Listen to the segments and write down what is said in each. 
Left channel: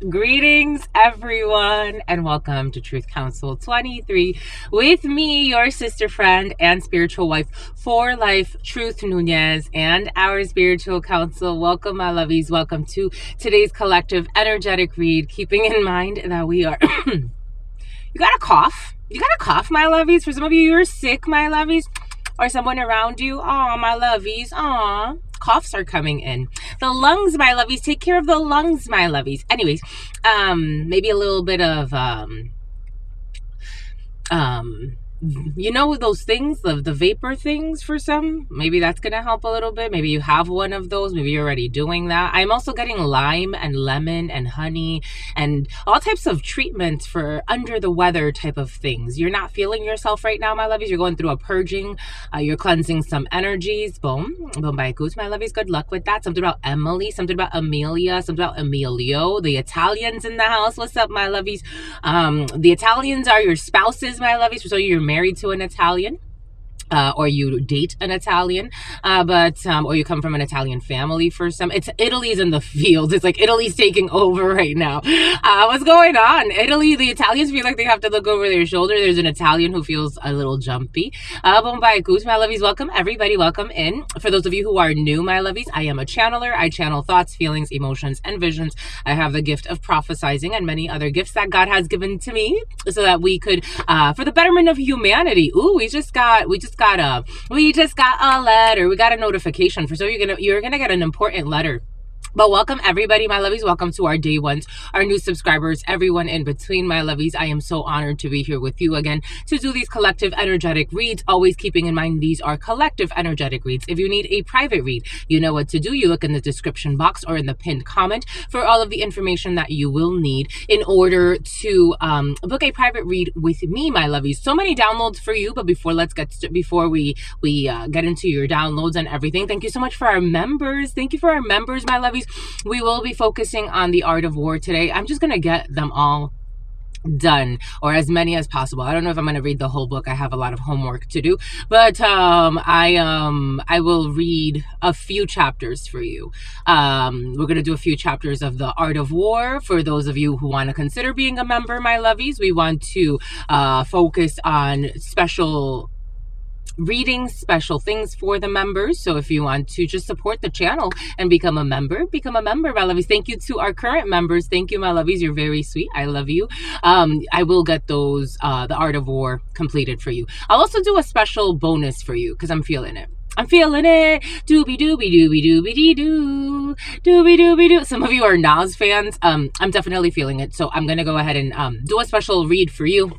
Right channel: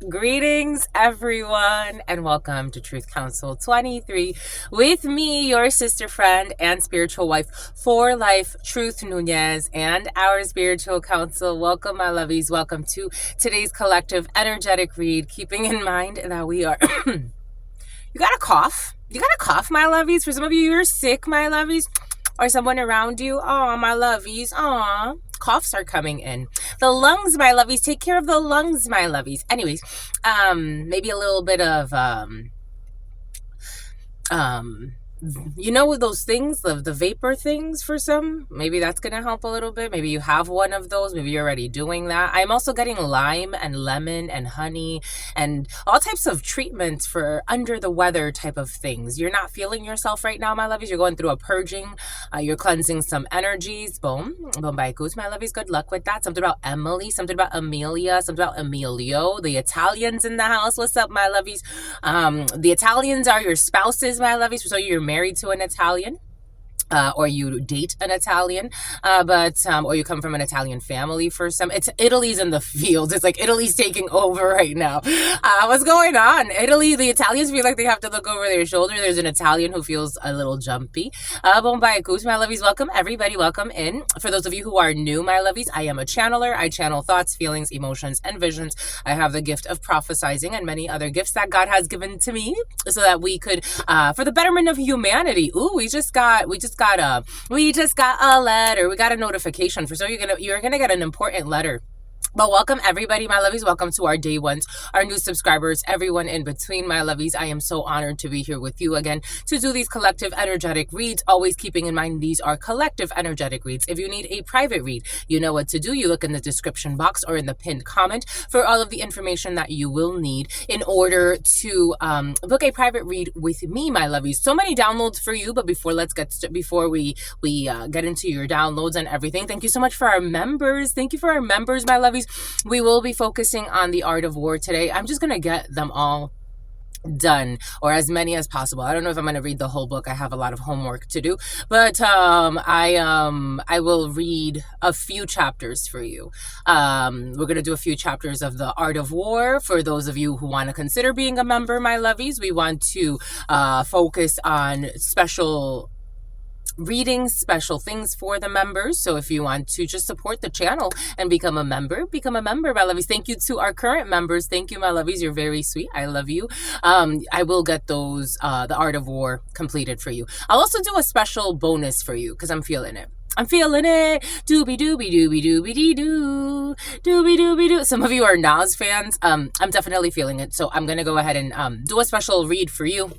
Greetings, everyone, and welcome to Truth Council 23 with me, your sister friend and spiritual wife for life, Truth Nunez, and our spiritual council. Welcome, my lovies. Welcome to today's collective energetic read, keeping in mind that we are... You got a cough? You got a cough, my lovies? For some of you, you're sick, my lovies. Or someone around you. Aw, my lovies. Aw. Coughs are coming in. The lungs, my lovies. Take care of the lungs, my lovies. Anyways, maybe a little bit of you know those things, the vapor things for some? Maybe that's gonna help a little bit. Maybe you have one of those. Maybe you're already doing that. I'm also getting lime and lemon and honey and all types of treatments for under the weather type of things. You're not feeling yourself right now, my lovies. You're going through a purging. You're cleansing some energies. Boom. Boom by goose, my lovies. Good luck with that. Something about Emily, something about Amelia, something about Emilio. The Italians in the house. What's up, my lovies? The Italians are your spouses, my lovies. So you're married to an Italian. Or you date an Italian, or you come from an Italian family for some. It's Italy's in the field. It's like Italy's taking over right now. What's going on? Italy, the Italians feel like they have to look over their shoulder. There's an Italian who feels a little jumpy. Bombay-kus, my lovies. Welcome, everybody. Welcome in. For those of you who are new, my lovies, I am a channeler. I channel thoughts, feelings, emotions, and visions. I have the gift of prophesizing and many other gifts that God has given to me so that we could, for the betterment of humanity. Ooh, we just got a letter. We got a notification for, so you're gonna get an important letter. But welcome, everybody, my lovies. Welcome to our day ones, our new subscribers, everyone in between, my lovies. I am so honored to be here with you again to do these collective energetic reads, always keeping in mind these are collective energetic reads. If you need a private read, you know what to do. You look in the description box or in the pinned comment for all of the information that you will need in order to book a private read with me, my lovies. So many downloads for you, but before we get into your downloads and everything, thank you so much for our members. Thank you for our members, my lovies. We will be focusing on the art of war today. I'm just going to get them all done, or as many as possible. I don't know if I'm going to read the whole book. I have a lot of homework to do, but I will read a few chapters for you. We're going to do a few chapters of the art of war for those of you who want to consider being a member, my lovies. We want to focus on special reading, special things for the members. So if you want to just support the channel and become a member, my lovies. Thank you to our current members. Thank you, my lovies. You're very sweet. I love you. I will get those, the Art of War completed for you. I'll also do a special bonus for you because I'm feeling it. I'm feeling it. Doobie doobie doobie doobie dee doo. Doobie doobie doo. Some of you are Nas fans. I'm definitely feeling it. So I'm going to go ahead and do a special read for you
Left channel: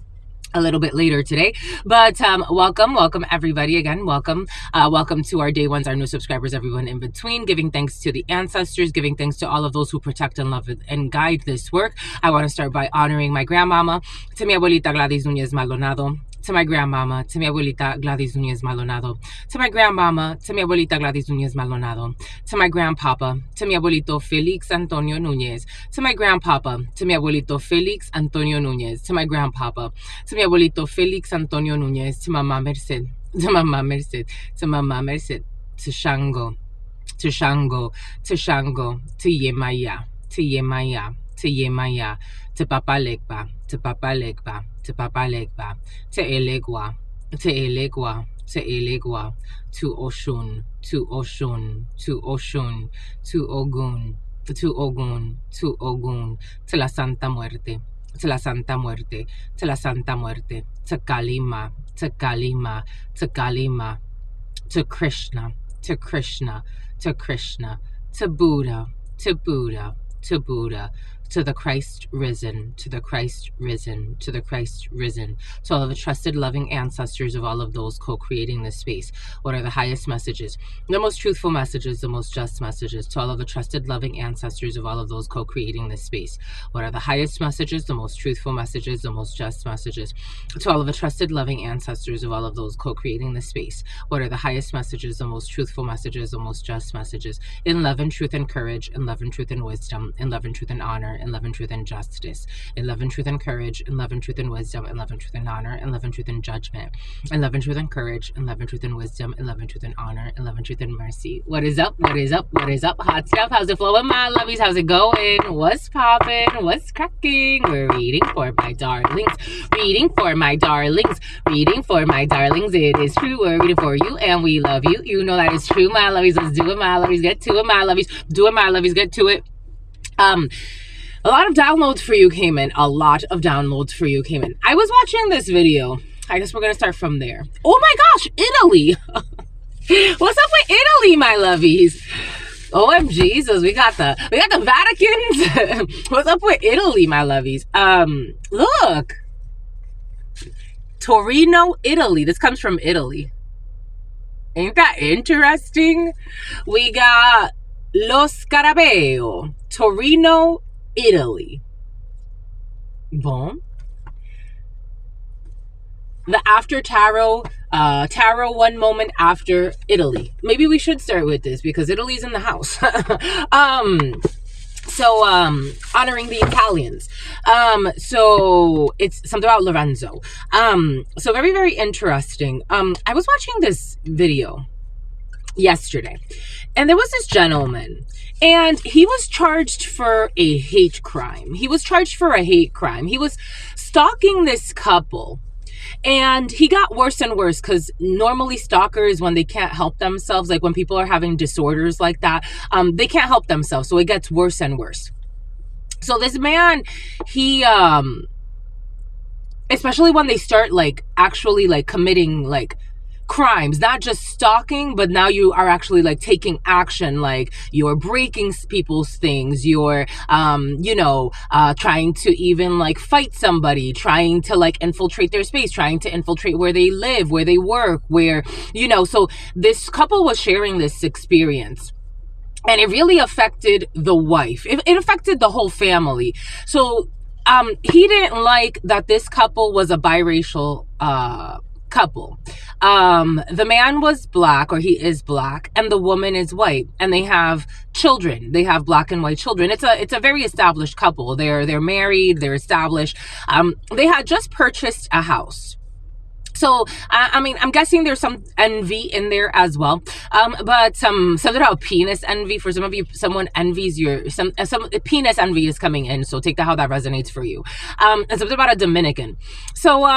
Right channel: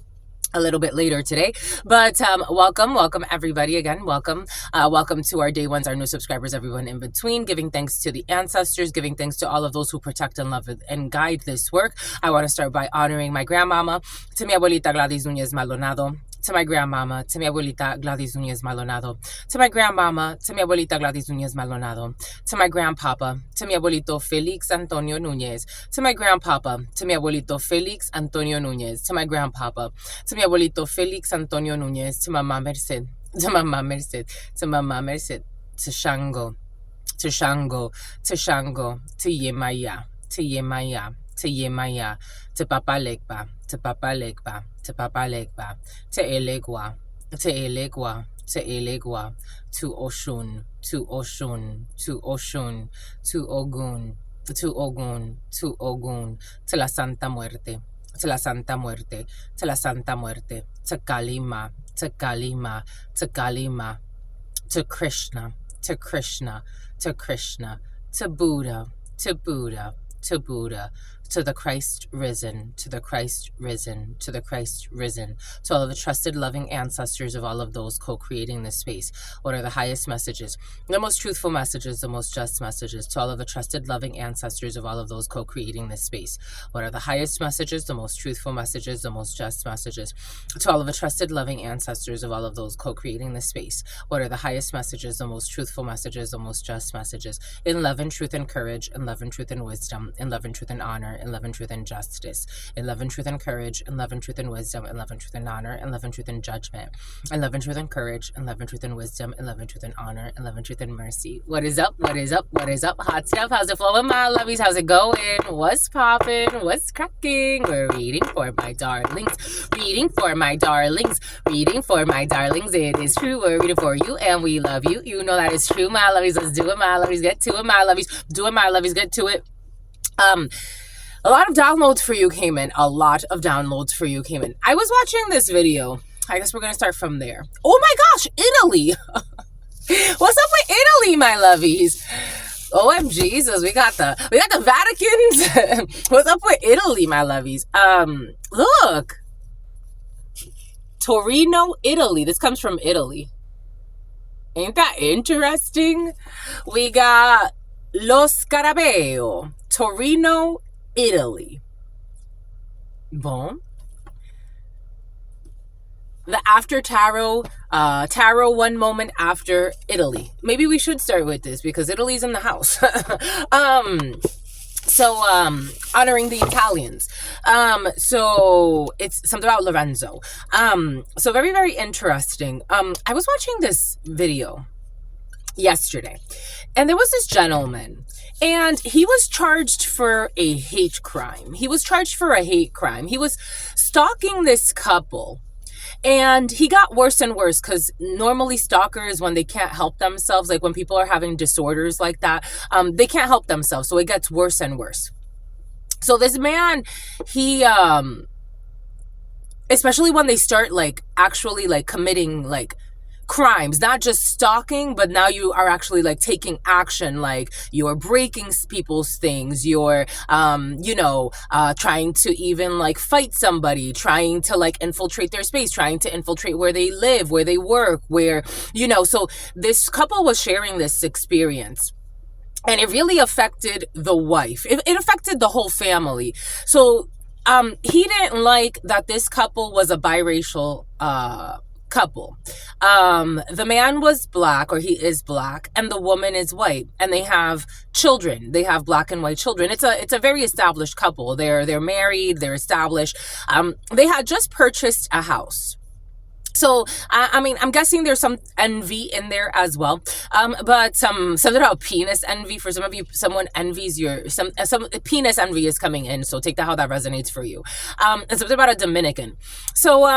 a little bit later today. But welcome everybody again. Welcome to our day ones, our new subscribers, everyone in between, giving thanks to the ancestors, giving thanks to all of those who protect and love and guide this work. I want to start by honoring my grandmama, to mi abuelita Gladys Nunez Maldonado, to my grandmama, to mi abuelita Gladys Nunez Maldonado, to my grandmama, to mi abuelita Gladys Nunez Maldonado, to my grandpapa, to mi abuelito Felix Antonio Nunez, to my grandpapa, to mi abuelito Felix Antonio Nunez, to my grandpapa, to mi abuelito Felix Antonio Nunez, to Mama Merced, to Mama Merced, to Mama Merced, to Shango, to Shango, to Shango, to Yemaya, to Yemaya, to Yemaya, to Papa Legba, to Papa Legba, to Papa Legba, to Elegua, to Elegua, to Elegua, to Oshun, to Oshun, to Oshun, to Ogun, to Ogun, to Ogun, to la Santa Muerte, to la Santa Muerte, to la Santa Muerte, to Kalima, to Kalima, to Kalima, to Krishna, to Krishna, to Krishna, to Buddha, to Buddha, to Buddha, to the Christ risen, to the Christ risen, to the Christ risen, to all of the trusted, loving ancestors of all of those co-creating this space. What are the highest messages? The most truthful messages, the most just messages, to all of the trusted, loving ancestors of all of those co-creating this space. What are the highest messages, the most truthful messages, the most just messages, to all of the trusted, loving ancestors of all of those co-creating this space. What are the highest messages, the most truthful messages, the most just messages, in love and truth and courage, in love and truth and wisdom, in love and truth and honor, in love and truth and justice, in love and truth and courage, in love and truth and wisdom, in love and truth and honor, in love and truth and judgment, in love and truth and courage, in love and truth and wisdom, in love and truth and honor, in love and truth and mercy. What is up? What is up? What is up? Hot stuff. How's it flowing, my lovies? How's it going? What's popping? What's cracking? We're reading for my darlings. Reading for my darlings. Reading for my darlings. It is true. We're reading for you and we love you. You know that is true, my lovies. Let's do it, my lovies. Get to it, my lovies. Do it, my lovies. Get to it. A lot of downloads for you came in. A lot of downloads for you came in. I was watching this video. I guess we're going to start from there. Oh my gosh, Italy. What's up with Italy, my lovies? OMG, Jesus, we got the Vaticans. What's up with Italy, my lovies? Look. Torino, Italy. This comes from Italy. Ain't that interesting? We got Lo Scarabeo, Torino, Italy. Bon. The after tarot, tarot one moment after Italy. Maybe we should start with this because Italy's in the house. Honoring the Italians. So it's something about Lorenzo. So very, very interesting. I was watching this video yesterday, and there was this gentleman, and he was charged for a hate crime. He was stalking this couple, and he got worse and worse because normally stalkers, when they can't help themselves, like when people are having disorders like that, they can't help themselves. So it gets worse and worse. So this man, he, especially when they start like actually like committing like crimes, not just stalking, but now you are actually like taking action, like you're breaking people's things, you're trying to even like fight somebody, trying to like infiltrate their space, trying to infiltrate where they live, where they work, where, so this couple was sharing this experience. And it really affected the wife. It affected the whole family. So he didn't like that this couple was a biracial couple. The man was black, or he is black, and the woman is white, and they have children. They have black and white children. It's a very established couple. They're married, they're established. They had just purchased a house. So, I'm guessing there's some envy in there as well. But something about penis envy. For some of you, someone envies some penis envy is coming in. So take that how that resonates for you. And something about a Dominican. So,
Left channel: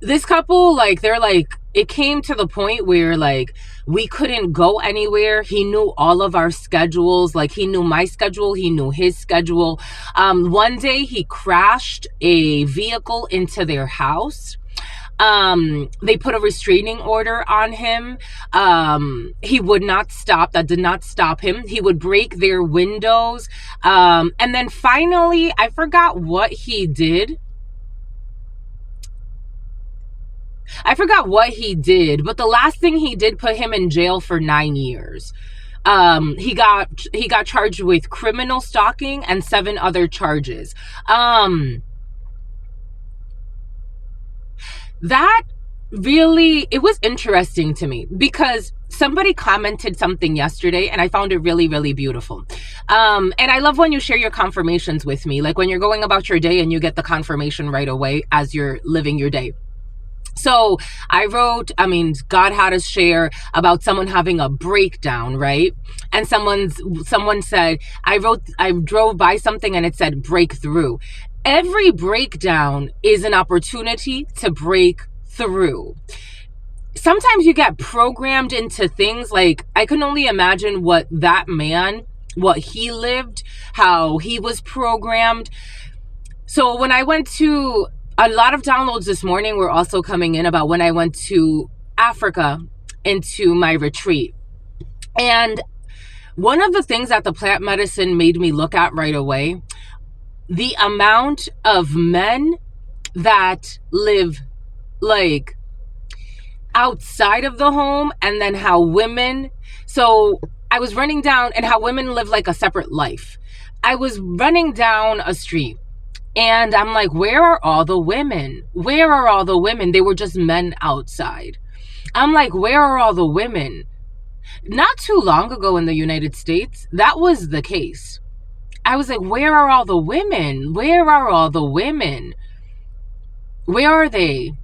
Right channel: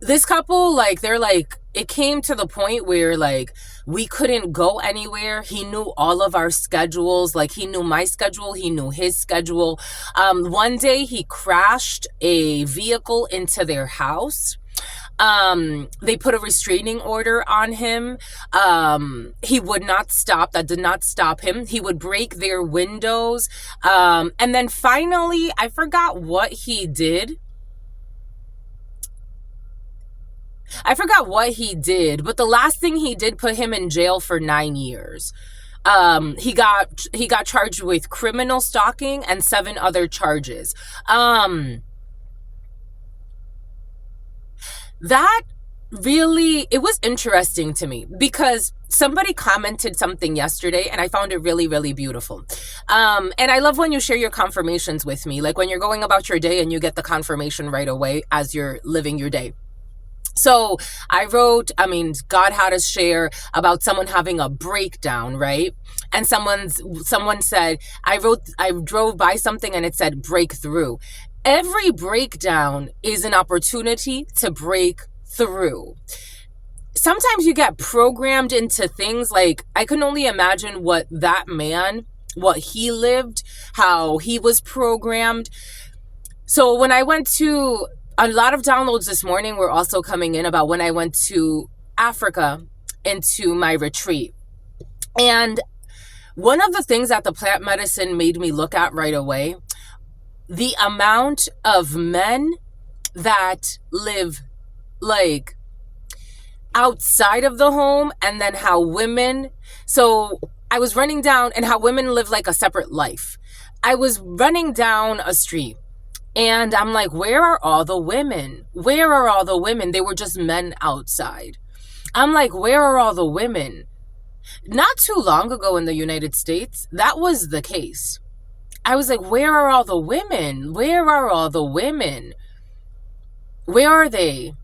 this couple, like, they're like, it came to the point where like we couldn't go anywhere. He knew all of our schedules. Like he knew my schedule. He knew his schedule. One day he crashed a vehicle into their house. They put a restraining order on him. He would not stop. That did not stop him. He would break their windows. And then finally, I forgot what he did. But the last thing he did put him in jail for 9 years. He got charged with criminal stalking and 7 other charges. That really, it was interesting to me because somebody commented something yesterday and I found it really, really beautiful. And I love when you share your confirmations with me, like when you're going about your day and you get the confirmation right away as you're living your day. So I wrote, God had us share about someone having a breakdown, right? And someone said, I drove by something and it said breakthrough. Every breakdown is an opportunity to break through. Sometimes you get programmed into things like, I can only imagine what he lived, how he was programmed. So when I went to a lot of downloads this morning were also coming in about when I went to Africa into my retreat. And one of the things that the plant medicine made me look at right away, the amount of men that live like outside of the home, and then how women, so I was running down, and how women live like a separate life. I was running down a street and I'm like, where are all the women? Where are all the women? They were just men outside. I'm like, where are all the women? Not too long ago in the United States, that was the case. I was like, where are all the women? Where are all the women? Where are they?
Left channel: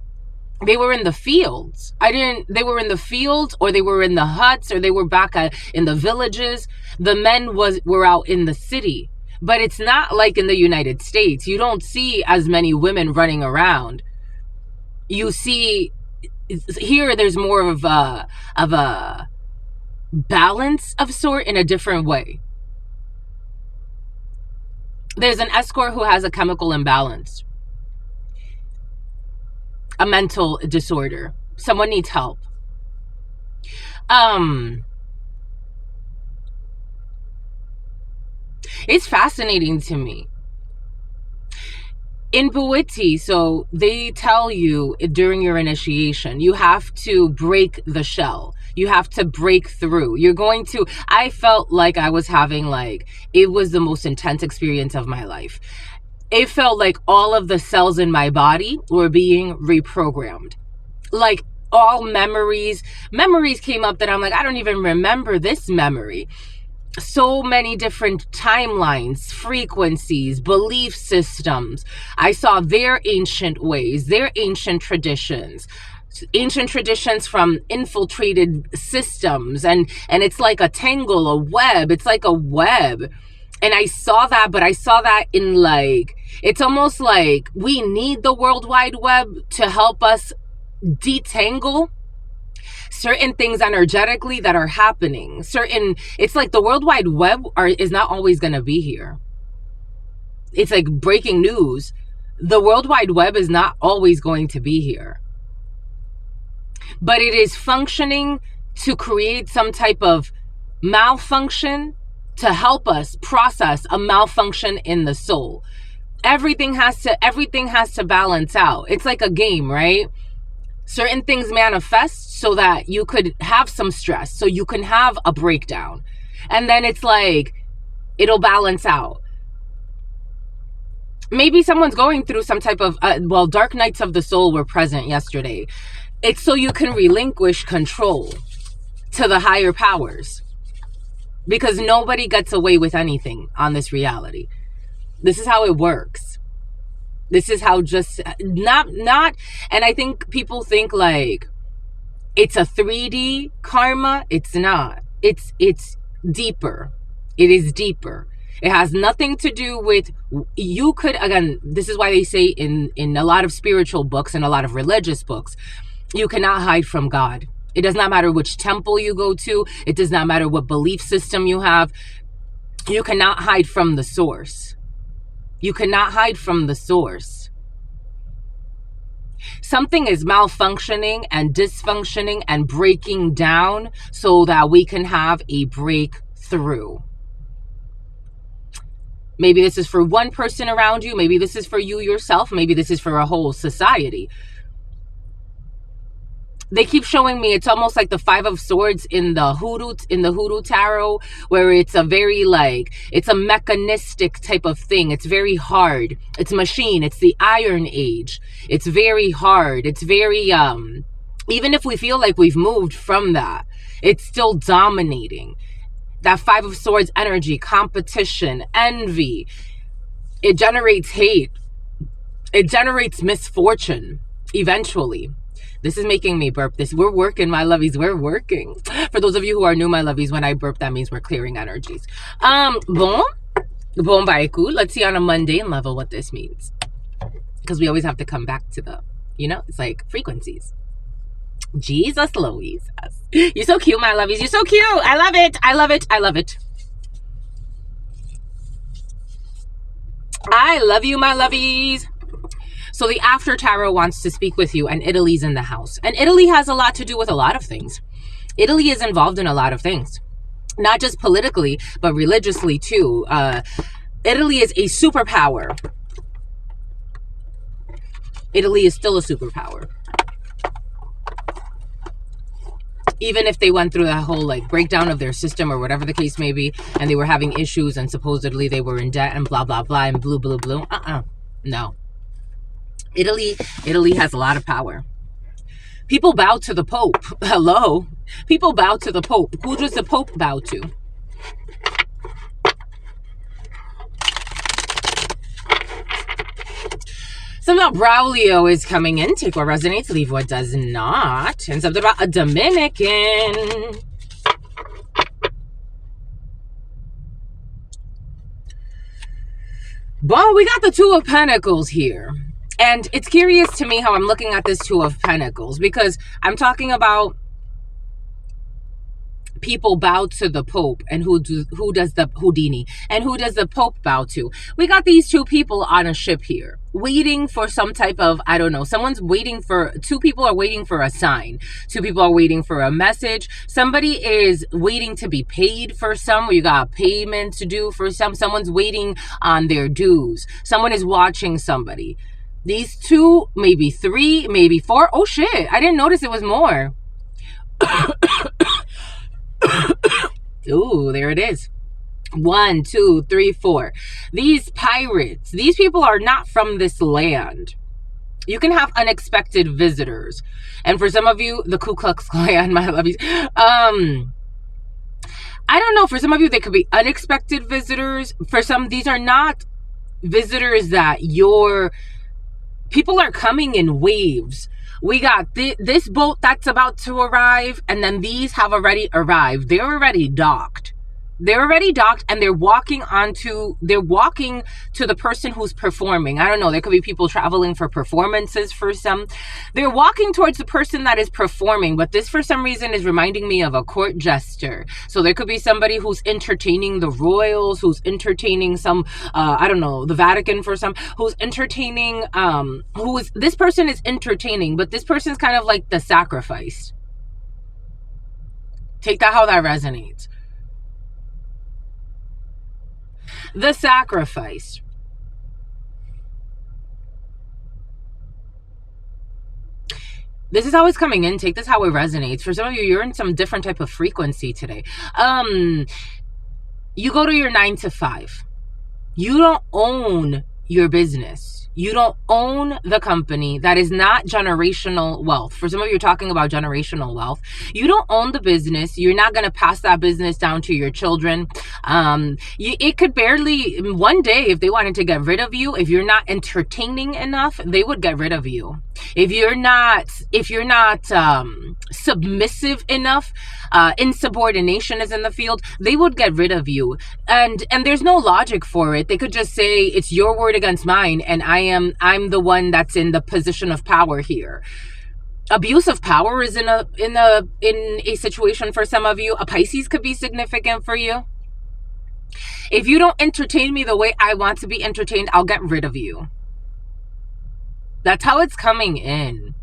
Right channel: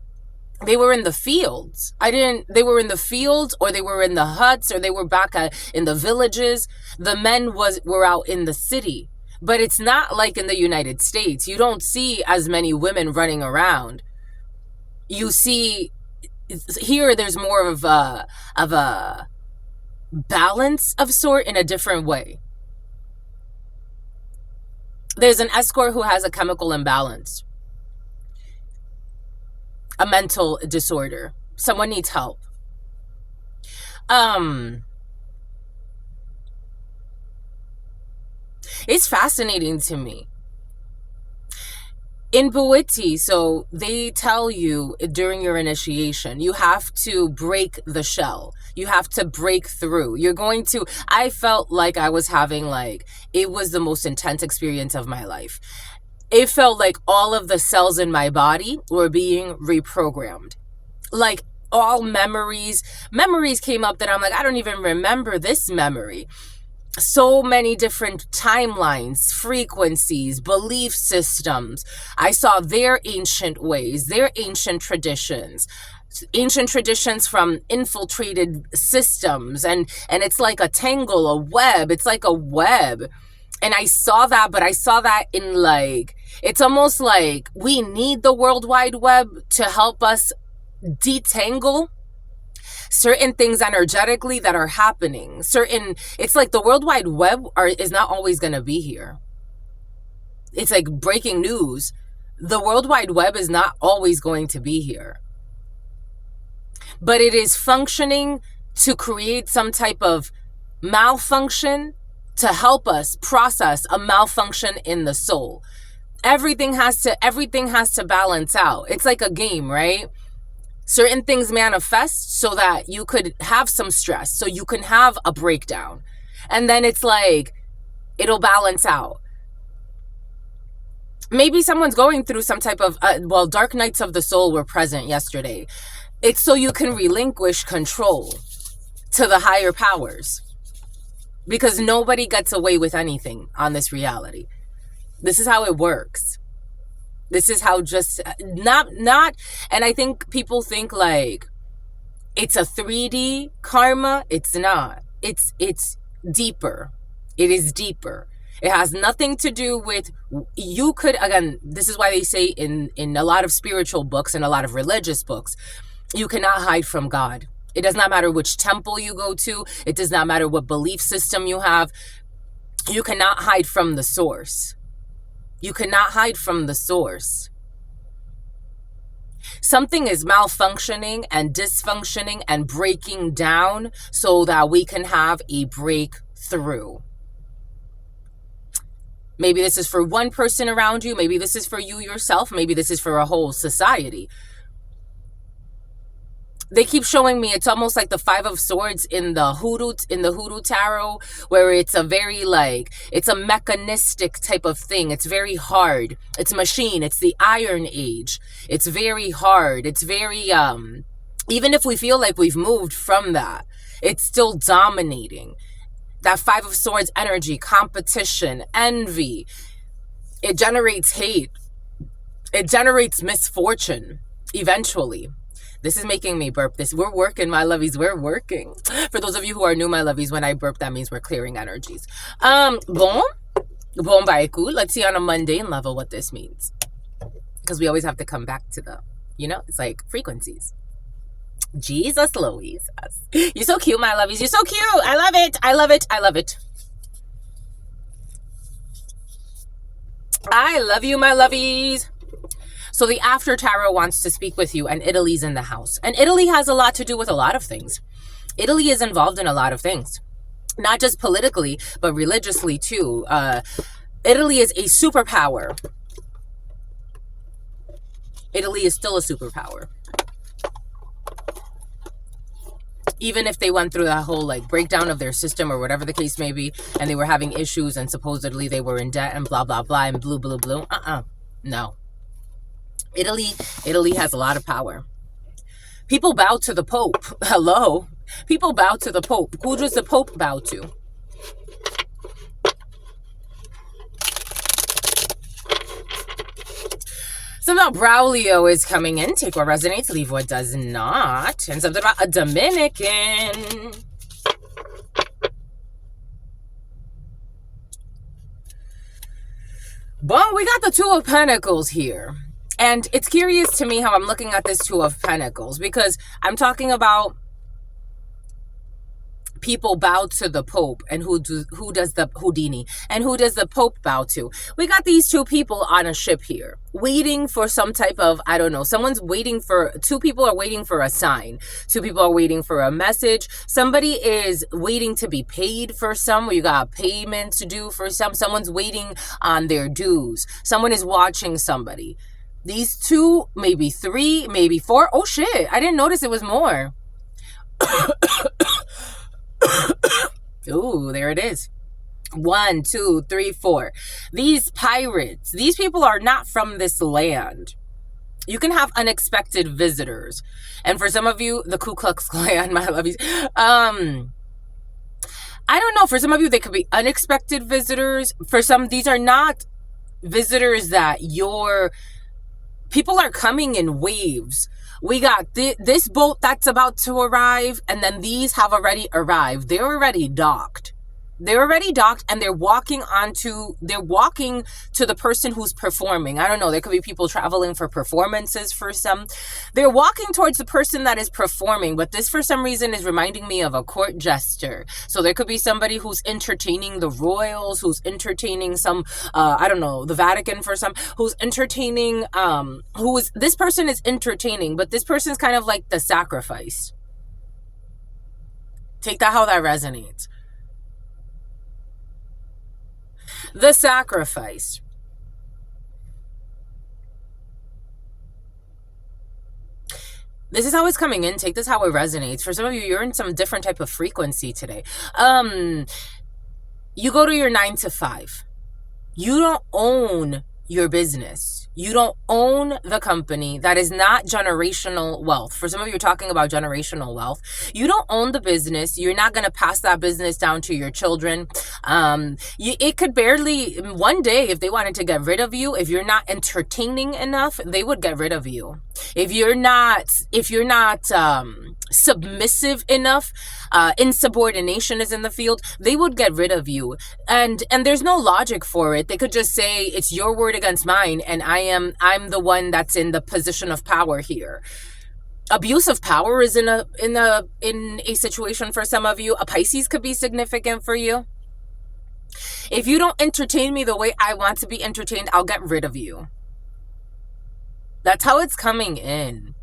They were in the fields. They were in the fields, or they were in the huts, or they were back in the villages. The men were out in the city. But it's not like in the United States. You don't see as many women running around. You see, here there's more of a balance of sort in a different way. There's an escort who has a chemical imbalance, a mental disorder. Someone needs help. It's fascinating to me. In Buiti, so they tell you during your initiation, you have to break the shell. You have to break through. I felt like I was having it was the most intense experience of my life. It felt like all of the cells in my body were being reprogrammed. Like all memories came up that I'm like, I don't even remember this memory. So many different timelines, frequencies, belief systems. I saw their ancient ways, their ancient traditions from infiltrated systems. And it's like a tangle, a web. It's like a web. And I saw that, but I saw that in it's almost like we need the World Wide Web to help us detangle certain things energetically that are happening. It's like the World Wide Web is not always going to be here. It's like breaking news. The World Wide Web is not always going to be here. But it is functioning to create some type of malfunction to help us process a malfunction in the soul. Everything has to balance out. It's like a game, right? Certain things manifest so that you could have some stress, so you can have a breakdown. And then it's like, it'll balance out. Maybe someone's going through some type of, dark nights of the soul were present yesterday. It's so you can relinquish control to the higher powers. Because nobody gets away with anything on this reality. This is how it works. This is how not, and I think people think it's a 3D karma. It's not. It's deeper. It is deeper. It has nothing to do with, again, this is why they say in a lot of spiritual books and a lot of religious books, you cannot hide from God. It does not matter which temple you go to. It does not matter what belief system you have. You cannot hide from the source. You cannot hide from the source. Something is malfunctioning and dysfunctioning and breaking down so that we can have a breakthrough. Maybe this is for one person around you. Maybe this is for you yourself. Maybe this is for a whole society. They keep showing me it's almost like the Five of Swords in the Hoodoo tarot, where it's a very it's a mechanistic type of thing. It's very hard. It's machine. It's the Iron Age. It's very hard. It's very even if we feel like we've moved from that, it's still dominating. That Five of Swords energy, competition, envy. It generates hate. It generates misfortune eventually. This is making me burp. We're working, my lovies. We're working. For those of you who are new, my lovies, when I burp, that means we're clearing energies. Bon baiku. Let's see on a mundane level what this means. Because we always have to come back to it's like frequencies. Jesus Louise. You're so cute, my lovies. You're so cute. I love it. I love it. I love it. I love you, my lovies. So the After Tarot wants to speak with you, and Italy's in the house. And Italy has a lot to do with a lot of things. Italy is involved in a lot of things. Not just politically, but religiously too. Italy is a superpower. Italy is still a superpower. Even if they went through that whole breakdown of their system or whatever the case may be, and they were having issues and supposedly they were in debt and blah, blah, blah, and blue, blue, blue. No. Italy has a lot of power. People bow to the Pope. Hello? People bow to the Pope. Who does the Pope bow to? Something about Braulio is coming in. Take what resonates, leave what does not. And something about a Dominican. Well, we got the Two of Pentacles here. And it's curious to me how I'm looking at this Two of Pentacles, because I'm talking about people bow to the Pope, and who does the Houdini, and who does the Pope bow to? We got these two people on a ship here, waiting for some type of, I don't know, someone's waiting for, two people are waiting for a sign, two people are waiting for a message, somebody is waiting to be paid for some, you got payment to do for some, someone's waiting on their dues, someone is watching somebody. These two, maybe three, maybe four. Oh shit, I didn't notice it was more. Ooh, there it is. 1, 2, 3, 4. These pirates, these people are not from this land. You can have unexpected visitors. And for some of you, the Ku Klux Klan, my love you. I don't know. For some of you, they could be unexpected visitors. For some, these are not visitors that people are coming in waves. We got this boat that's about to arrive, and then these have already arrived. They're already docked. They're already docked, and they're walking to the person who's performing. I don't know. There could be people traveling for performances for some. They're walking towards the person that is performing, but this for some reason is reminding me of a court jester. So there could be somebody who's entertaining the royals, who's entertaining I don't know, the Vatican for some, who's entertaining, this person is entertaining, but this person's kind of like the sacrifice. Take that how that resonates. The sacrifice. This is how it's coming in. Take this how it resonates. For some of you, you're in some different type of frequency today. You go to your 9 to 5. You don't own your business. You don't own the company. That is not generational wealth. For some of you, are talking about generational wealth. You don't own the business. You're not going to pass that business down to your children. It could barely, one day, if they wanted to get rid of you, if you're not entertaining enough, they would get rid of you. If you're not submissive enough, insubordination is in the field, they would get rid of you. And there's no logic for it. They could just say it's your word against mine, and I'm the one that's in the position of power here. Abuse of power is in a situation for some of you. A Pisces could be significant for you. If you don't entertain me the way I want to be entertained, I'll get rid of you. That's how it's coming in.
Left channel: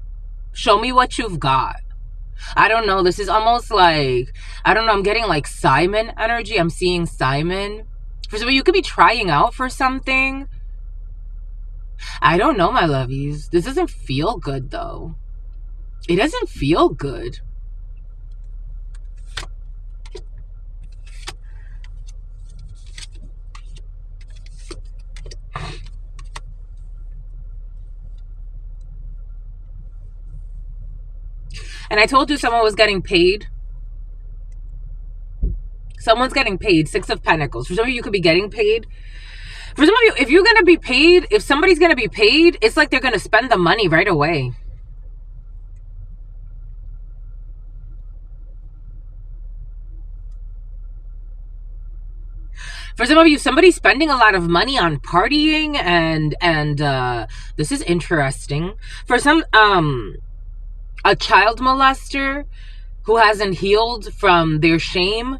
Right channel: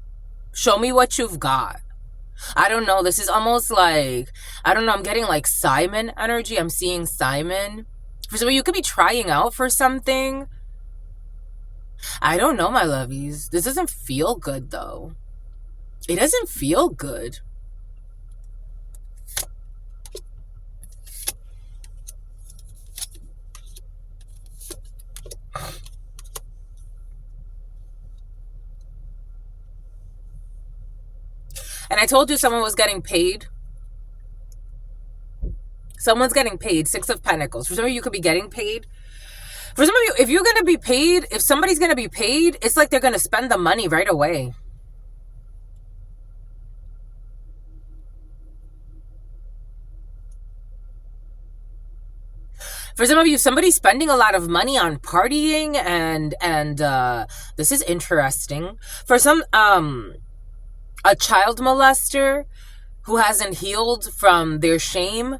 Show me what you've got. I don't know. This is almost like, I don't know. I'm getting like Simon energy. I'm seeing Simon. For some of you, you could be trying out for something. I don't know, my lovies. This doesn't feel good, though. It doesn't feel good. And I told you someone was getting paid. Someone's getting paid. 6 of Pentacles. For some of you, you could be getting paid. For some of you, if you're going to be paid, if somebody's going to be paid, it's like they're going to spend the money right away. For some of you, somebody's spending a lot of money on partying, and this is interesting. For some, a child molester who hasn't healed from their shame.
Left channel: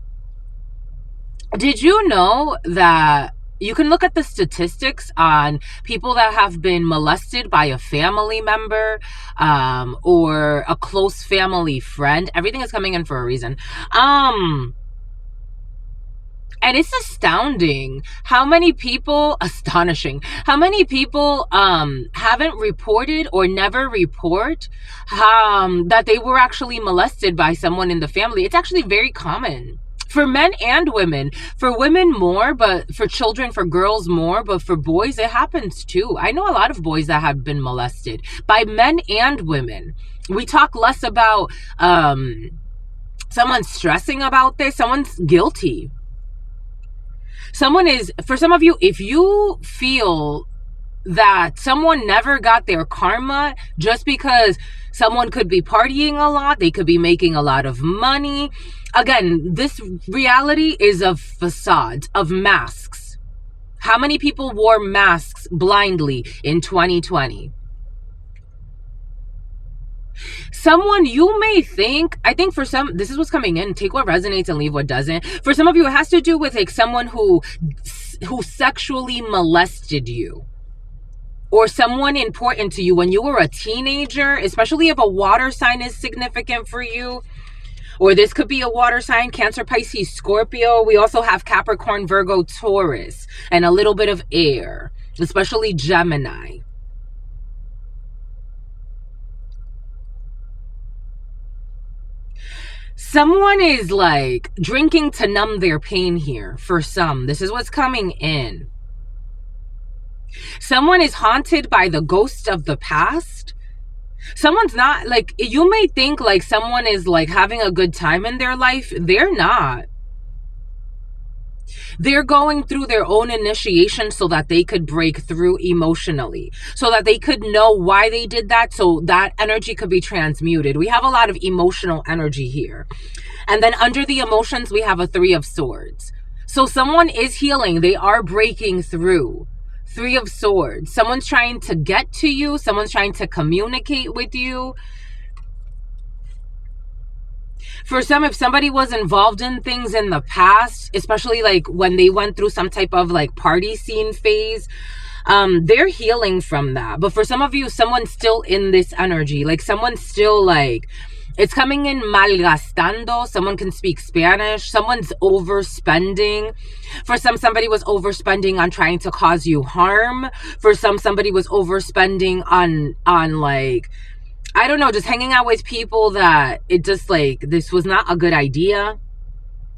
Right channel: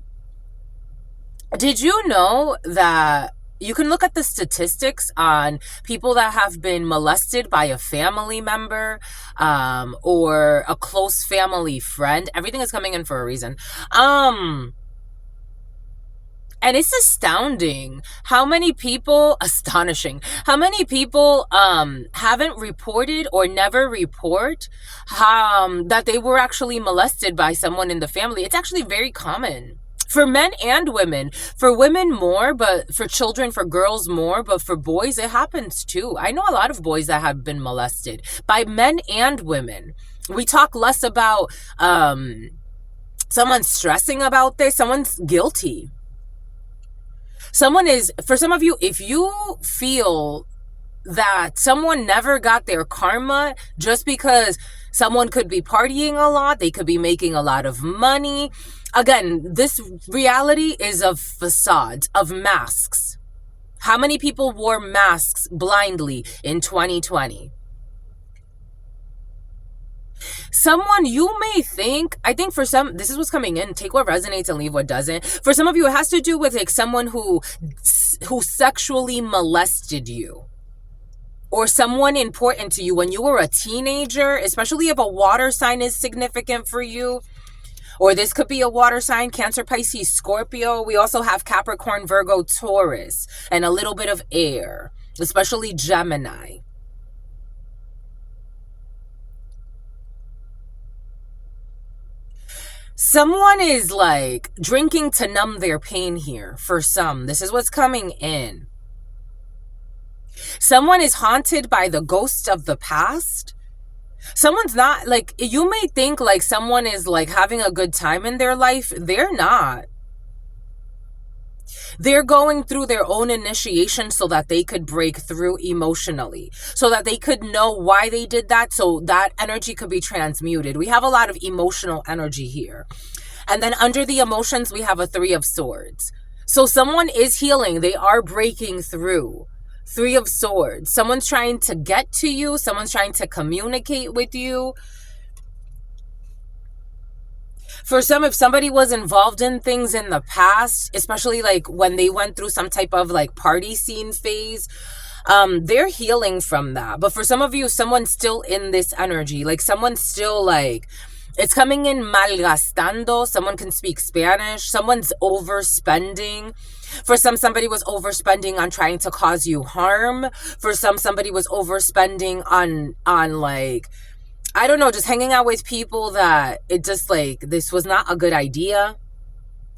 Did you know that you can look at the statistics on people that have been molested by a family member or a close family friend? Everything is coming in for a reason. And it's astounding how many people, how many people haven't reported or never report that they were actually molested by someone in the family. It's actually very common. For men and women. For women more, but for children, for girls more, but for boys, it happens too. I know a lot of boys that have been molested by men and women. We talk less about someone stressing about this. Someone's guilty. Someone is, for some of you, if you feel that someone never got their karma just because someone could be partying a lot, they could be making a lot of money. Again, this reality is of facades, of masks. How many people wore masks blindly in 2020? Someone you may think, I think for some, this is what's coming in, take what resonates and leave what doesn't. For some of you, it has to do with like someone who sexually molested you, or someone important to you when you were a teenager, especially if a water sign is significant for you. Or this could be a water sign, Cancer, Pisces, Scorpio. We also have Capricorn, Virgo, Taurus, and a little bit of air, especially Gemini. Someone is like drinking to numb their pain here for some. This is what's coming in. Someone is haunted by the ghost of the past. Someone's not, like, you may think like someone is like having a good time in their life. They're not. They're going through their own initiation so that they could break through emotionally, so that they could know why they did that, so that energy could be transmuted. We have a lot of emotional energy here. And then under the emotions, we have a 3 of Swords. So someone is healing. They are breaking through. 3 of Swords. Someone's trying to get to you. Someone's trying to communicate with you. For some, if somebody was involved in things in the past, especially like when they went through some type of like party scene phase, they're healing from that. But for some of you, someone's still in this energy. Like someone's still like, it's coming in malgastando. Someone can speak Spanish. Someone's overspending. For some, somebody was overspending on trying to cause you harm. For some, somebody was overspending on like, I don't know, just hanging out with people that it just like, this was not a good idea.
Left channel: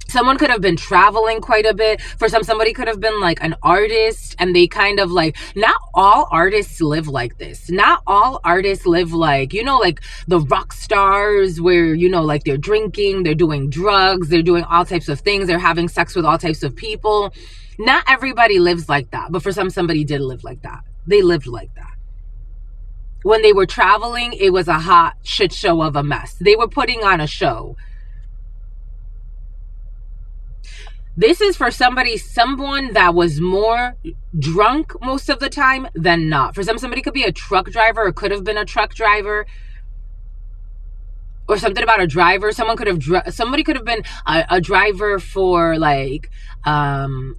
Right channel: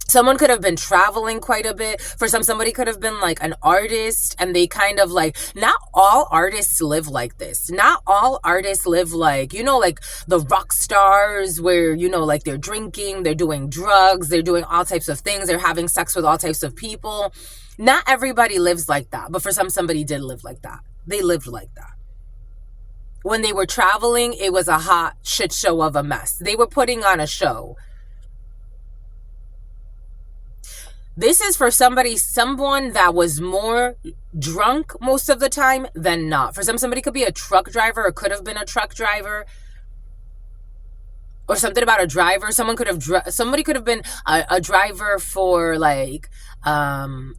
Someone could have been traveling quite a bit. For some, somebody could have been like an artist, and they kind of like, not all artists live like this. Not all artists live like, you know, like the rock stars where, you know, like they're drinking, they're doing drugs, they're doing all types of things, they're having sex with all types of people. Not everybody lives like that. But for some, somebody did live like that. They lived like that. When they were traveling, it was a hot shit show of a mess. They were putting on a show. This is for someone that was more drunk most of the time than not. For somebody could be a truck driver, or could have been a truck driver, or something about a driver. Somebody could have been a driver for like something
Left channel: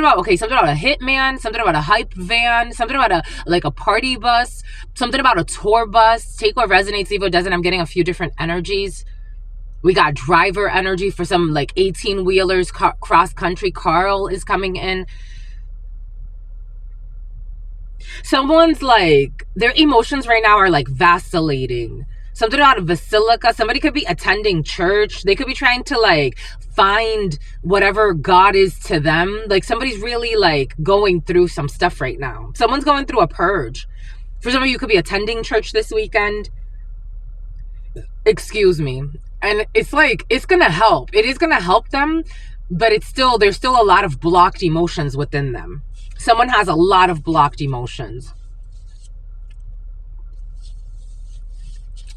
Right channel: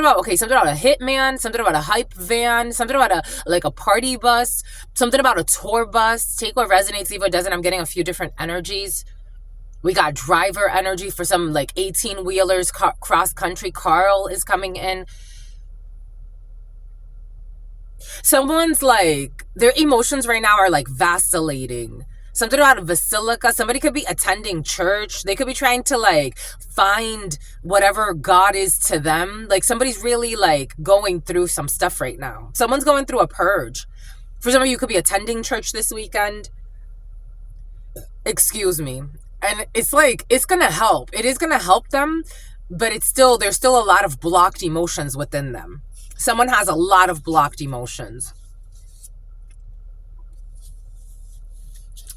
about a hitman, something about a hype van, something about a party bus, something about a tour bus. Take what resonates, leave what doesn't. I'm getting a few different energies. We got driver energy for some like 18-wheelers, cross country. Carl is coming in. Someone's like, their emotions right now are like vacillating. Something about a basilica. Somebody could be attending church. They could be trying to like find whatever God is to them. Like somebody's really like going through some stuff right now. Someone's going through a purge. For some of you, could be attending church this weekend. Excuse me. And it's like, it's going to help. It is going to help them, but there's still a lot of blocked emotions within them. Someone has a lot of blocked emotions.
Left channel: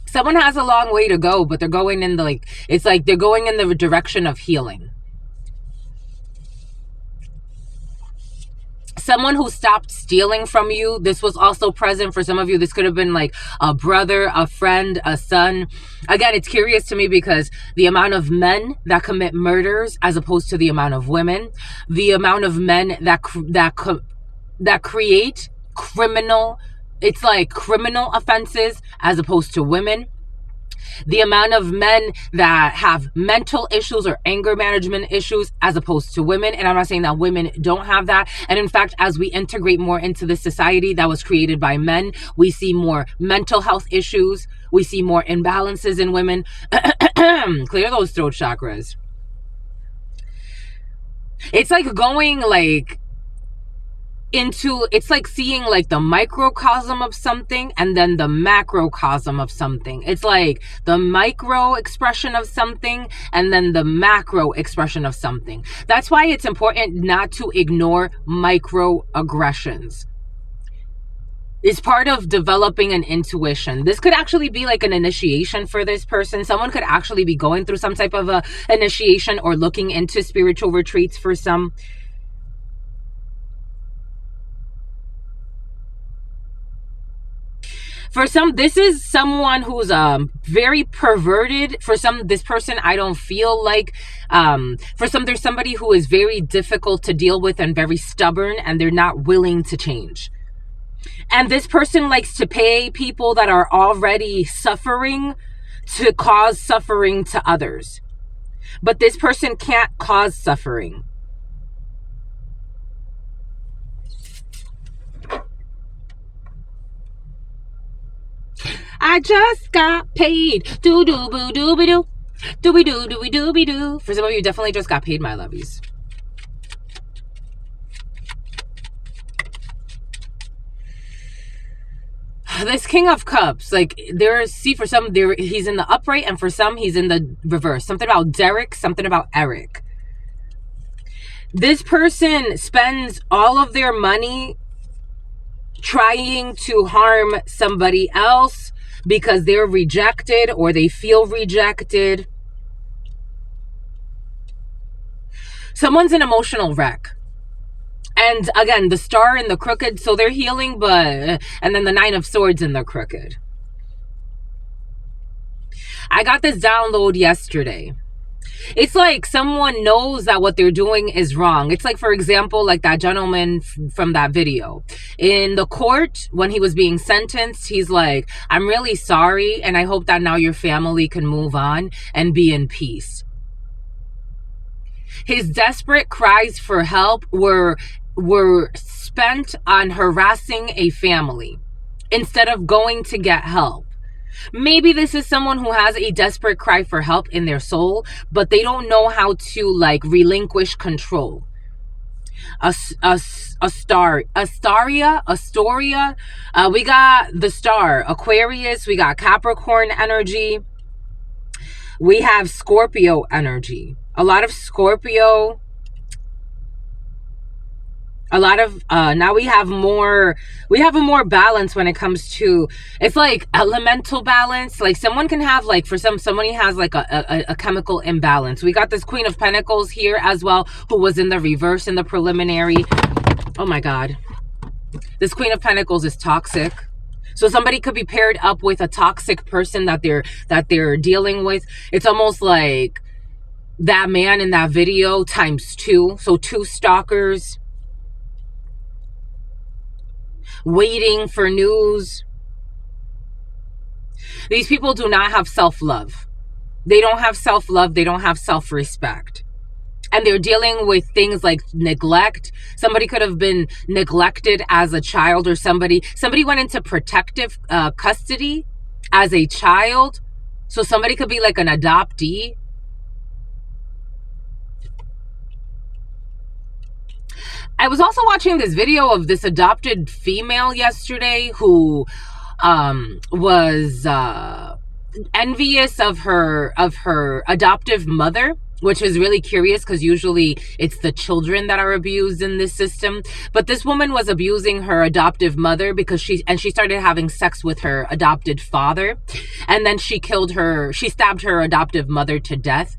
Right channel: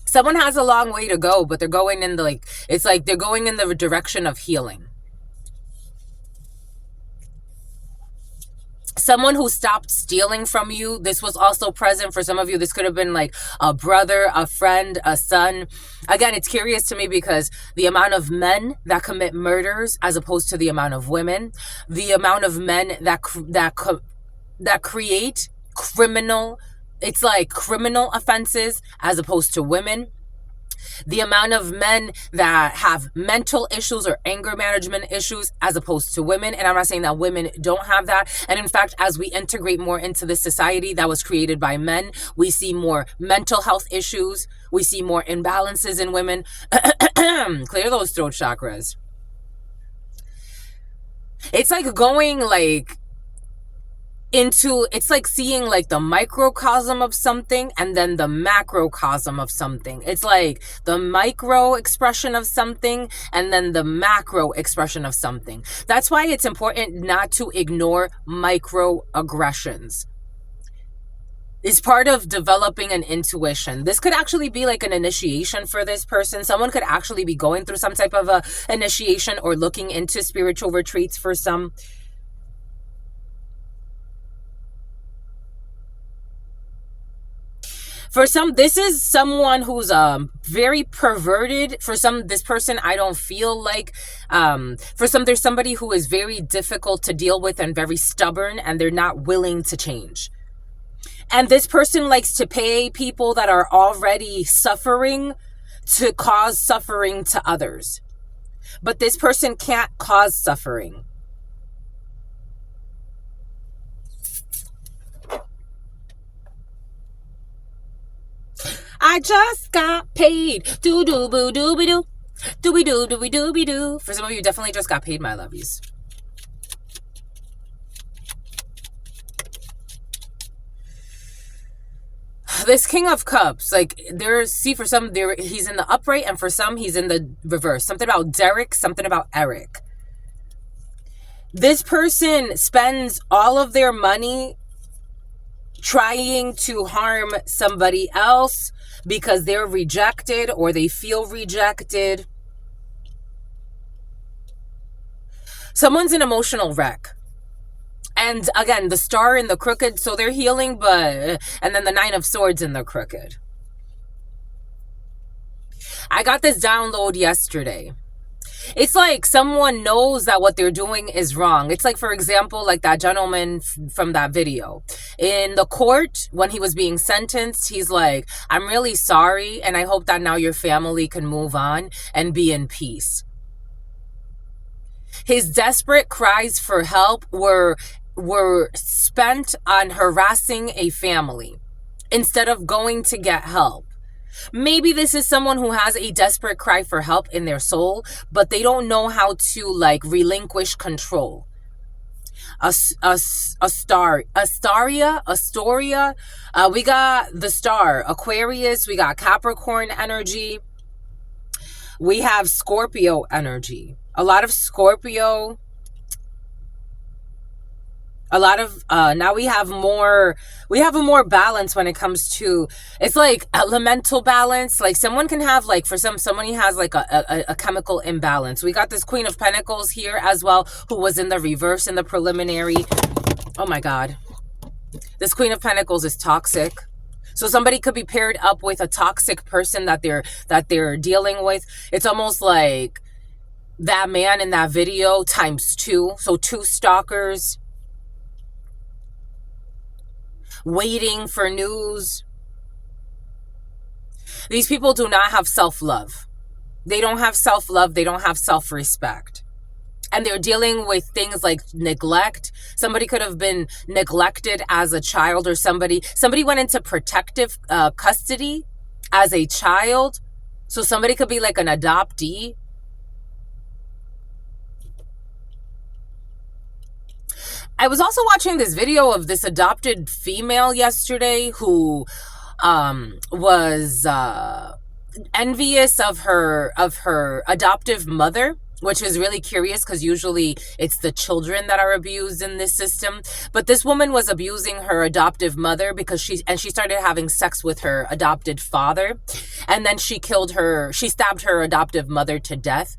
Someone has a long way to go, but they're going in they're going in the direction of healing. Someone who stopped stealing from you. This was also present for some of you. This could have been like a brother, a friend, a son. Again, it's curious to me because the amount of men that commit murders as opposed to the amount of women, the amount of men that create criminal offenses as opposed to women. The amount of men that have mental issues or anger management issues as opposed to women. And I'm not saying that women don't have that. And in fact, as we integrate more into this society that was created by men, we see more mental health issues. We see more imbalances in women. Clear those throat chakras. It's like going like, into, it's like seeing like the microcosm of something and then the macrocosm of something. It's like the micro expression of something and then the macro expression of something. That's why it's important not to ignore microaggressions. It's part of developing an intuition. This could actually be like an initiation for this person. Someone could actually be going through some type of a initiation or looking into spiritual retreats for some. For some, this is someone who's very perverted. For some, this person, I don't feel like, for some, there's somebody who is very difficult to deal with and very stubborn, and they're not willing to change. And this person likes to pay people that are already suffering to cause suffering to others. But this person can't cause suffering. I just got paid. Do do boo doo be doo. Dooby doo dooby dooby doo. For some of you, definitely just got paid, my lovies. This King of Cups, like for some he's in the upright, and for some he's in the reverse. Something about Derek, something about Eric. This person spends all of their money trying to harm somebody else because they're rejected or they feel rejected. Someone's an emotional wreck. And again, the star in the crooked, so they're healing, and then the 9 of Swords in the crooked. I got this download yesterday. It's like someone knows that what they're doing is wrong. It's like, for example, like that gentleman from that video. In the court, when he was being sentenced, he's like, I'm really sorry, and I hope that now your family can move on and be in peace. His desperate cries for help were spent on harassing a family instead of going to get help. Maybe this is someone who has a desperate cry for help in their soul, but they don't know how to like relinquish control. Astoria. We got the star, Aquarius. We got Capricorn energy. We have Scorpio energy. A lot of Scorpio. A lot of now we have a more balance when it comes to, it's like elemental balance. Like someone can have, like, for somebody has like a chemical imbalance. We got this Queen of Pentacles here as well, who was in the reverse in the preliminary. Oh my God, this Queen of Pentacles is toxic. So somebody could be paired up with a toxic person that they're dealing with. It's almost like that man in that video times 2. So 2 stalkers waiting for news. These people do not have self-love. They don't have self-love. They don't have self-respect. And they're dealing with things like neglect. Somebody could have been neglected as a child, or somebody went into protective custody as a child. So somebody could be like an adoptee. I was also watching this video of this adopted female yesterday who was envious of her adoptive mother, which is really curious because usually it's the children that are abused in this system. But this woman was abusing her adoptive mother because she started having sex with her adopted father, and then she stabbed her adoptive mother to death.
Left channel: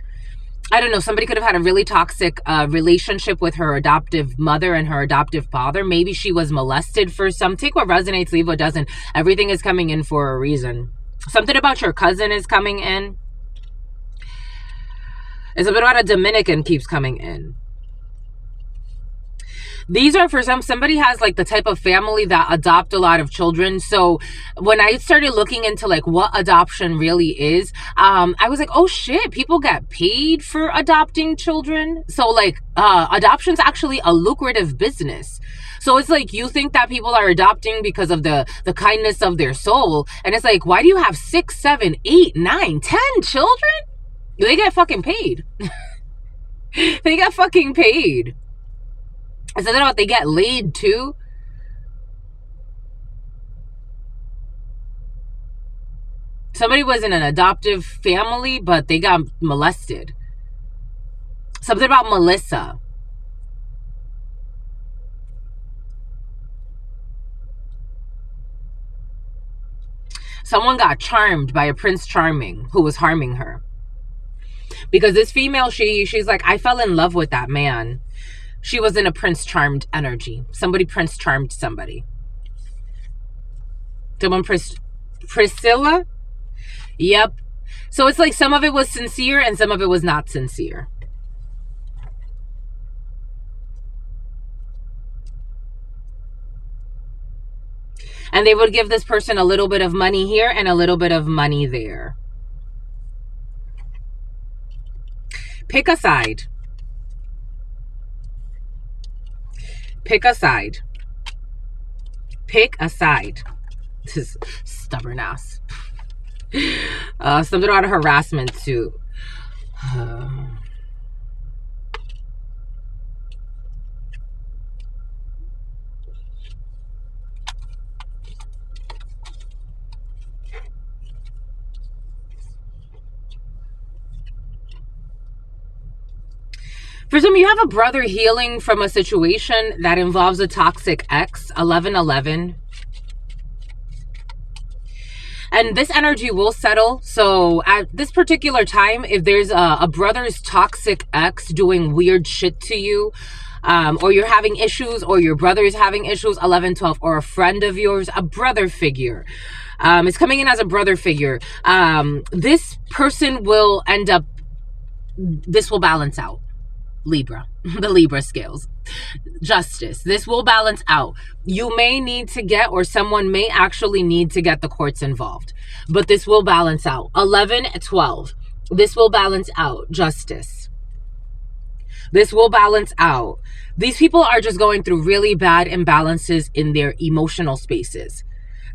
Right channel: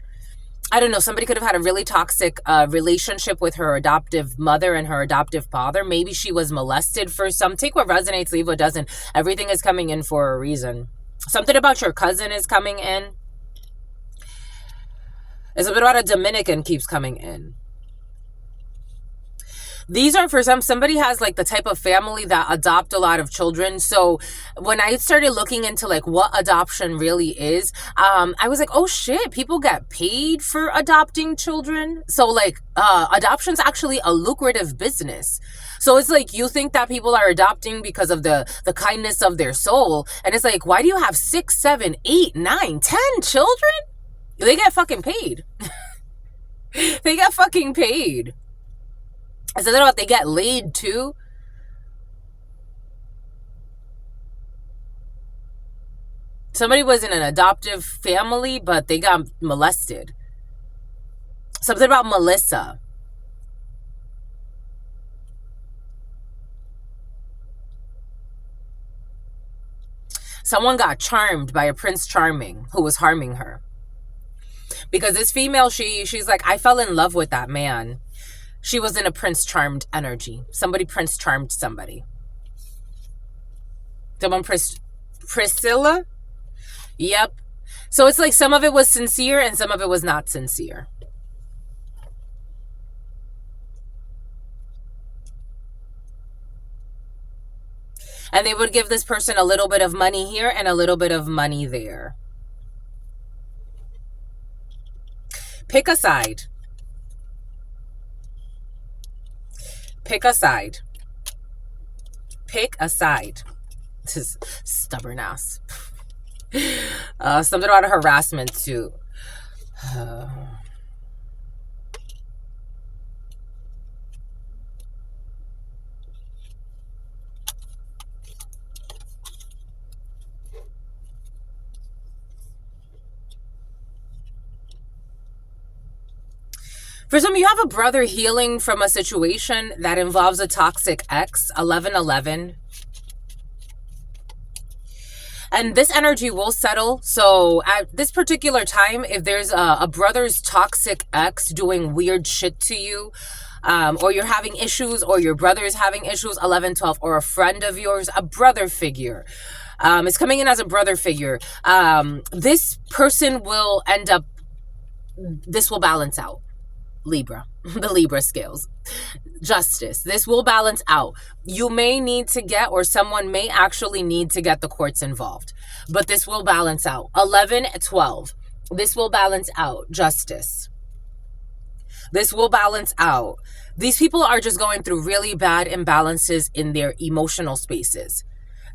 I don't know, somebody could have had a really toxic relationship with her adoptive mother and her adoptive father. Maybe she was molested for some. Take what resonates, leave what doesn't. Everything is coming in for a reason. Something about your cousin is coming in. It's a bit about a Dominican keeps coming in. These are for somebody has like the type of family that adopt a lot of children. So when I started looking into like what adoption really is, I was like, oh shit, people get paid for adopting children. So like adoption's actually a lucrative business. So it's like, you think that people are adopting because of the kindness of their soul. And it's like, why do you have 6, 7, 8, 9, 10 children? They get fucking paid. They get fucking paid. It's something about they get laid too. Somebody was in an adoptive family, but they got molested. Something about Melissa. Someone got charmed by a Prince Charming who was harming her. Because this female, she's like, I fell in love with that man. She was in a Prince Charmed energy. Somebody Prince Charmed somebody. Someone Priscilla? Yep. So it's like some of it was sincere and some of it was not sincere. And they would give this person a little bit of money here and a little bit of money there. Pick a side. Pick a side. Pick a side. This is stubborn ass. Something about a harassment suit. For some of you, have a brother healing from a situation that involves a toxic ex, 1111. And this energy will settle. So at this particular time, if there's a brother's toxic ex doing weird shit to you, or you're having issues, or your brother is having issues, 1112, or a friend of yours, a brother figure. It's coming in as a brother figure. This person will end up, this will balance out. Libra, the Libra scales. Justice. This will balance out. You may need to get, or someone may actually need to get the courts involved, but this will balance out. 1112. This will balance out. Justice. This will balance out. These people are just going through really bad imbalances in their emotional spaces.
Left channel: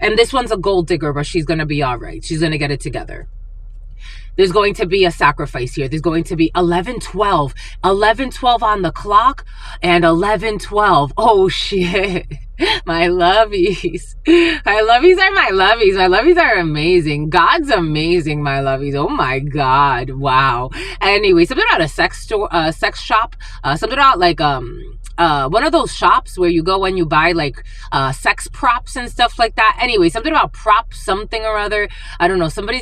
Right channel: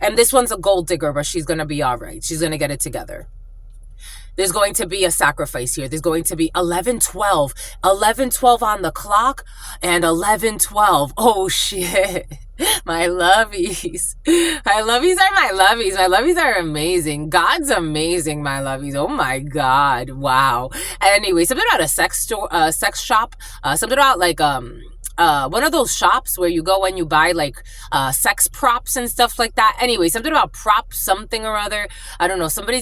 And this one's a gold digger, but she's going to be all right. She's going to get it together. There's going to be a sacrifice here. There's going to be 1112. 1112 on the clock and 1112. Oh, shit. My lovies. My lovies are my lovies. My lovies are amazing. God's amazing, my lovies. Oh, my God. Wow. Anyway, something about a sex store, sex shop. Something about like one of those shops where you go and you buy like sex props and stuff like that. Anyway, something about prop something or other. I don't know. Something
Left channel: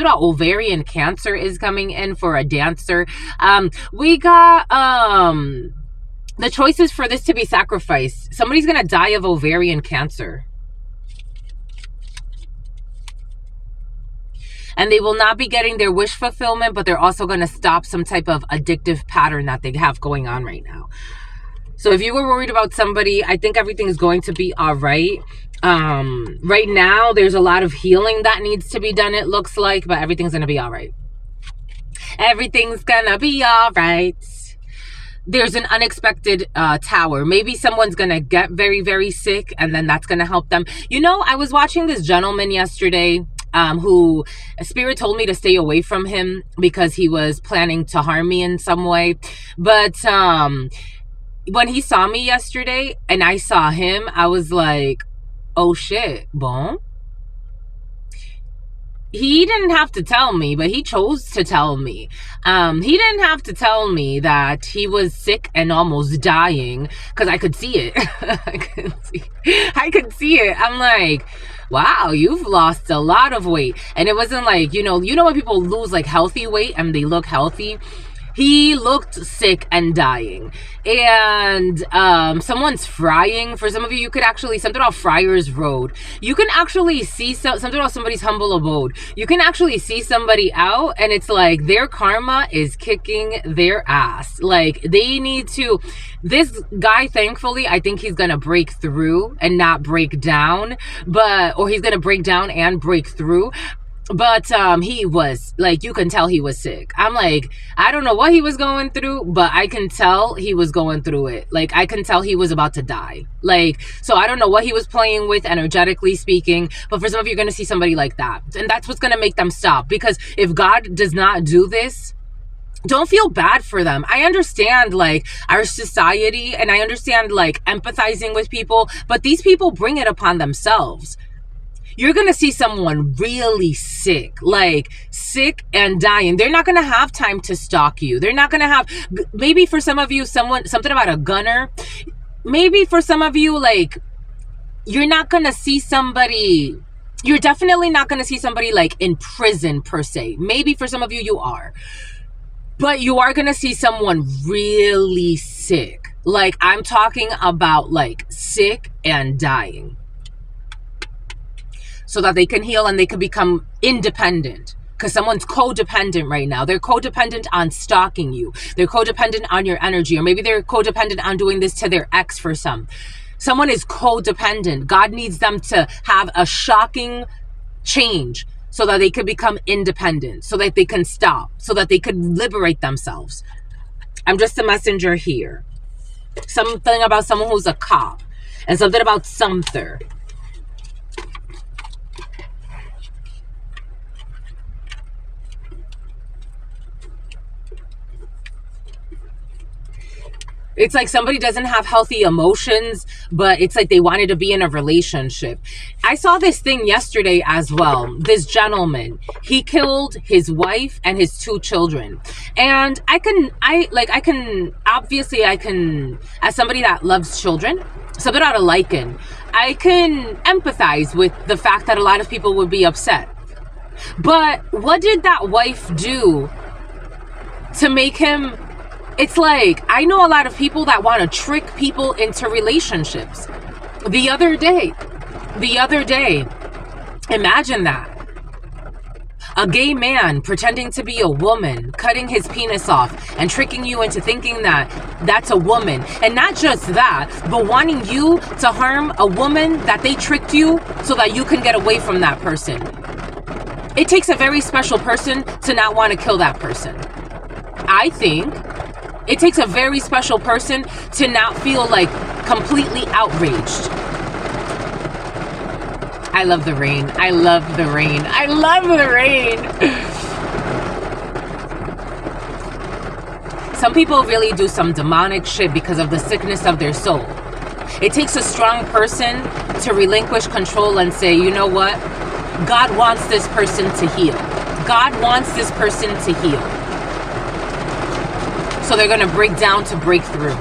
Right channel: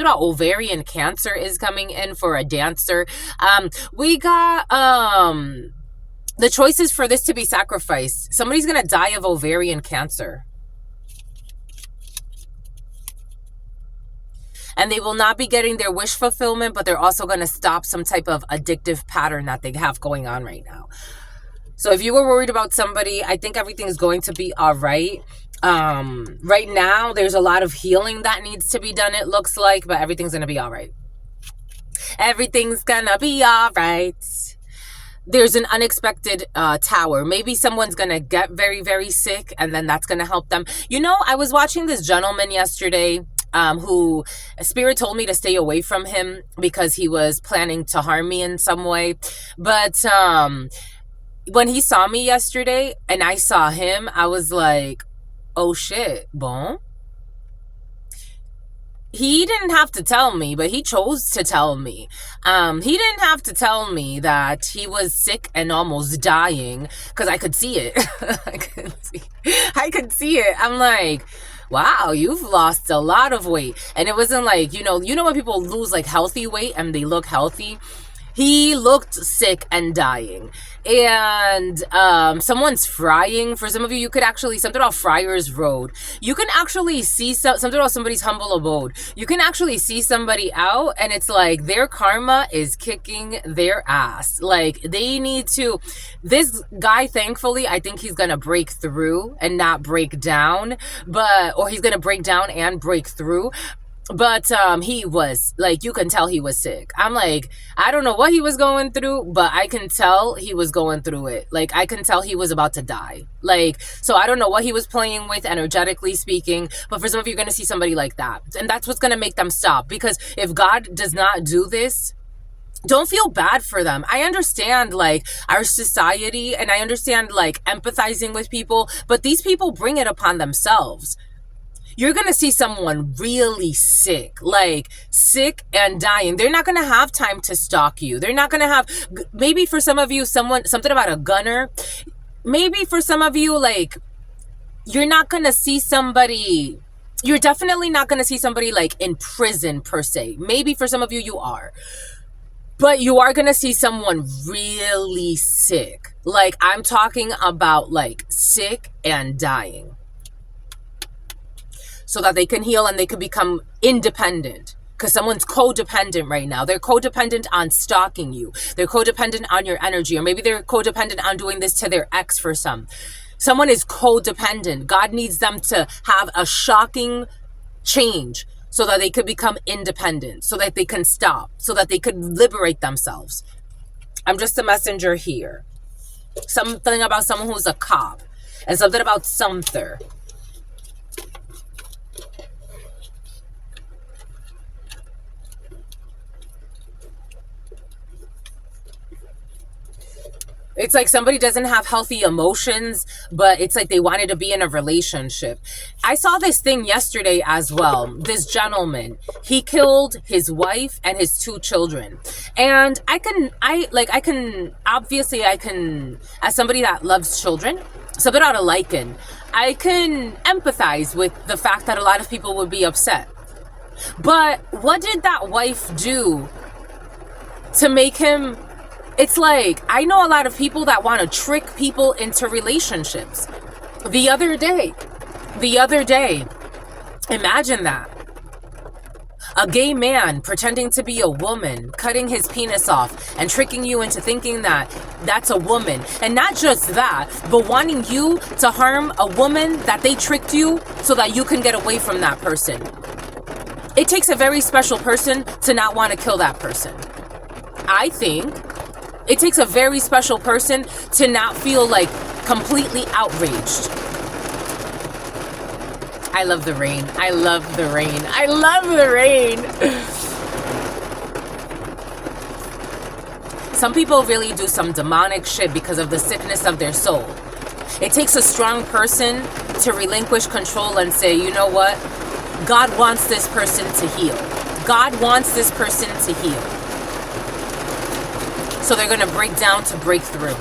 about ovarian cancer is coming in for a dancer. We got the choices for this to be sacrificed. Somebody's gonna die of ovarian cancer. And they will not be getting their wish fulfillment, but they're also going to stop some type of addictive pattern that they have going on right now. So if you were worried about somebody, I think everything is going to be all right. Right now, there's a lot of healing that needs to be done, it looks like, but everything's going to be all right. Everything's going to be all right. There's an unexpected tower. Maybe someone's going to get very, very sick, and then that's going to help them. You know, I was watching this gentleman yesterday who Spirit told me to stay away from him because he was planning to harm me in some way. But when he saw me yesterday and I saw him, I was like, oh shit, bon. He didn't have to tell me, but he chose to tell me. He didn't have to tell me that he was sick and almost dying, because I could see it. I could see it. I'm like, wow, you've lost a lot of weight. And it wasn't like, you know when people lose like healthy weight and they look healthy? He looked sick and dying. And someone's frying. For some of you, you could actually, something about Friars Road. You can actually see something about somebody's humble abode. You can actually see somebody out and it's like their karma is kicking their ass. Like they need to, this guy, thankfully, I think he's going to break through and not break down, or he's going to break down and break through. But he was like, you can tell he was sick. I'm like, I don't know what he was going through, but I can tell he was going through it. Like, I can tell he was about to die. Like, so I don't know what he was playing with, energetically speaking, but for some of you, you're going to see somebody like that. And that's what's going to make them stop. Because if God does not do this, don't feel bad for them. I understand like our society, and I understand like empathizing with people, but these people bring it upon themselves. you're going to see someone really sick, like sick and dying. They're not going to have time to stalk you. They're not going to have, maybe for some of you, something about a gunner. Maybe for some of you, like, you're not going to see somebody, you're definitely not going to see somebody like in prison per se. Maybe for some of you, you are. But you are going to see someone really sick. Like, I'm talking about like sick and dying. So that they can heal and they can become independent. Because someone's codependent right now. They're codependent on stalking you. They're codependent on your energy. Or maybe they're codependent on doing this to their ex for some. Someone is codependent. God needs them to have a shocking change so that they could become independent, so that they can stop, so that they could liberate themselves. I'm just a messenger here. Something about someone who's a cop, and something about Sumter. It's like somebody doesn't have healthy emotions, but it's like they wanted to be in a relationship. I saw this thing yesterday as well. This gentleman, he killed his wife and his 2 children. And I can, as somebody that loves children, something out of liking, I can empathize with the fact that a lot of people would be upset. But what did that wife do to make him... It's like, I know a lot of people that want to trick people into relationships. The other day, imagine that. A gay man pretending to be a woman, cutting his penis off and tricking you into thinking that that's a woman. And not just that, but wanting you to harm a woman that they tricked you so that you can get away from that person. It takes a very special person to not want to kill that person. I think it takes a very special person to not feel like completely outraged. I love the rain. I love the rain. I love the rain. Some people really do some demonic shit because of the sickness of their soul. It takes a strong person to relinquish control and say, you know what? God wants this person to heal. God wants this person to heal. So they're going to break down to break through.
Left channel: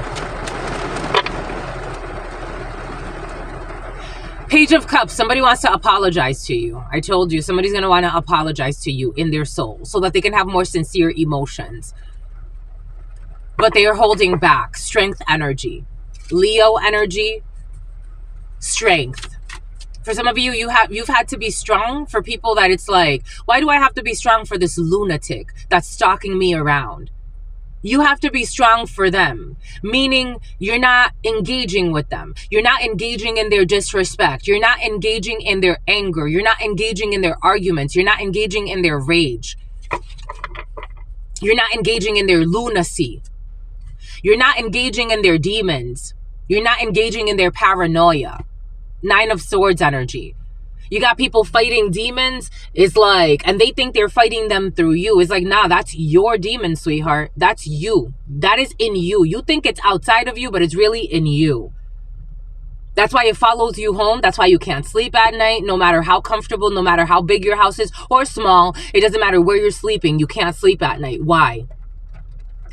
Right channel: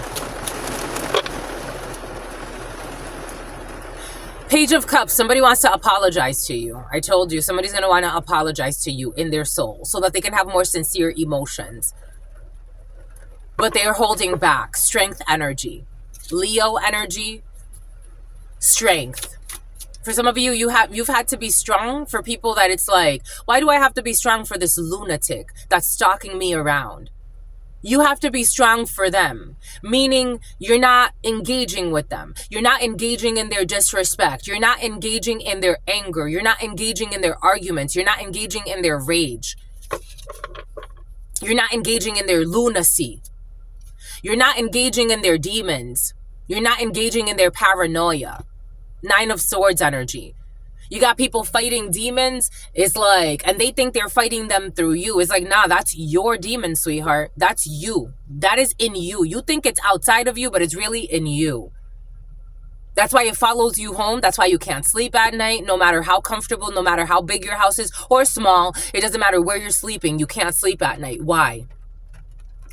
Page of Cups, somebody wants to apologize to you. I told you, somebody's going to want to apologize to you in their soul so that they can have more sincere emotions. But they are holding back. Strength energy. Leo energy. Strength. For some of you, you've had to be strong for people that it's like, why do I have to be strong for this lunatic that's stalking me around? You have to be strong for them, meaning you're not engaging with them. You're not engaging in their disrespect. You're not engaging in their anger. You're not engaging in their arguments. You're not engaging in their rage. You're not engaging in their lunacy. You're not engaging in their demons. You're not engaging in their paranoia. 9 of Swords energy. You got people fighting demons. It's like, and they think they're fighting them through you. It's like, nah, that's your demon, sweetheart. That's you. That is in you. You think it's outside of you, but it's really in you. That's why it follows you home. That's why you can't sleep at night, no matter how comfortable, no matter how big your house is or small. It doesn't matter where you're sleeping. You can't sleep at night. Why?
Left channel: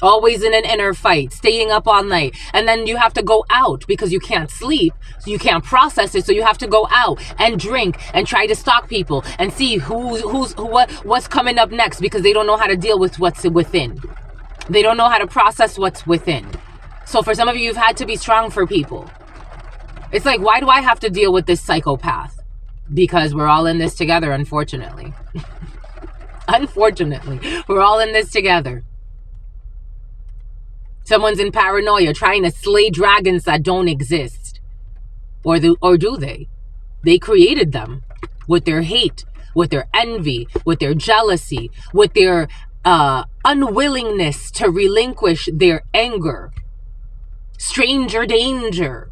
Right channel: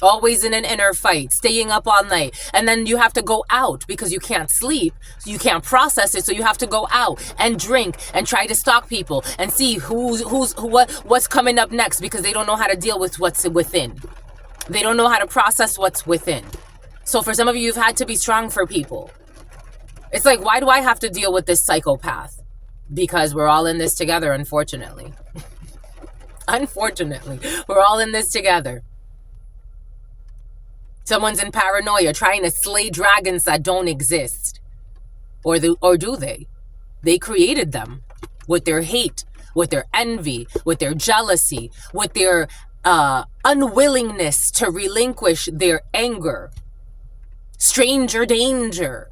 Always in an inner fight, staying up all night. And then you have to go out because you can't sleep. You can't process it. So you have to go out and drink and try to stalk people and see what's coming up next because they don't know how to deal with what's within. They don't know how to process what's within. So for some of you, you've had to be strong for people. It's like, why do I have to deal with this psychopath? Because we're all in this together, unfortunately. Unfortunately, we're all in this together. Someone's in paranoia trying to slay dragons that don't exist. Or do they? They created them with their hate, with their envy, with their jealousy, with their unwillingness to relinquish their anger. Stranger danger.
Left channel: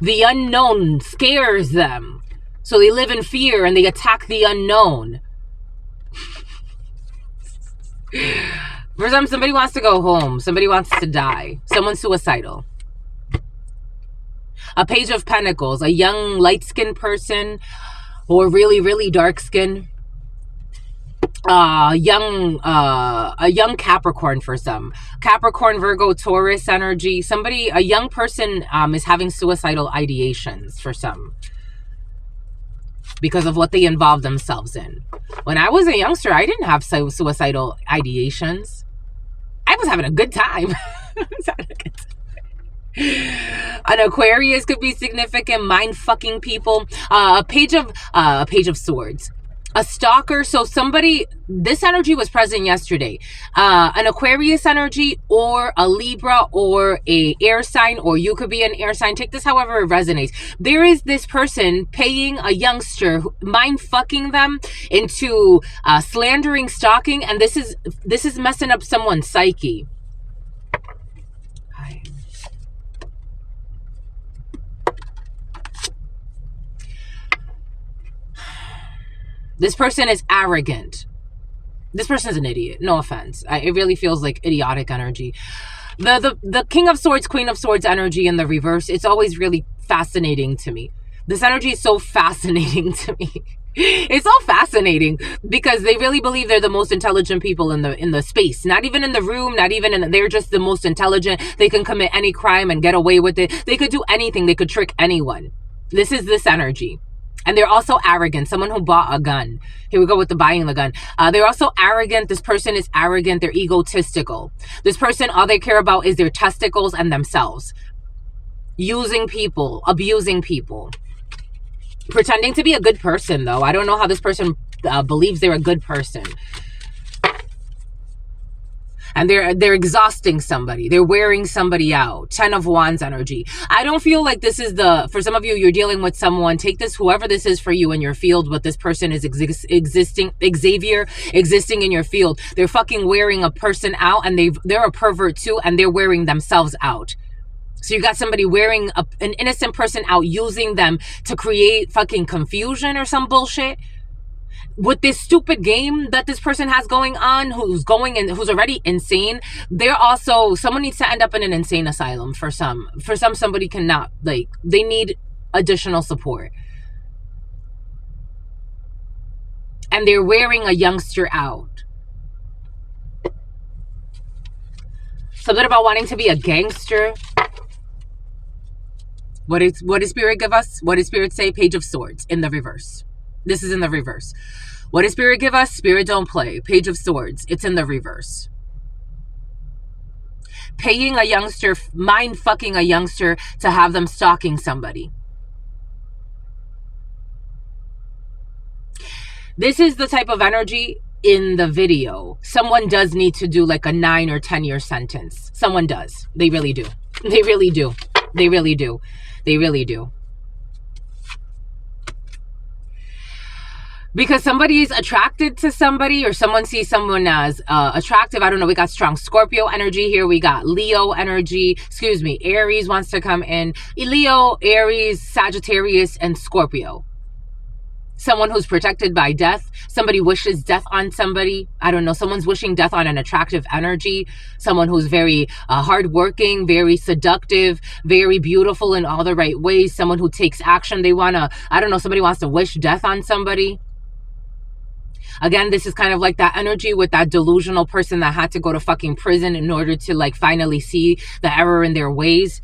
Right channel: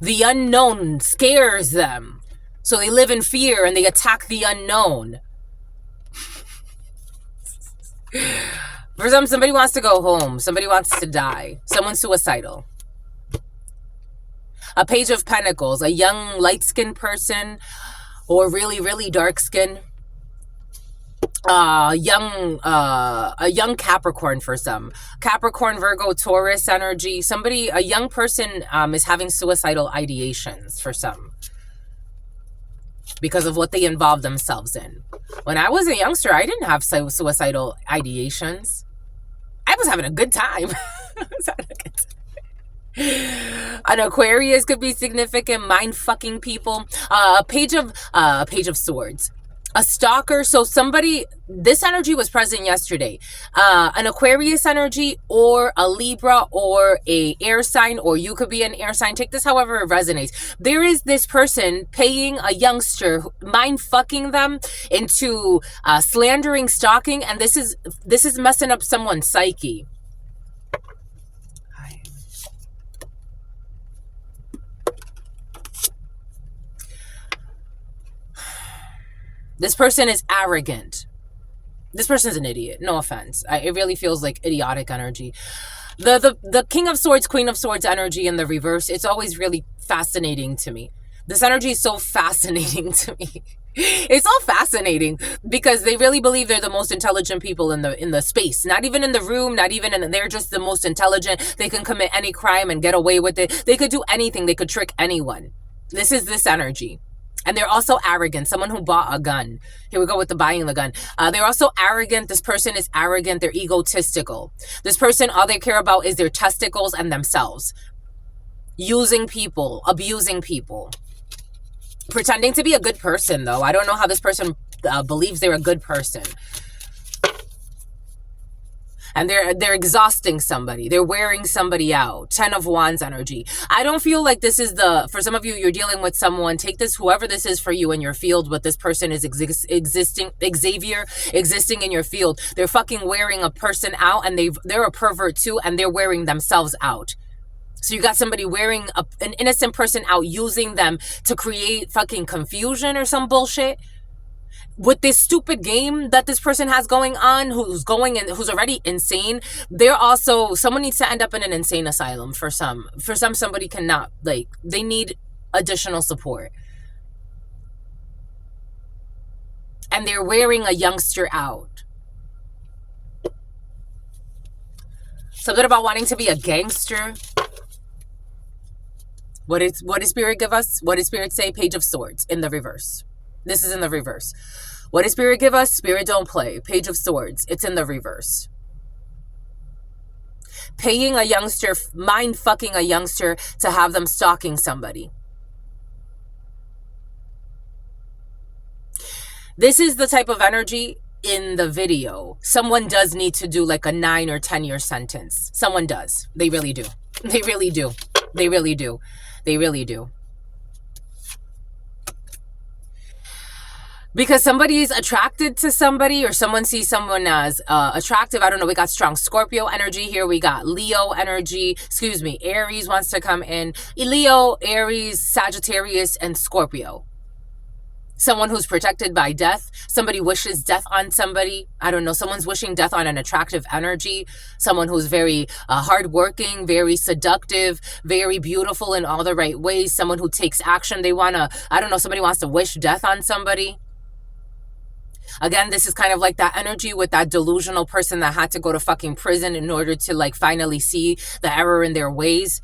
The unknown scares them. So they live in fear and they attack the unknown. For somebody wants to go home. Somebody wants to die. Someone's suicidal. A Page of Pentacles, a young light-skinned person or really, really dark-skinned. A young Capricorn for some. Capricorn, Virgo, Taurus energy. Somebody, a young person is having suicidal ideations for some because of what they involve themselves in. When I was a youngster, I didn't have suicidal ideations. I was having a good time. I was having a good time. An Aquarius could be significant, mind-fucking people. A page of swords. A stalker. So somebody, this energy was present yesterday. An Aquarius energy or a Libra or a air sign, or you could be an air sign. Take this however it resonates. There is this person paying a youngster, mind fucking them into slandering, stalking, and this is messing up someone's psyche. This person is arrogant. This person is an idiot. No offense. It really feels like idiotic energy. The King of Swords, Queen of Swords energy in the reverse, it's always really fascinating to me. This energy is so fascinating to me. It's all fascinating because they really believe they're the most intelligent people in the space. Not even in the room, not even in they're just the most intelligent. They can commit any crime and get away with it. They could do anything. They could trick anyone. This is this energy. And they're also arrogant. Someone who bought a gun. Here we go with the buying the gun. They're also arrogant. This person is arrogant. They're egotistical. This person, all they care about is their testicles and themselves. Using people, abusing people. Pretending to be a good person, though. I don't know how this person believes they're a good person. And they're exhausting somebody. They're wearing somebody out. 10 of Wands energy. I don't feel like this is for some of you, you're dealing with someone. Take this, whoever this is for you in your field, but this person is existing in your field. They're fucking wearing a person out, and they're a pervert too, and they're wearing themselves out. So you got somebody wearing an innocent person out, using them to create fucking confusion or some bullshit. With this stupid game that this person has going on, who's already insane, they're also, someone needs to end up in an insane asylum for some. For some, somebody cannot, like, they need additional support. And they're wearing a youngster out. Something about wanting to be a gangster. What does Spirit give us? What does Spirit say? Page of Swords in the reverse. This is in the reverse. What does Spirit give us? Spirit don't play. Page of Swords. It's in the reverse. Paying a youngster, mind fucking a youngster to have them stalking somebody. This is the type of energy in the video. Someone does need to do like a 9 or 10 year sentence. Someone does. They really do. They really do. They really do. They really do. Because somebody's attracted to somebody, or someone sees someone as attractive. I don't know. We got strong Scorpio energy here. We got Leo energy. Excuse me. Aries wants to come in. Leo, Aries, Sagittarius, and Scorpio. Someone who's protected by death. Somebody wishes death on somebody. I don't know. Someone's wishing death on an attractive energy. Someone who's very hardworking, very seductive, very beautiful in all the right ways. Someone who takes action. They want to, I don't know, somebody wants to wish death on somebody. Again, this is kind of like that energy with that delusional person that had to go to fucking prison in order to like finally see the error in their ways.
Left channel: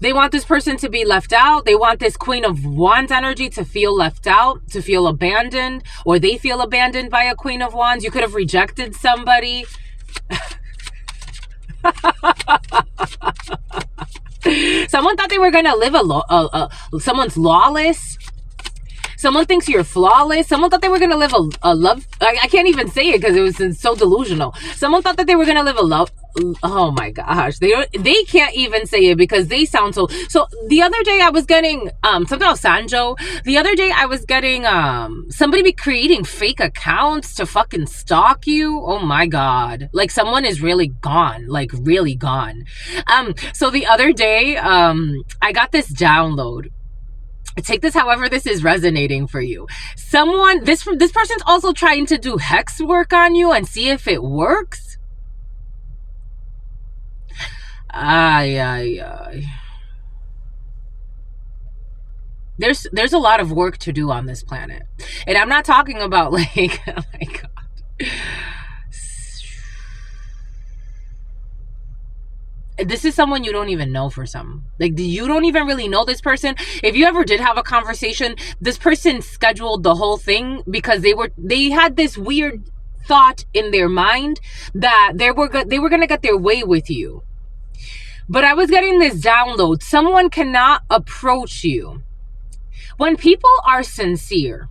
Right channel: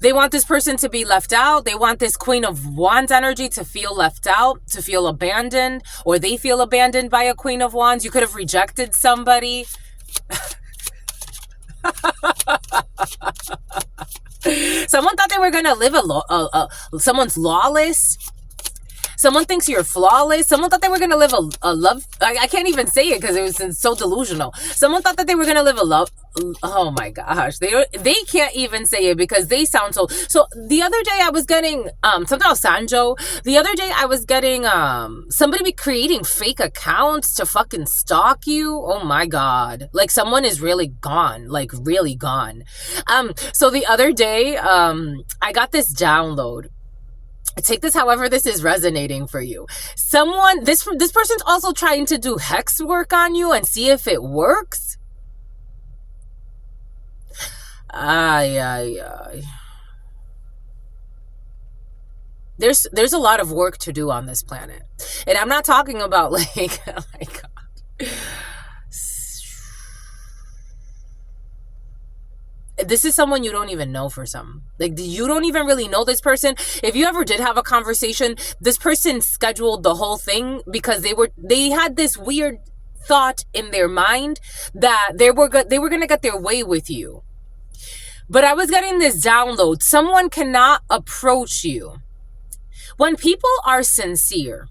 They want this person to be left out. They want this Queen of Wands energy to feel left out, to feel abandoned, or they feel abandoned by a Queen of Wands. You could have rejected somebody. Someone thought they were going to live someone's lawless. Someone thinks you're flawless. Someone thought they were going to live a love. I can't even say it because it was so delusional. Someone thought that they were going to live a love. Oh my gosh. They can't even say it because they sound so. So the other day I was getting something about Sanjo. The other day I was getting somebody be creating fake accounts to fucking stalk you. Oh my God. Like someone is really gone. Like really gone. So the other day I got this download. Take this however this is resonating for you. Someone, this person's also trying to do hex work on you and see if it works. Ay, ay, ay. There's a lot of work to do on this planet. And I'm not talking about like, oh my God. This is someone you don't even know for some. Like, you don't even really know this person. If you ever did have a conversation, this person scheduled the whole thing because they had this weird thought in their mind that they were going to get their way with you. But I was getting this download. Someone cannot approach you. When people are sincere,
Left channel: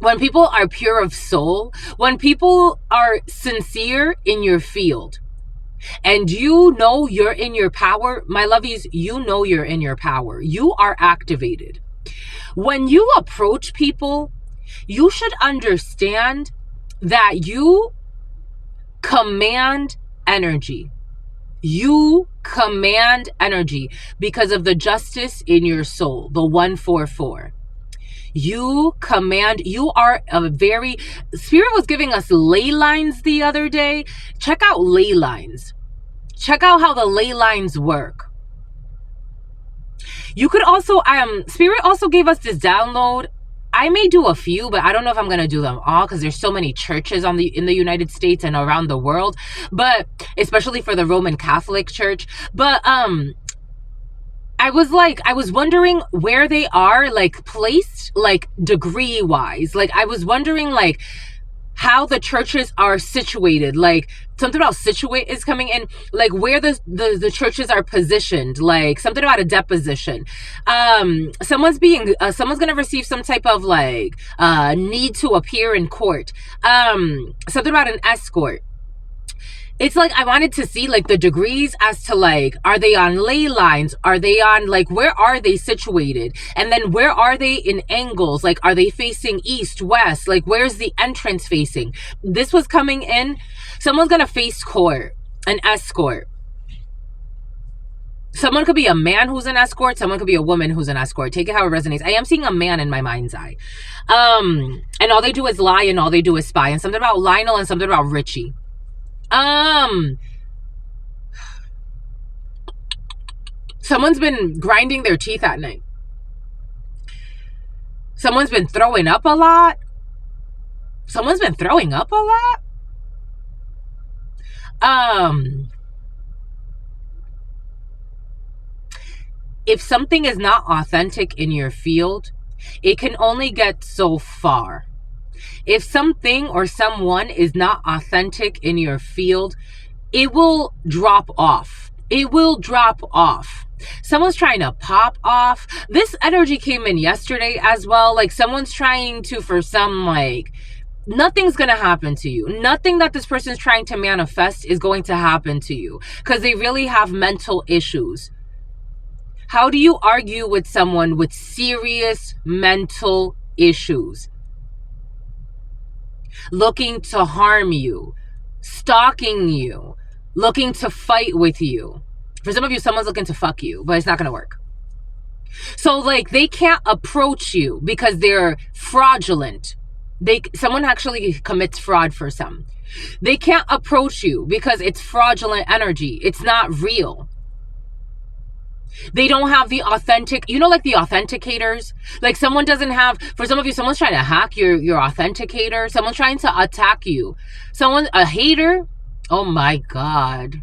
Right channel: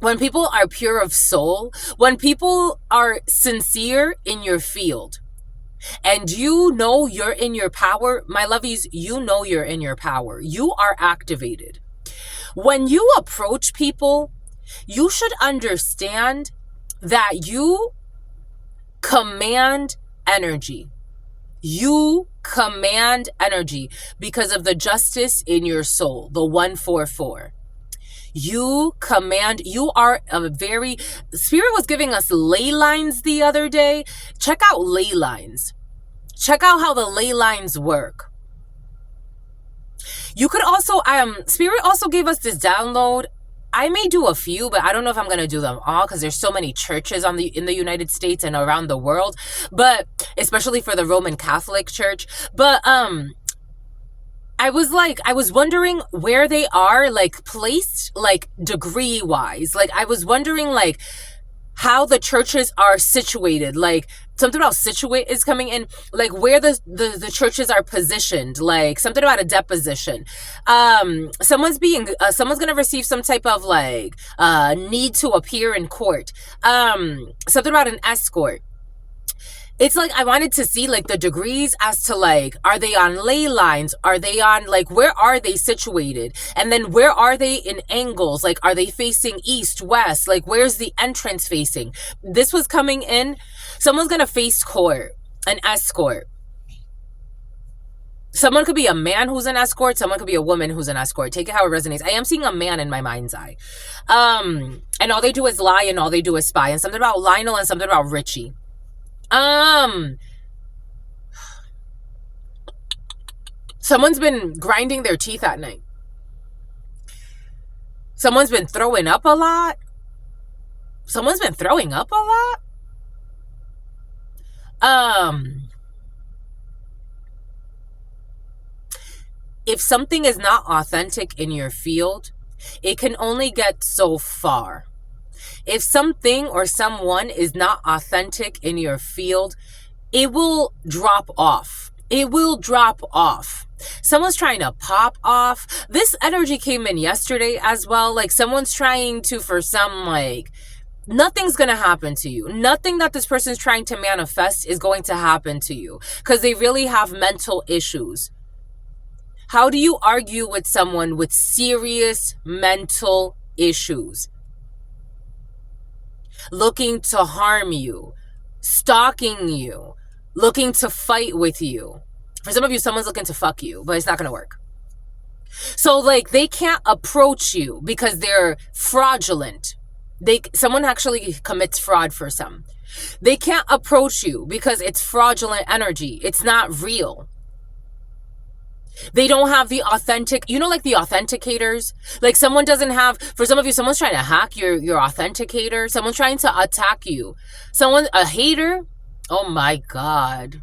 when people are pure of soul, when people are sincere in your field, and you know you're in your power, my lovies, you know you're in your power. You are activated. When you approach people, you should understand that you command energy. You command energy because of the justice in your soul, the 144. You command, you are a very, Spirit was giving us ley lines the other day. Check out ley lines. Check out how the ley lines work. You could also, Spirit also gave us this download. I may do a few, but I don't know if I'm going to do them all because there's so many churches in the United States and around the world, but especially for the Roman Catholic Church. But, I was wondering where they are, like, placed, like, degree-wise. Like, I was wondering, like, how the churches are situated. Like, something about situate is coming in. Like, where the churches are positioned. Like, something about a deposition. Someone's gonna receive some type of, like, need to appear in court. Something about an escort. It's like I wanted to see like the degrees as to like, are they on ley lines? Are they on like, where are they situated? And then where are they in angles? Like, are they facing east, west? Like, where's the entrance facing? This was coming in. Someone's going to face court, an escort. Someone could be a man who's an escort. Someone could be a woman who's an escort. Take it how it resonates. I am seeing a man in my mind's eye. And all they do is lie and all they do is spy. And something about Lionel and something about Richie. Someone's been grinding their teeth at night. Someone's been throwing up a lot. Someone's been throwing up a lot. If something is not authentic in your field, it can only get so far. If something or someone is not authentic in your field, it will drop off. It will drop off. Someone's trying to pop off. This energy came in yesterday as well. Like, someone's trying to, for some, like, nothing's going to happen to you. Nothing that this person's trying to manifest is going to happen to you because they really have mental issues. How do you argue with someone with serious mental issues? Looking to harm you, stalking you, looking to fight with you. For some of you, someone's looking to fuck you, but it's not going to work. So, like, they can't approach you because they're fraudulent. Someone actually commits fraud for some. They can't approach you because it's fraudulent energy. It's not real. They don't have the authentic, like the authenticators. Like, someone doesn't have, for some of you, someone's trying to hack your authenticator. Someone's trying to attack you. A hater. Oh my God.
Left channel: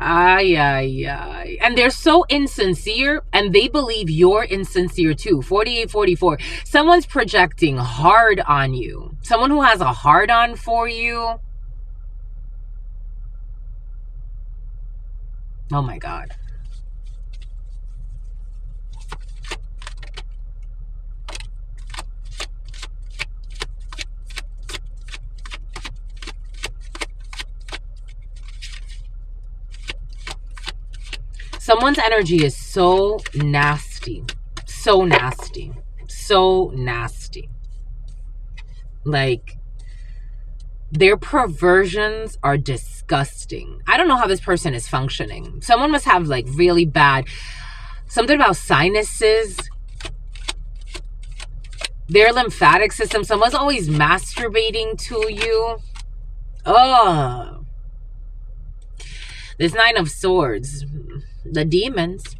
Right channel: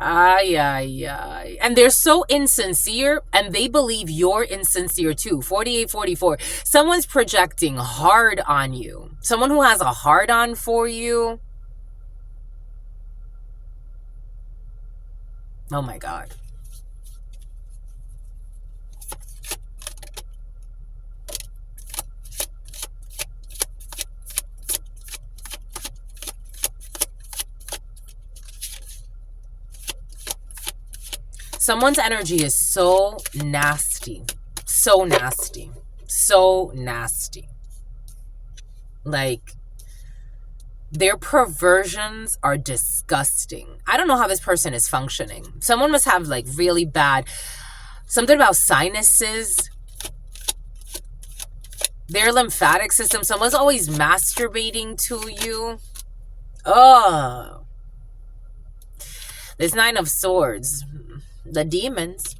Ay, ay, ay. And they're so insincere, and they believe you're insincere too. 4844. Someone's projecting hard on you. Someone who has a hard on for you. Oh my God. Someone's energy is so nasty. So nasty. So nasty. Like, their perversions are disgusting. I don't know how this person is functioning. Someone must have, like, really bad, something about sinuses. Their lymphatic system, someone's always masturbating to you. Oh, this Nine of Swords, the demons.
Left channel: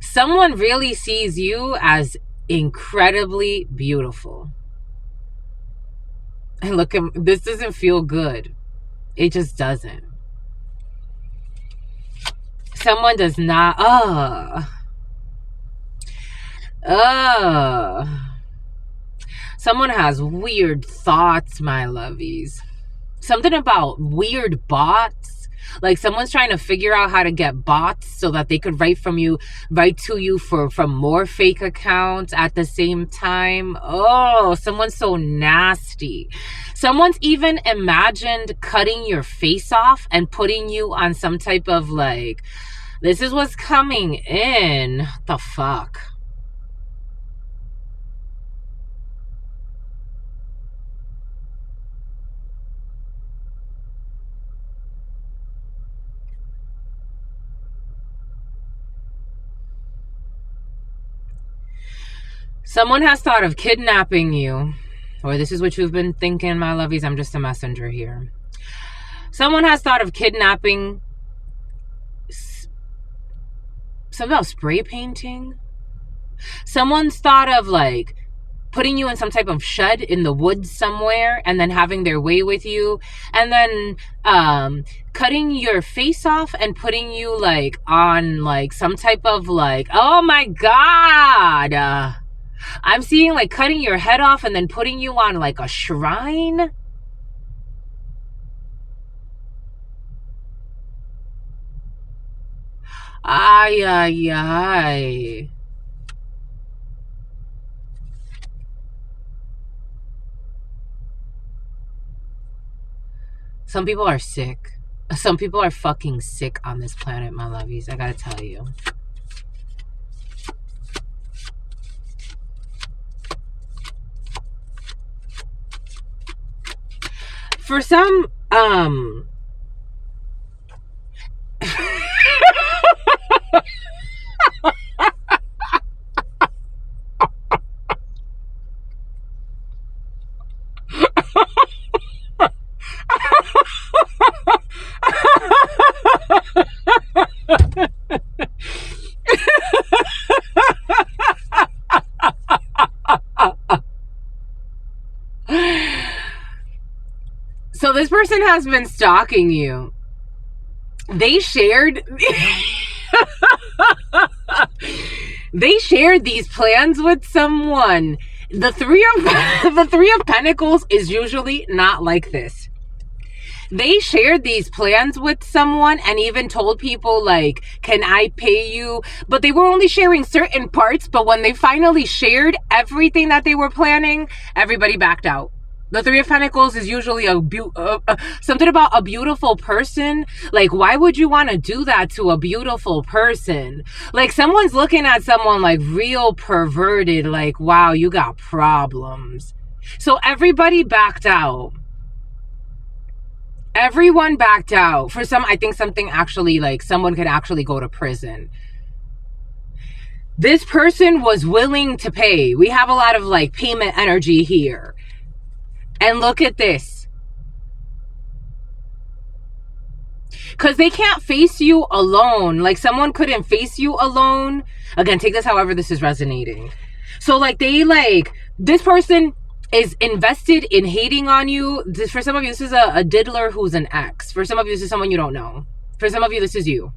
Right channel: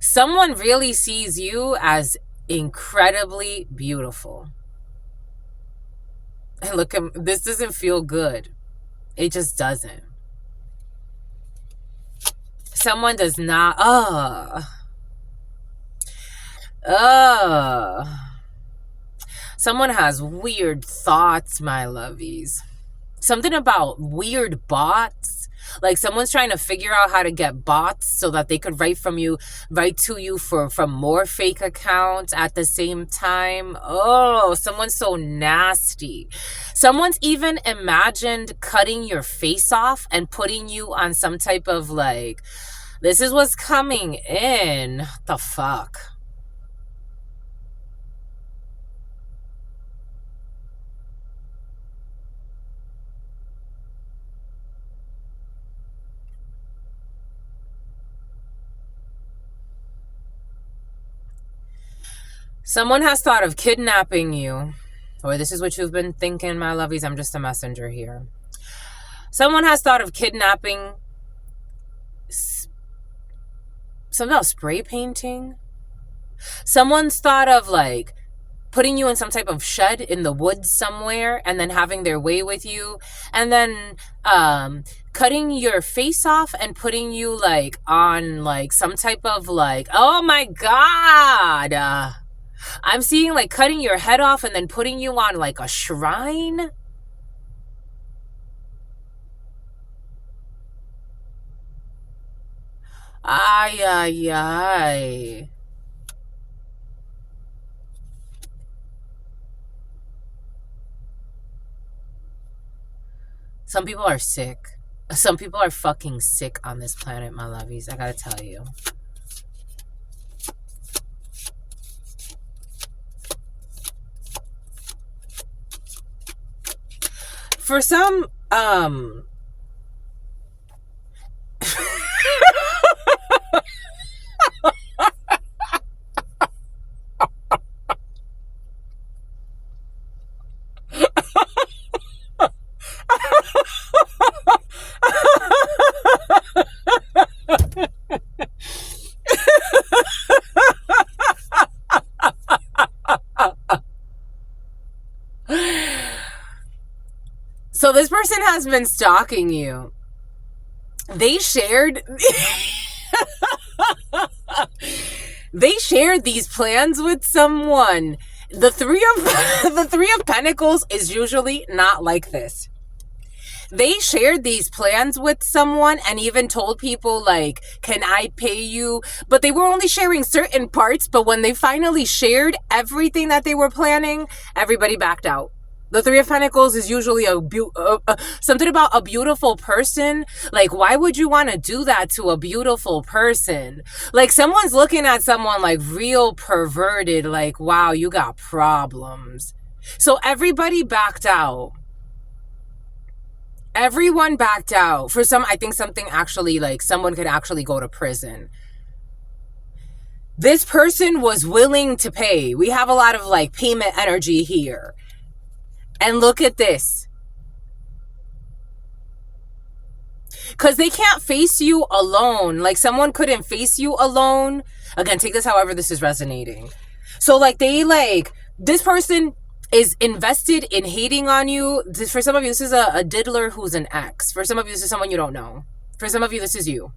Someone really sees you as incredibly beautiful. And look, this doesn't feel good. It just doesn't. Someone does not, someone has weird thoughts, my lovies. Something about weird bots. Like someone's trying to figure out how to get bots so that they could write to you from more fake accounts at the same time. Oh, someone's so nasty. Someone's even imagined cutting your face off and putting you on some type of like, this is what's coming in. The fuck? Someone has thought of kidnapping you. Or this is what you've been thinking, my lovies. I'm just a messenger here. Someone has thought of kidnapping. Something about spray painting. Someone's thought of like putting you in some type of shed in the woods somewhere and then having their way with you, and then cutting your face off and putting you like on like some type of like, oh my god, I'm seeing like cutting your head off and then putting you on like a shrine. Ay, ay, ay. Some people are sick. Some people are fucking sick on this planet, my lovies. I gotta tell you. For some, so this person has been stalking you. They shared they shared these plans with someone. The three of Pentacles is usually not like this. They shared these plans with someone and even told people like, can I pay you? But they were only sharing certain parts. But when they finally shared everything that they were planning, everybody backed out. The Three of Pentacles is usually something about a beautiful person. Like, why would you want to do that to a beautiful person? Like, someone's looking at someone like real perverted, like, wow, you got problems. So everybody backed out. Everyone backed out. For some, I think something actually, like, someone could actually go to prison. This person was willing to pay. We have a lot of, like, payment energy here. And look at this. Because they can't face you alone. Like, someone couldn't face you alone. Again, take this however this is resonating. So, like, this person is invested in hating on you. For some of you, this is a diddler who's an ex. For some of you, this is someone you don't know. For some of you, this is you.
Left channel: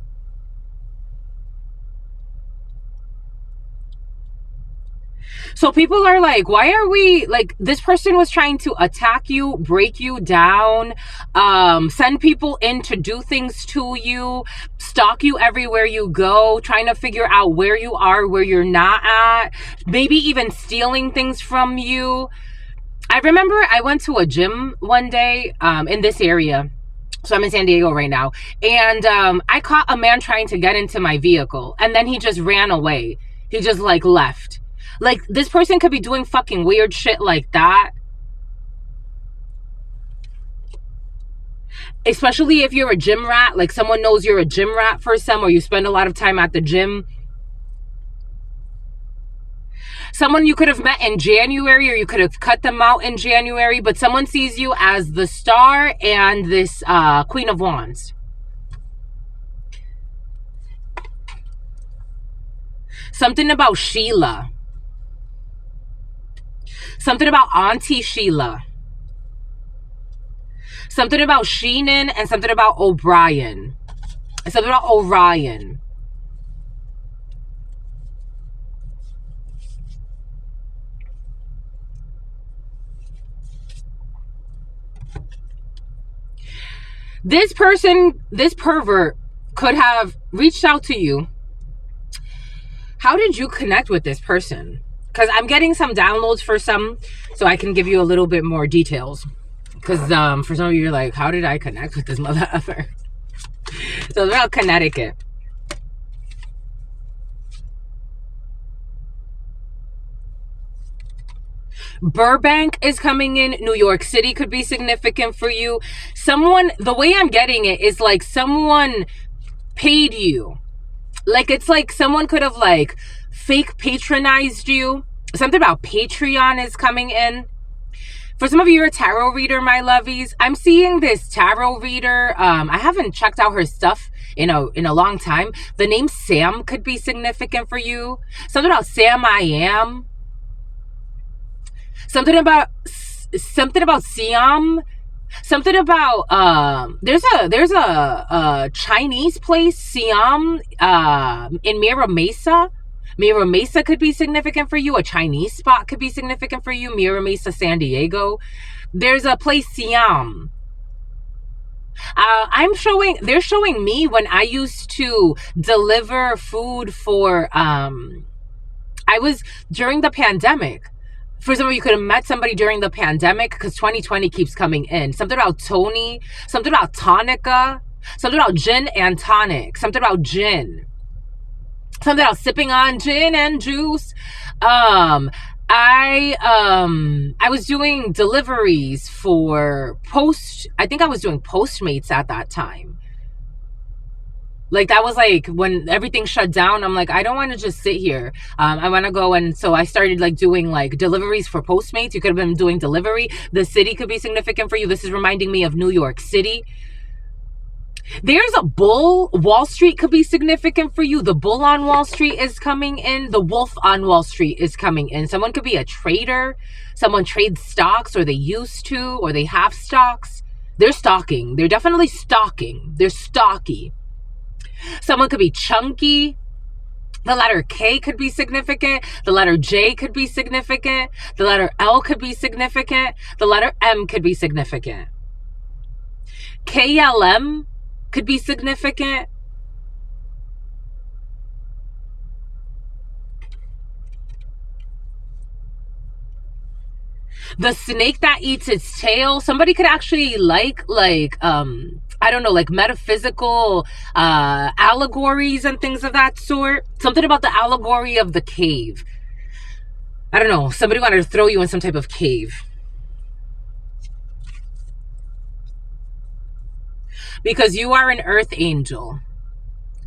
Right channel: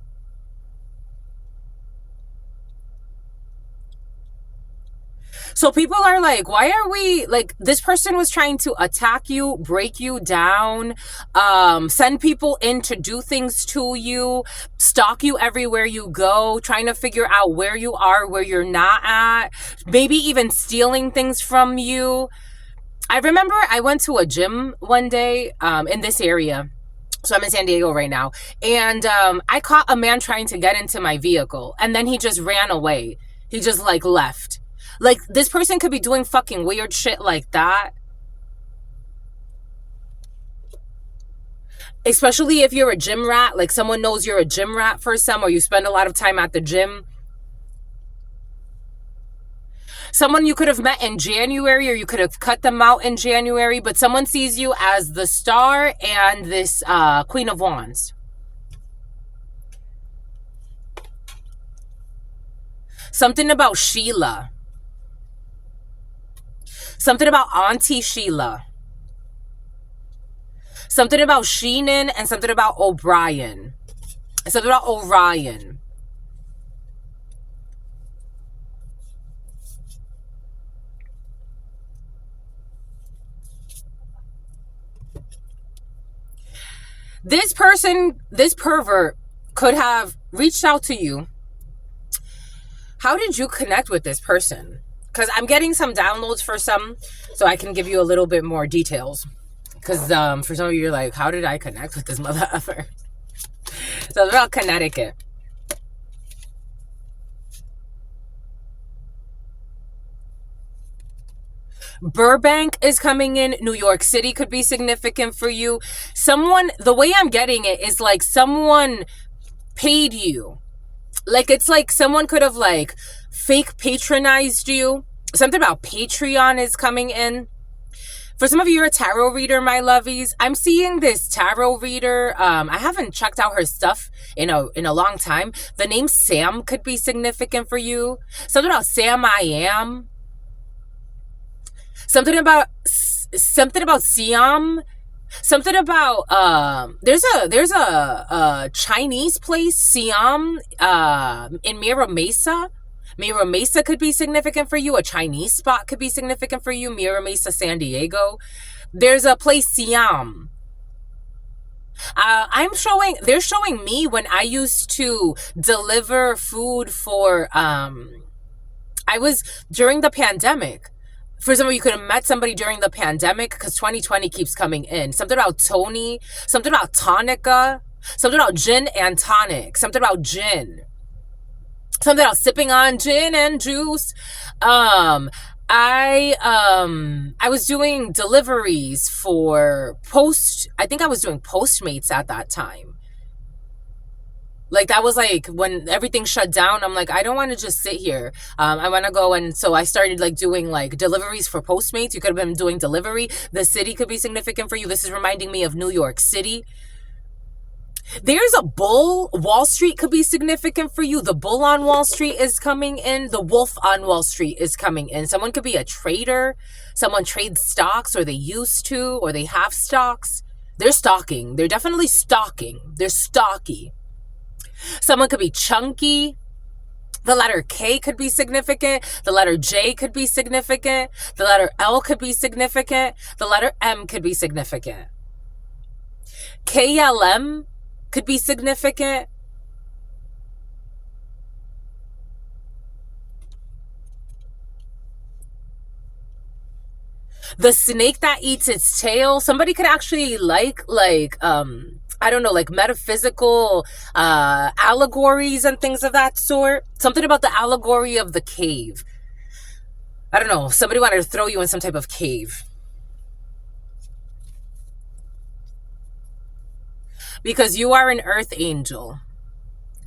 So people are like, why are we, like, this person was trying to attack you, break you down, send people in to do things to you, stalk you everywhere you go, trying to figure out where you are, where you're not at, maybe even stealing things from you. I remember I went to a gym one day in this area. So I'm in San Diego right now. And I caught a man trying to get into my vehicle. And then he just ran away. He just, like, left. Like, this person could be doing fucking weird shit like that. Especially if you're a gym rat, like someone knows you're a gym rat for some, or you spend a lot of time at the gym. Someone you could have met in January, or you could have cut them out in January, but someone sees you as the star and this Queen of Wands. Something about Sheila. Something about Auntie Sheila. Something about Sheenan and something about O'Brien. Something about Orion. This person, this pervert, could have reached out to you. How did you connect with this person? Because I'm getting some downloads for some, so I can give you a little bit more details. Because for some of you, you're like, how did I connect with this mother effer? So it's about Connecticut. Burbank is coming in. New York City could be significant for you. Someone, the way I'm getting it is like someone paid you. Like it's like someone could have like fake patronized you. Something about Patreon is coming in. For some of you, you're a tarot reader, my lovies. I'm seeing this tarot reader. I haven't checked out her stuff in a long time. The name Sam could be significant for you. Something about Sam I Am. Something about Siam. Something about there's a Chinese place, Siam, in Mira Mesa. Mira Mesa could be significant for you. A Chinese spot could be significant for you. Mira Mesa, San Diego. There's a place, Siam. They're showing me when I used to deliver food for, I was during the pandemic. For some of you could have met somebody during the pandemic because 2020 keeps coming in. Something about Tony, something about Tonica, something about gin and tonic, something about gin. Something about sipping on gin and juice. I was doing deliveries for I think I was doing Postmates at that time. Like that was like when everything shut down. I'm like, I don't want to just sit here. I want to go. And so I started like doing like deliveries for Postmates. You could have been doing delivery. The city could be significant for you. This is reminding me of New York City. There's a bull. Wall Street could be significant for you. The bull on Wall Street is coming in. The wolf on Wall Street is coming in. Someone could be a trader. Someone trades stocks, or they used to, or they have stocks. They're stalking. They're definitely stalking. They're stocky. Someone could be chunky. The letter K could be significant. The letter J could be significant. The letter L could be significant. The letter M could be significant. KLM could be significant. The snake that eats its tail. Somebody could actually like I don't know, like metaphysical allegories and things of that sort. Something about the allegory of the cave. I don't know. Somebody wanted to throw you in some type of cave. Because you are an earth angel.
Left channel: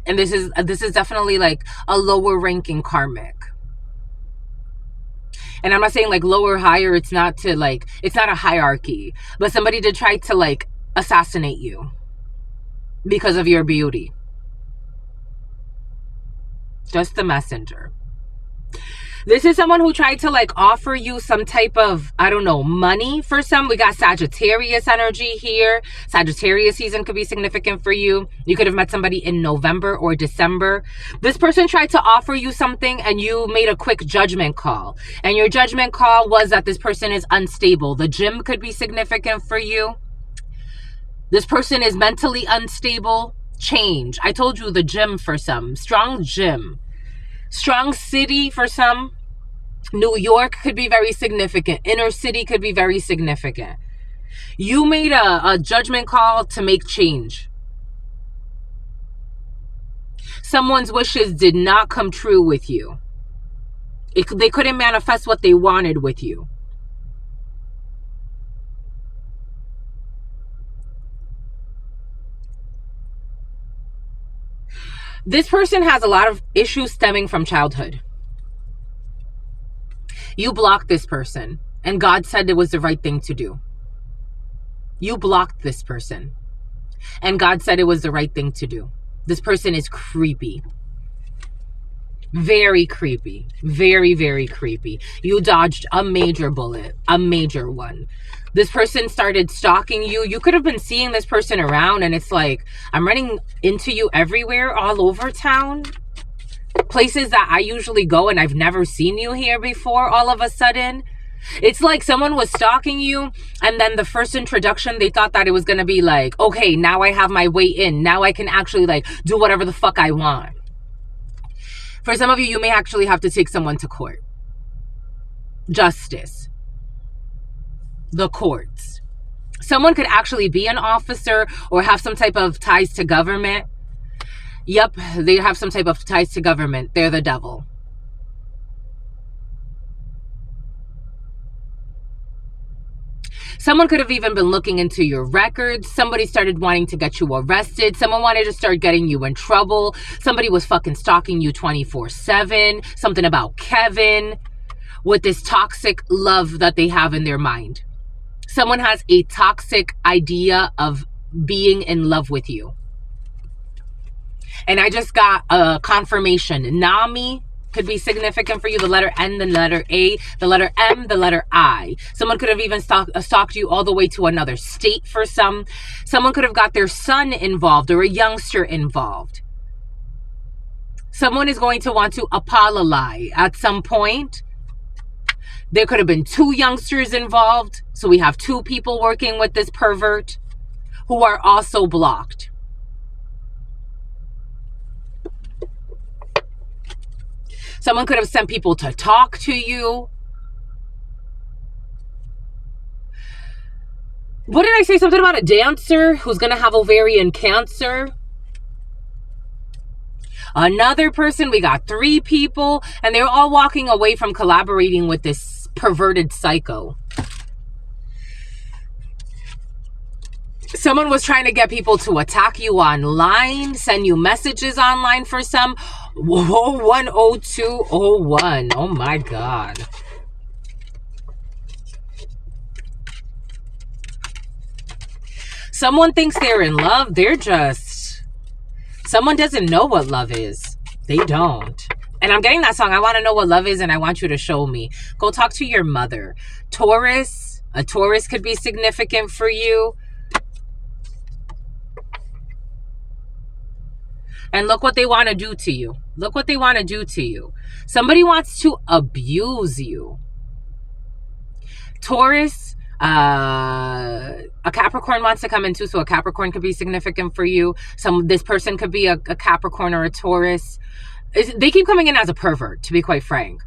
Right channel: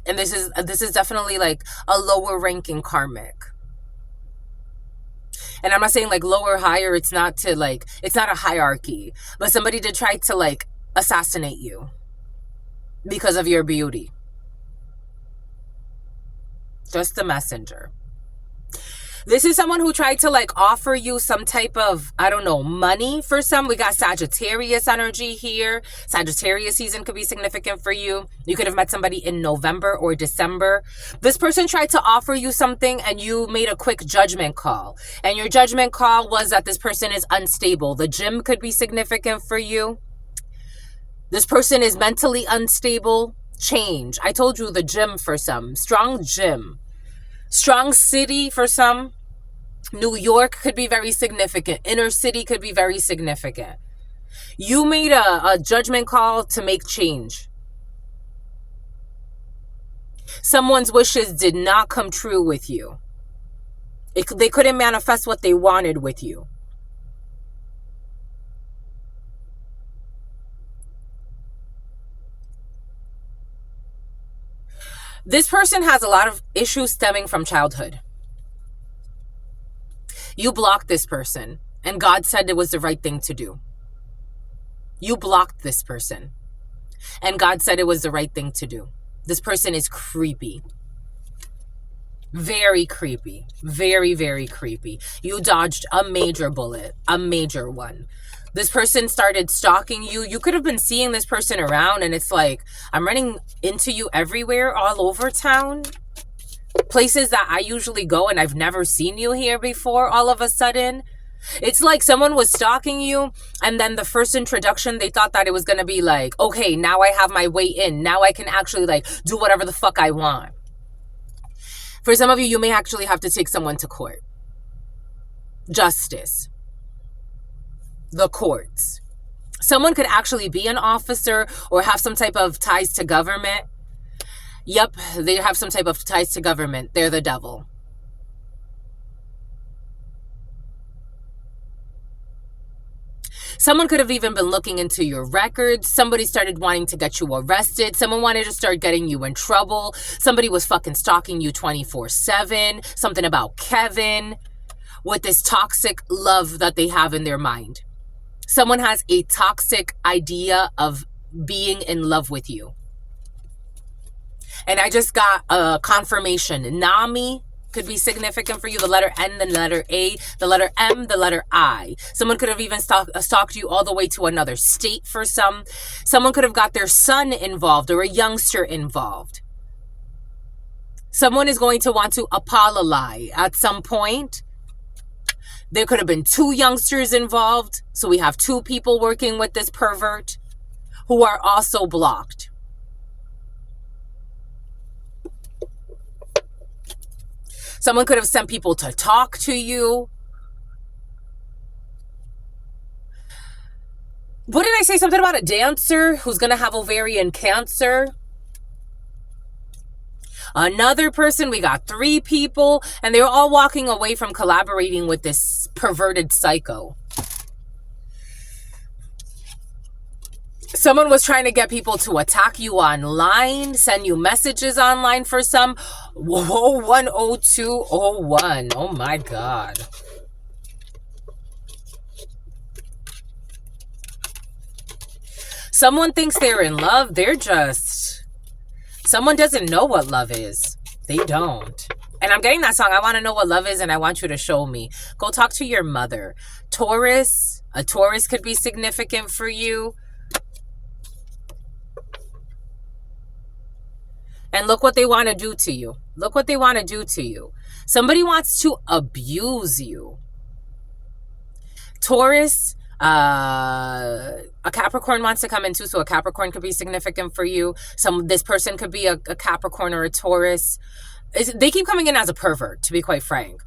And this is definitely like a lower ranking karmic. And I'm not saying like lower, higher. It's not a hierarchy. But somebody did try to like assassinate you because of your beauty. Just the messenger. This is someone who tried to like offer you some type of, I don't know, money for some. We got Sagittarius energy here. Sagittarius season could be significant for you. You could have met somebody in November or December. This person tried to offer you something and you made a quick judgment call. And your judgment call was that this person is unstable. The gym could be significant for you. This person is mentally unstable. Change. I told you the gym for some. Strong gym. Strong city for some. New York could be very significant. Inner city could be very significant. You made a judgment call to make change. Someone's wishes did not come true with you. They couldn't manifest what they wanted with you. This person has a lot of issues stemming from childhood. You blocked this person, and God said it was the right thing to do. You blocked this person, and God said it was the right thing to do. This person is creepy. Very creepy. Very, very creepy. You dodged a major bullet, a major one. This person started stalking you. You could have been seeing this person around, and it's like, I'm running into you everywhere, all over town. Places that I usually go, and I've never seen you here before all of a sudden. It's like someone was stalking you, and then the first introduction, they thought that it was going to be like, okay, now I have my way in. Now I can actually like do whatever the fuck I want. For some of you, you may actually have to take someone to court. Justice. The courts. Someone could actually be an officer or have some type of ties to government. Yep, they have some type of ties to government. They're the devil. Someone could have even been looking into your records. Somebody started wanting to get you arrested. Someone wanted to start getting you in trouble. Somebody was fucking stalking you 24/7. Something about Kevin with this toxic love that they have in their mind. Someone has a toxic idea of being in love with you. And I just got a confirmation. Nami could be significant for you. The letter N, the letter A, the letter M, the letter I. Someone could have even stalked you all the way to another state for some. Someone could have got their son involved or a youngster involved. Someone is going to want to apologize at some point. There could have been 2 youngsters involved. So we have 2 people working with this pervert who are also blocked. Someone could have sent people to talk to you. What did I say? Something about a dancer who's going to have ovarian cancer. Another person, we got 3 people, and they're all walking away from collaborating with this perverted psycho. Someone was trying to get people to attack you online, send you messages online for some. 10201. Oh my God. Someone thinks they're in love. They're just... Someone doesn't know what love is. They don't. And I'm getting that song. I want to know what love is, and I want you to show me. Go talk to your mother. Taurus. A Taurus could be significant for you. And look what they want to do to you. Look what they want to do to you. Somebody wants to abuse you. Taurus, a Capricorn wants to come in too. So a Capricorn could be significant for you. This person could be a Capricorn or a Taurus. They keep coming in as a pervert, to be quite frank.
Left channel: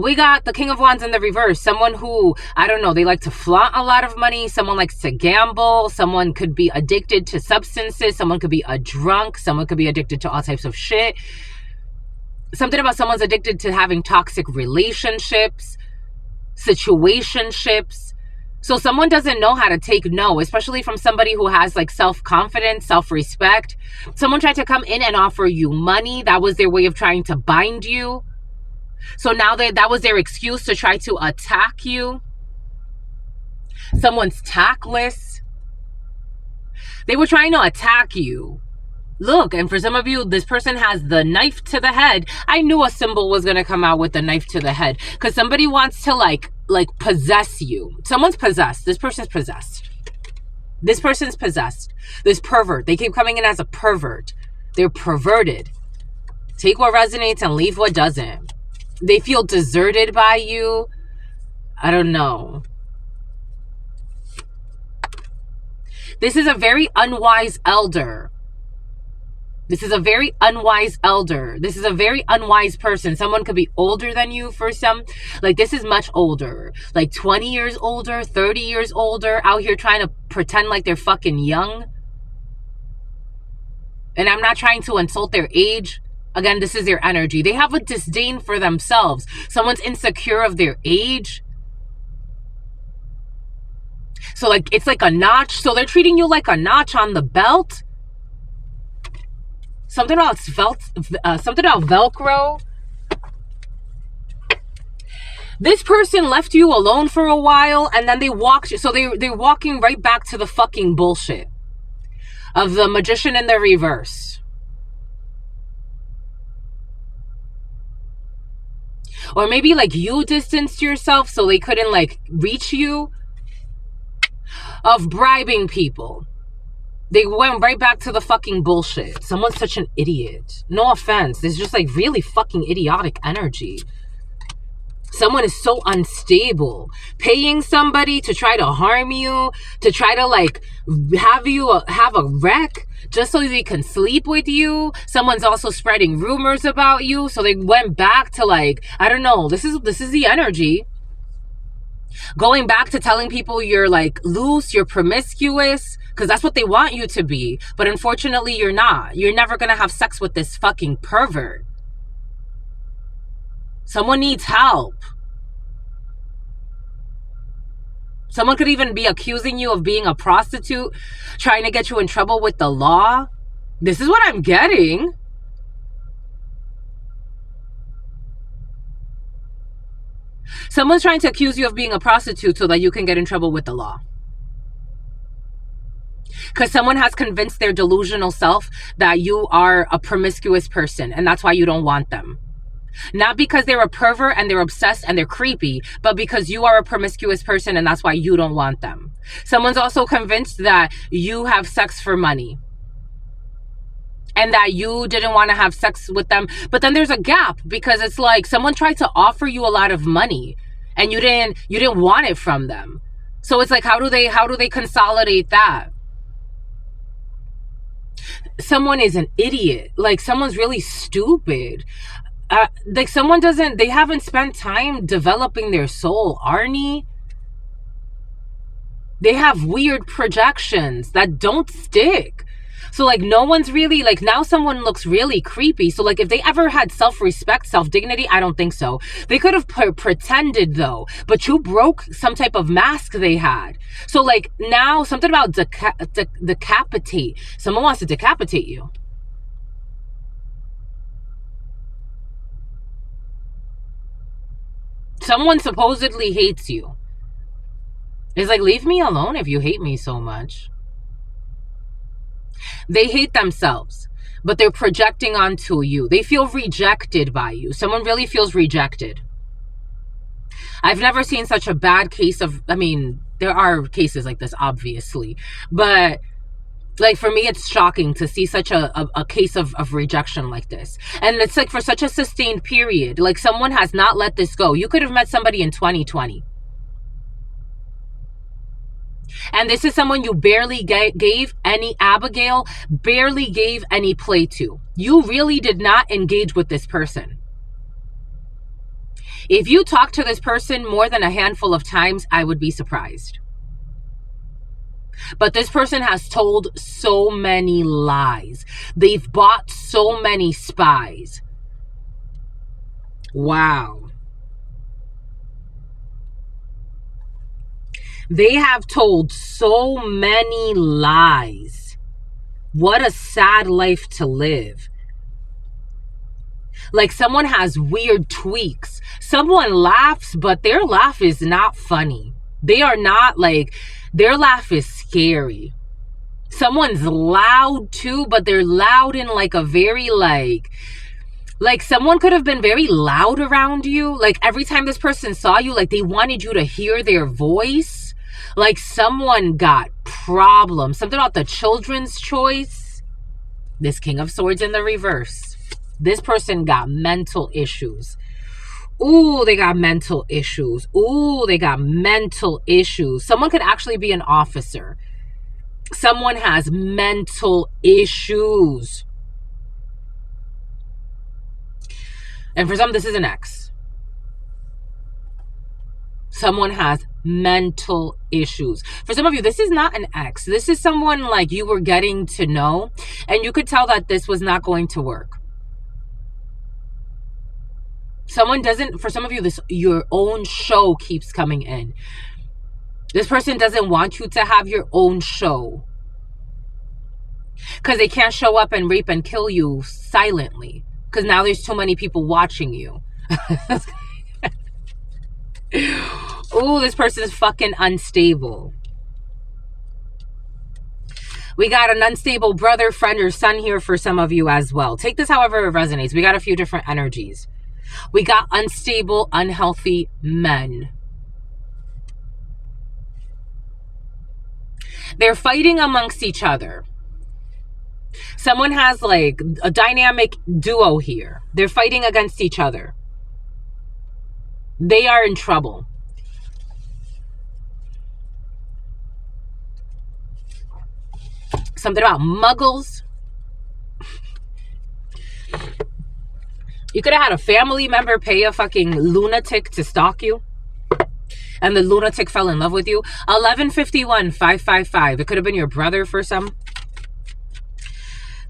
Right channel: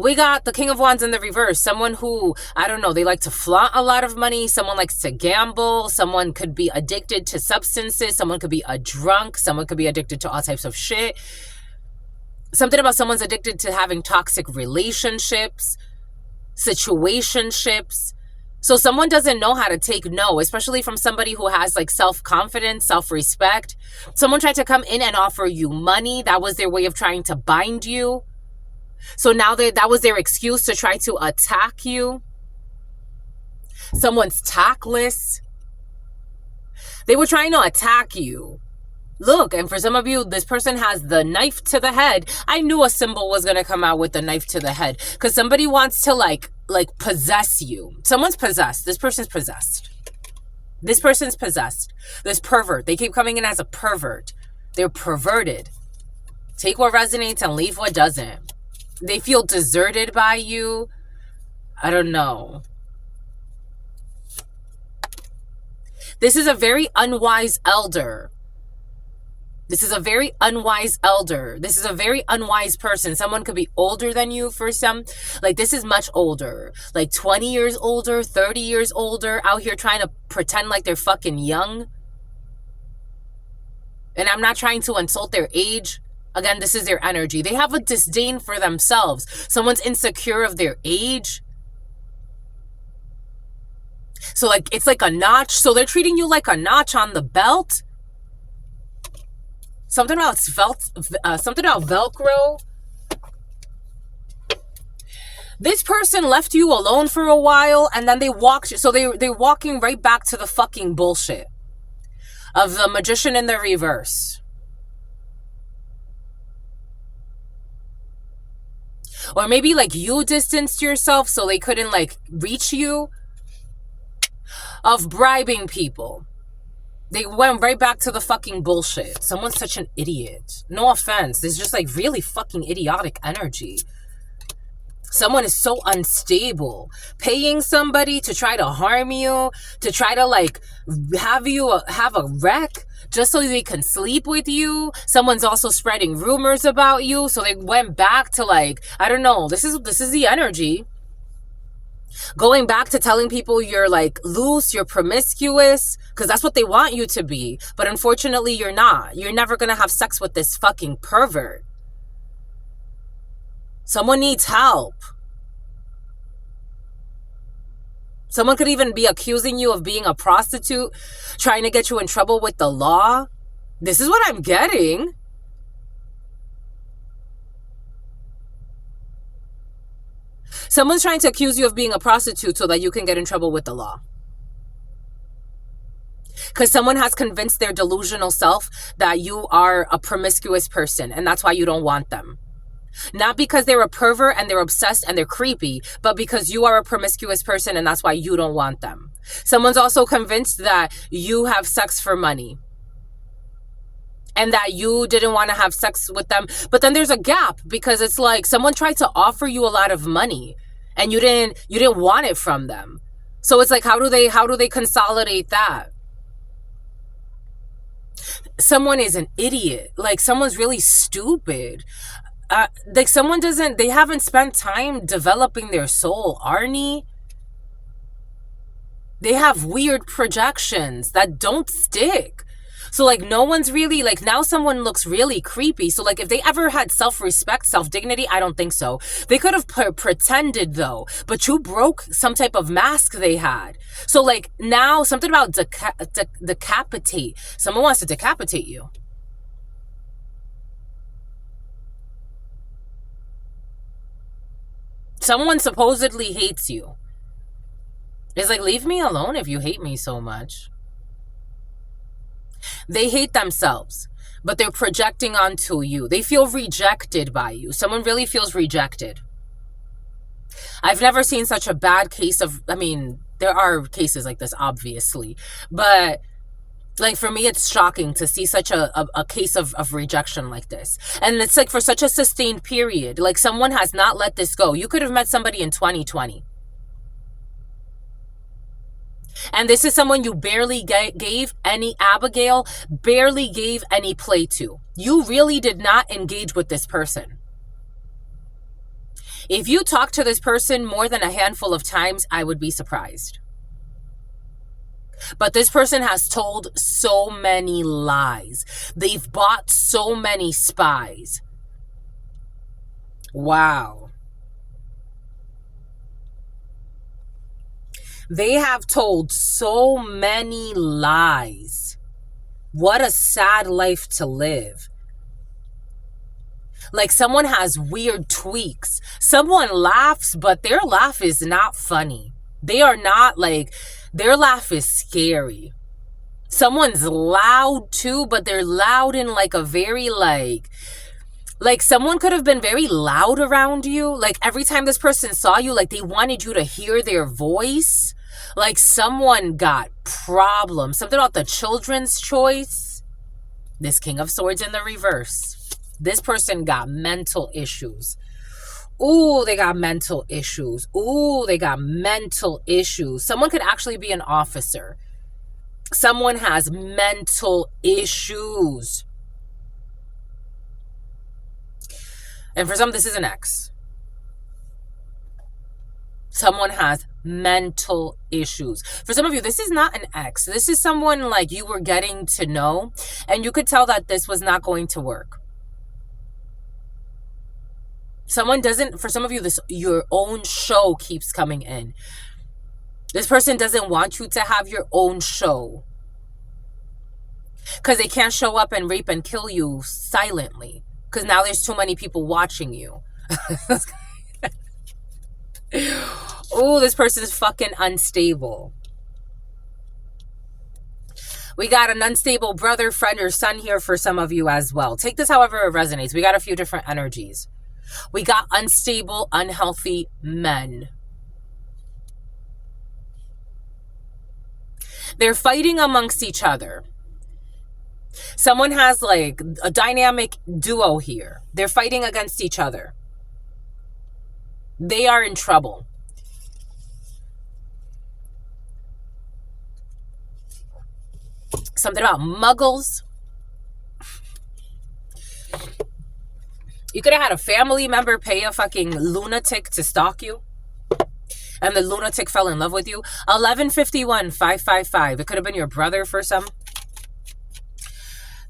We got the King of Wands in the reverse. Someone who, I don't know, they like to flaunt a lot of money. Someone likes to gamble. Someone could be addicted to substances. Someone could be a drunk. Someone could be addicted to all types of shit. Something about someone's addicted to having toxic relationships, situationships. So someone doesn't know how to take no, especially from somebody who has like self-confidence, self-respect. Someone tried to come in and offer you money. That was their way of trying to bind you. So now that was their excuse to try to attack you. Someone's tactless. They were trying to attack you. Look, and for some of you, this person has the knife to the head. I knew a symbol was going to come out with the knife to the head because somebody wants to like possess you. Someone's possessed. This person's possessed. This person's possessed. This pervert. They keep coming in as a pervert. They're perverted. Take what resonates and leave what doesn't. They feel deserted by you. I don't know. This is a very unwise elder. This is a very unwise elder. This is a very unwise person. Someone could be older than you for some. Like, this is much older. Like 20 years older, 30 years older, out here trying to pretend like they're fucking young. And I'm not trying to insult their age. Again, this is their energy. They have a disdain for themselves. Someone's insecure of their age. So, like, it's like a notch. So they're treating you like a notch on the belt. Something about something about Velcro. This person left you alone for a while, and then they walked. So they're walking right back to the fucking bullshit of the magician in the reverse. Or maybe like you distanced yourself so they couldn't like reach you. Of bribing people. They went right back to the fucking bullshit. Someone's such an idiot. No offense. There's just like really fucking idiotic energy. Someone is so unstable. Paying somebody to try to harm you, to try to like have you have a wreck just so they can sleep with you. Someone's also spreading rumors about you. So they went back to like, I don't know. This is the energy. Going back to telling people you're like loose, you're promiscuous, because that's what they want you to be. But unfortunately, you're not. You're never going to have sex with this fucking pervert. Someone needs help. Someone could even be accusing you of being a prostitute, trying to get you in trouble with the law. This is what I'm getting. Someone's trying to accuse you of being a prostitute so that you can get in trouble with the law. Because someone has convinced their delusional self that you are a promiscuous person, and that's why you don't want them. Not because they're a pervert and they're obsessed and they're creepy, but because you are a promiscuous person and that's why you don't want them. Someone's also convinced that you have sex for money and that you didn't want to have sex with them. But then there's a gap because it's like someone tried to offer you a lot of money and you didn't want it from them. So it's like, how do they consolidate that? Someone is an idiot. Like someone's really stupid. Like they haven't spent time developing their soul, Arnie. They have weird projections that don't stick. So like no one's really like, now someone looks really creepy. So like if they ever had self-respect, self-dignity, I don't think so. They could have pretended though, but you broke some type of mask they had. So like now something about decapitate. Someone wants to decapitate you. Someone supposedly hates you. It's like, leave me alone if you hate me so much. They hate themselves, but they're projecting onto you. They feel rejected by you. Someone really feels rejected. I've never seen such a bad case of, I mean, there are cases like this, obviously. But like for me, it's shocking to see such a case of rejection like this. And it's like for such a sustained period. Like someone has not let this go. You could have met somebody in 2020. And this is someone you barely gave any Abigail, barely gave any play to. You really did not engage with this person. If you talk to this person more than a handful of times, I would be surprised. But this person has told so many lies. They've bought so many spies. Wow. They have told so many lies. What a sad life to live. Like someone has weird tweaks. Someone laughs, but their laugh is not funny. They are not like, their laugh is scary. Someone's loud too, but they're loud in like a very like someone could have been very loud around you. Like every time this person saw you, like they wanted you to hear their voice. Like someone got problems. Something about the children's choice. This King of Swords in the reverse. This person got mental issues. Ooh, they got mental issues. Ooh, they got mental issues. Someone could actually be an officer. Someone has mental issues. And for some, this is an ex. Someone has mental issues. For some of you, this is not an ex. This is someone like you were getting to know, and you could tell that this was not going to work. For some of you, your own show keeps coming in. This person doesn't want you to have your own show. Because they can't show up and rape and kill you silently. Because now there's too many people watching you. Ooh, this person is fucking unstable. We got an unstable brother, friend, or son here for some of you as well. Take this however it resonates. We got a few different energies. We got unstable, unhealthy men. They're fighting amongst each other. Someone has like a dynamic duo here. They're fighting against each other. They are in trouble. Something about muggles. You could have had a family member pay a fucking lunatic to stalk you. And the lunatic fell in love with you. 1151-555. It could have been your brother for some.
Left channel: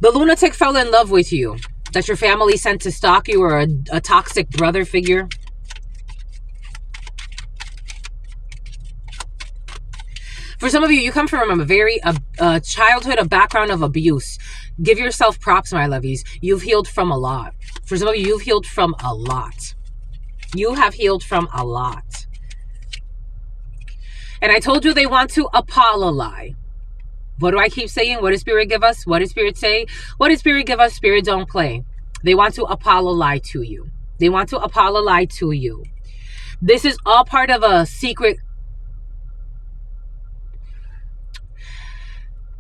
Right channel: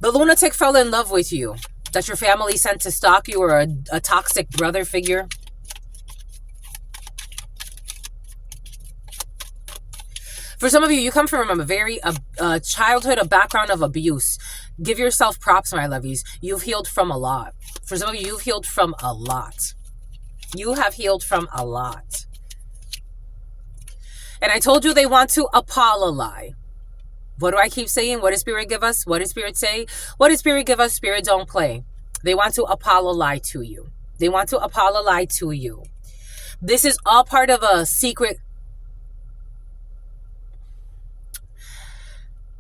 The lunatic fell in love with you. That your family sent to stalk you, or a toxic brother figure. For some of you, you come from a very childhood, a background of abuse. Give yourself props, my lovies. You've healed from a lot. For some of you, you've healed from a lot. You have healed from a lot. And I told you they want to apologize. What do I keep saying? What does Spirit give us? What does Spirit say? What does Spirit give us? Spirit don't play. They want to apologize to you. They want to apologize to you. This is all part of a secret.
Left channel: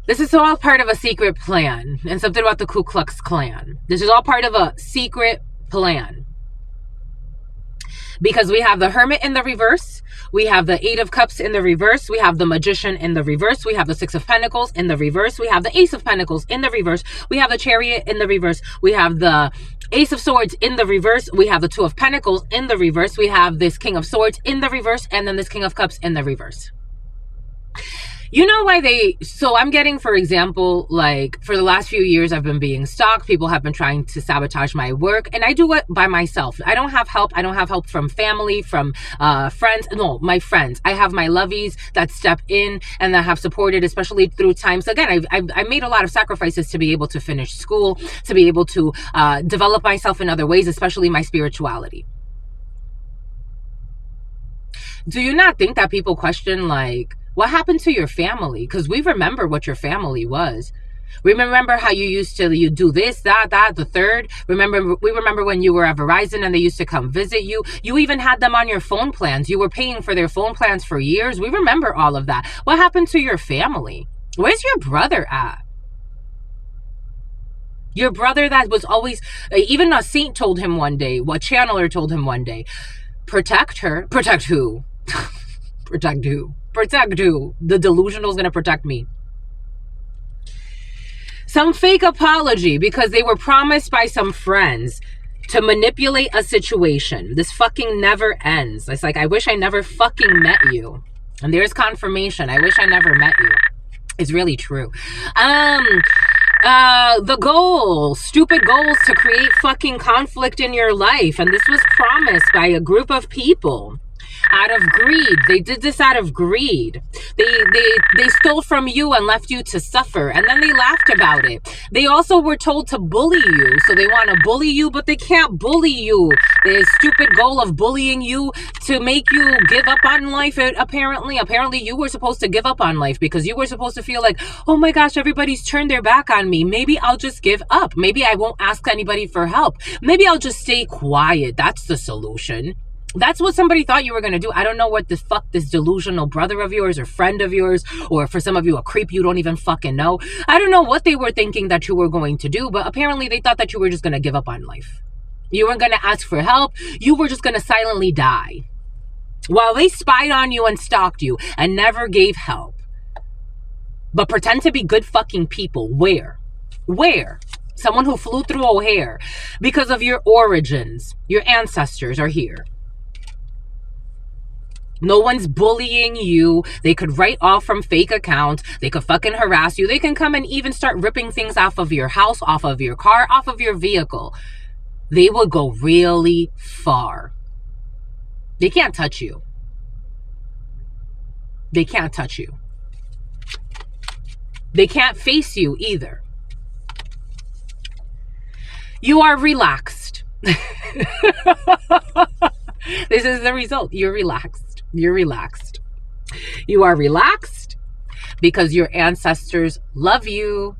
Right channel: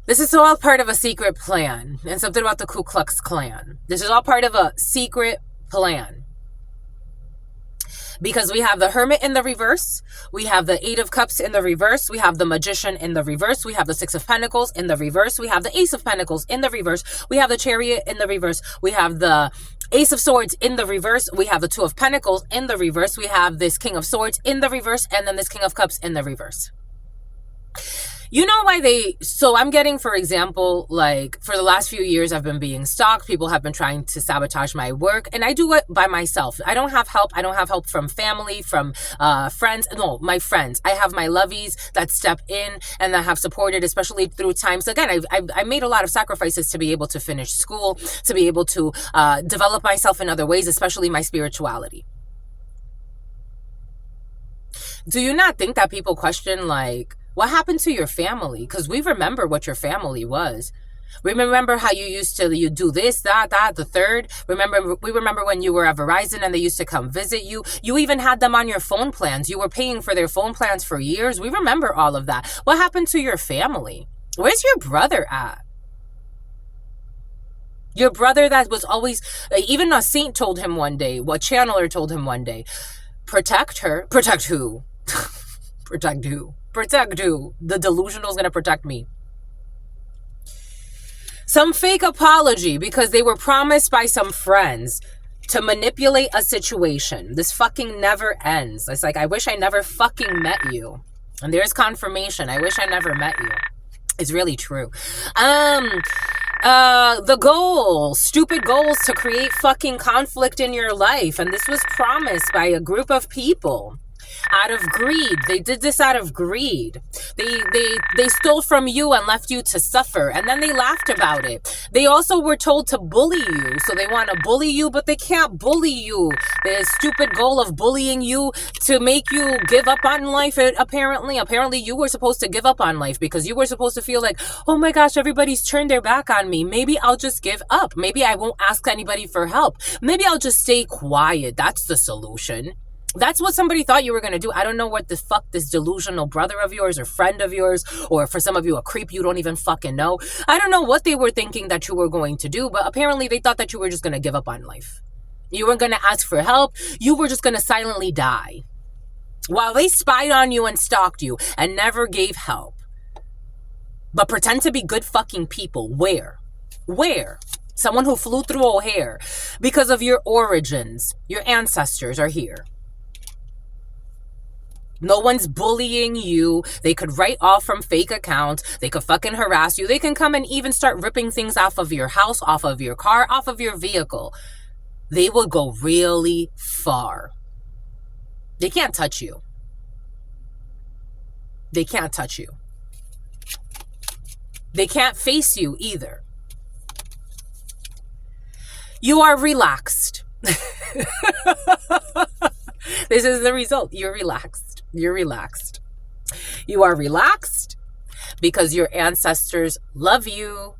This is all part of a secret plan. And something about the Ku Klux Klan. This is all part of a secret plan. Because we have the Hermit in the reverse. We have the Eight of Cups in the reverse. We have the Magician in the reverse. We have the Six of Pentacles in the reverse. We have the Ace of Pentacles in the reverse. We have the Chariot in the reverse. We have the Ace of Swords in the reverse. We have the Two of Pentacles in the reverse. We have this King of Swords in the reverse. And then this King of Cups in the reverse. You know why so I'm getting, for example, like for the last few years, I've been being stalked. People have been trying to sabotage my work, and I do it by myself. I don't have help. I don't have help from family, from friends. No, my friends. I have my lovies that step in and that have supported, especially through times. Again, I made a lot of sacrifices to be able to finish school, to be able to develop myself in other ways, especially my spirituality. Do you not think that people question, like, what happened to your family? Because we remember what your family was. We remember how you do this, that, the third. We remember when you were at Verizon and they used to come visit you. You even had them on your phone plans. You were paying for their phone plans for years. We remember all of that. What happened to your family? Where's your brother at? Your brother that was always, even a saint told him one day, what channeler told him one day, protect her. Protect who? Protect who? Protect who? The delusional is going to protect me. Some fake apology because they were promised by some friends to manipulate a situation. This fucking never ends. It's like, I wish I never fucking met you. And there's confirmation. I wish I never met you. It's really true. The goal, stupid goals to create fucking conflict in your life. And this was promised by a group of people. Out of greed. They did this out of greed. They stole from you and left you to suffer, and then they laughed about it. They also were told to bully you, so they want to bully you, but they can't bully you. The stupid goal of bullying you to make you give up on life. Apparently you were supposed to give up on life because you were supposed to feel like, oh my gosh, everybody's turned their back on me. Maybe I'll just give up. Maybe I won't ask anybody for help. Maybe I'll just stay quiet. That's the solution. That's what somebody thought you were going to do. I don't know what the fuck this delusional brother of yours or friend of yours, or for some of you, a creep you don't even fucking know. I don't know what they were thinking that you were going to do, but apparently they thought that you were just going to give up on life. You weren't going to ask for help. You were just going to silently die. While they spied on you and stalked you and never gave help. But pretend to be good fucking people. Where? Someone who flew through O'Hare because of your origins. Your ancestors are here. No one's bullying you. They could write off from fake accounts. They could fucking harass you. They can come and even start ripping things off of your house, off of your car, off of your vehicle. They will go really far. They can't touch you. They can't touch you. They can't face you either. You are relaxed. This is the result. You're relaxed. You're relaxed. You are relaxed because your ancestors love you.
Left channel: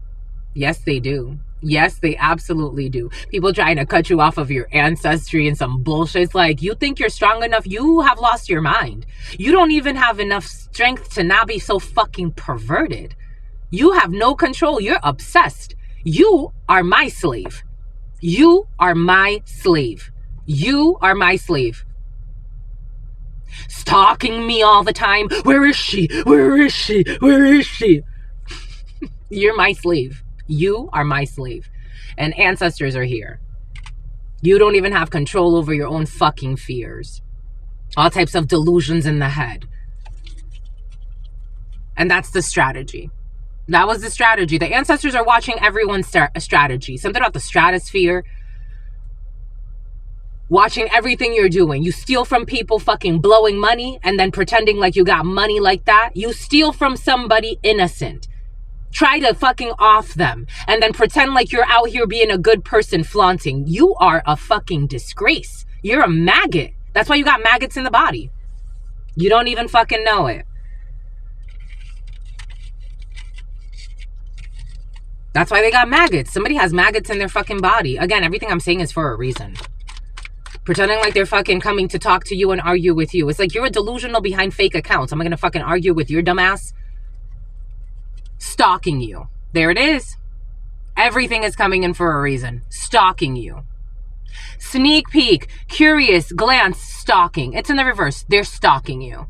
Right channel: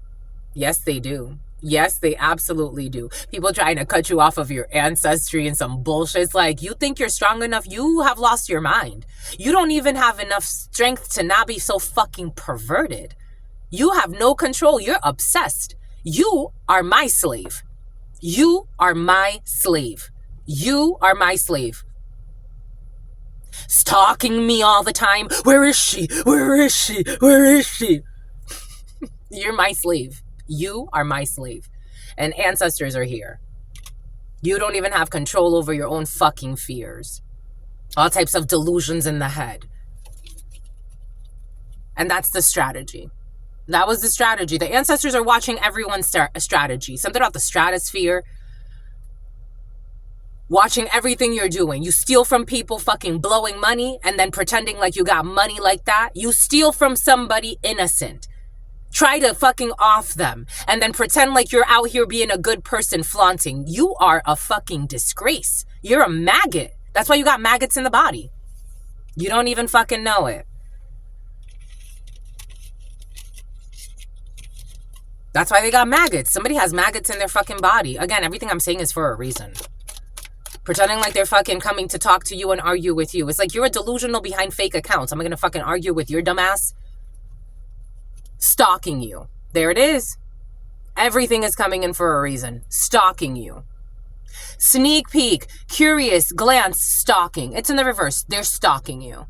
Yes, they do. Yes, they absolutely do. People trying to cut you off of your ancestry and some bullshit. It's like, you think you're strong enough? You have lost your mind. You don't even have enough strength to not be so fucking perverted. You have no control. You're obsessed. You are my slave. You are my slave. You are my slave. Stalking me all the time. Where is she? Where is she? Where is she? You're my slave. You are my slave. And ancestors are here. You don't even have control over your own fucking fears. All types of delusions in the head. And that's the strategy. That was the strategy. The ancestors are watching everyone's strategy. Something about the stratosphere. Watching everything you're doing. You steal from people fucking blowing money and then pretending like you got money like that. You steal from somebody innocent. Try to fucking off them and then pretend like you're out here being a good person flaunting. You are a fucking disgrace. You're a maggot. That's why you got maggots in the body. You don't even fucking know it. That's why they got maggots. Somebody has maggots in their fucking body. Again, everything I'm saying is for a reason. Pretending like they're fucking coming to talk to you and argue with you. It's like you're a delusional behind fake accounts. I'm gonna fucking argue with your dumbass. Stalking you. There it is. Everything is coming in for a reason. Stalking you. Sneak peek, curious, glance, stalking. It's in the reverse. They're stalking you.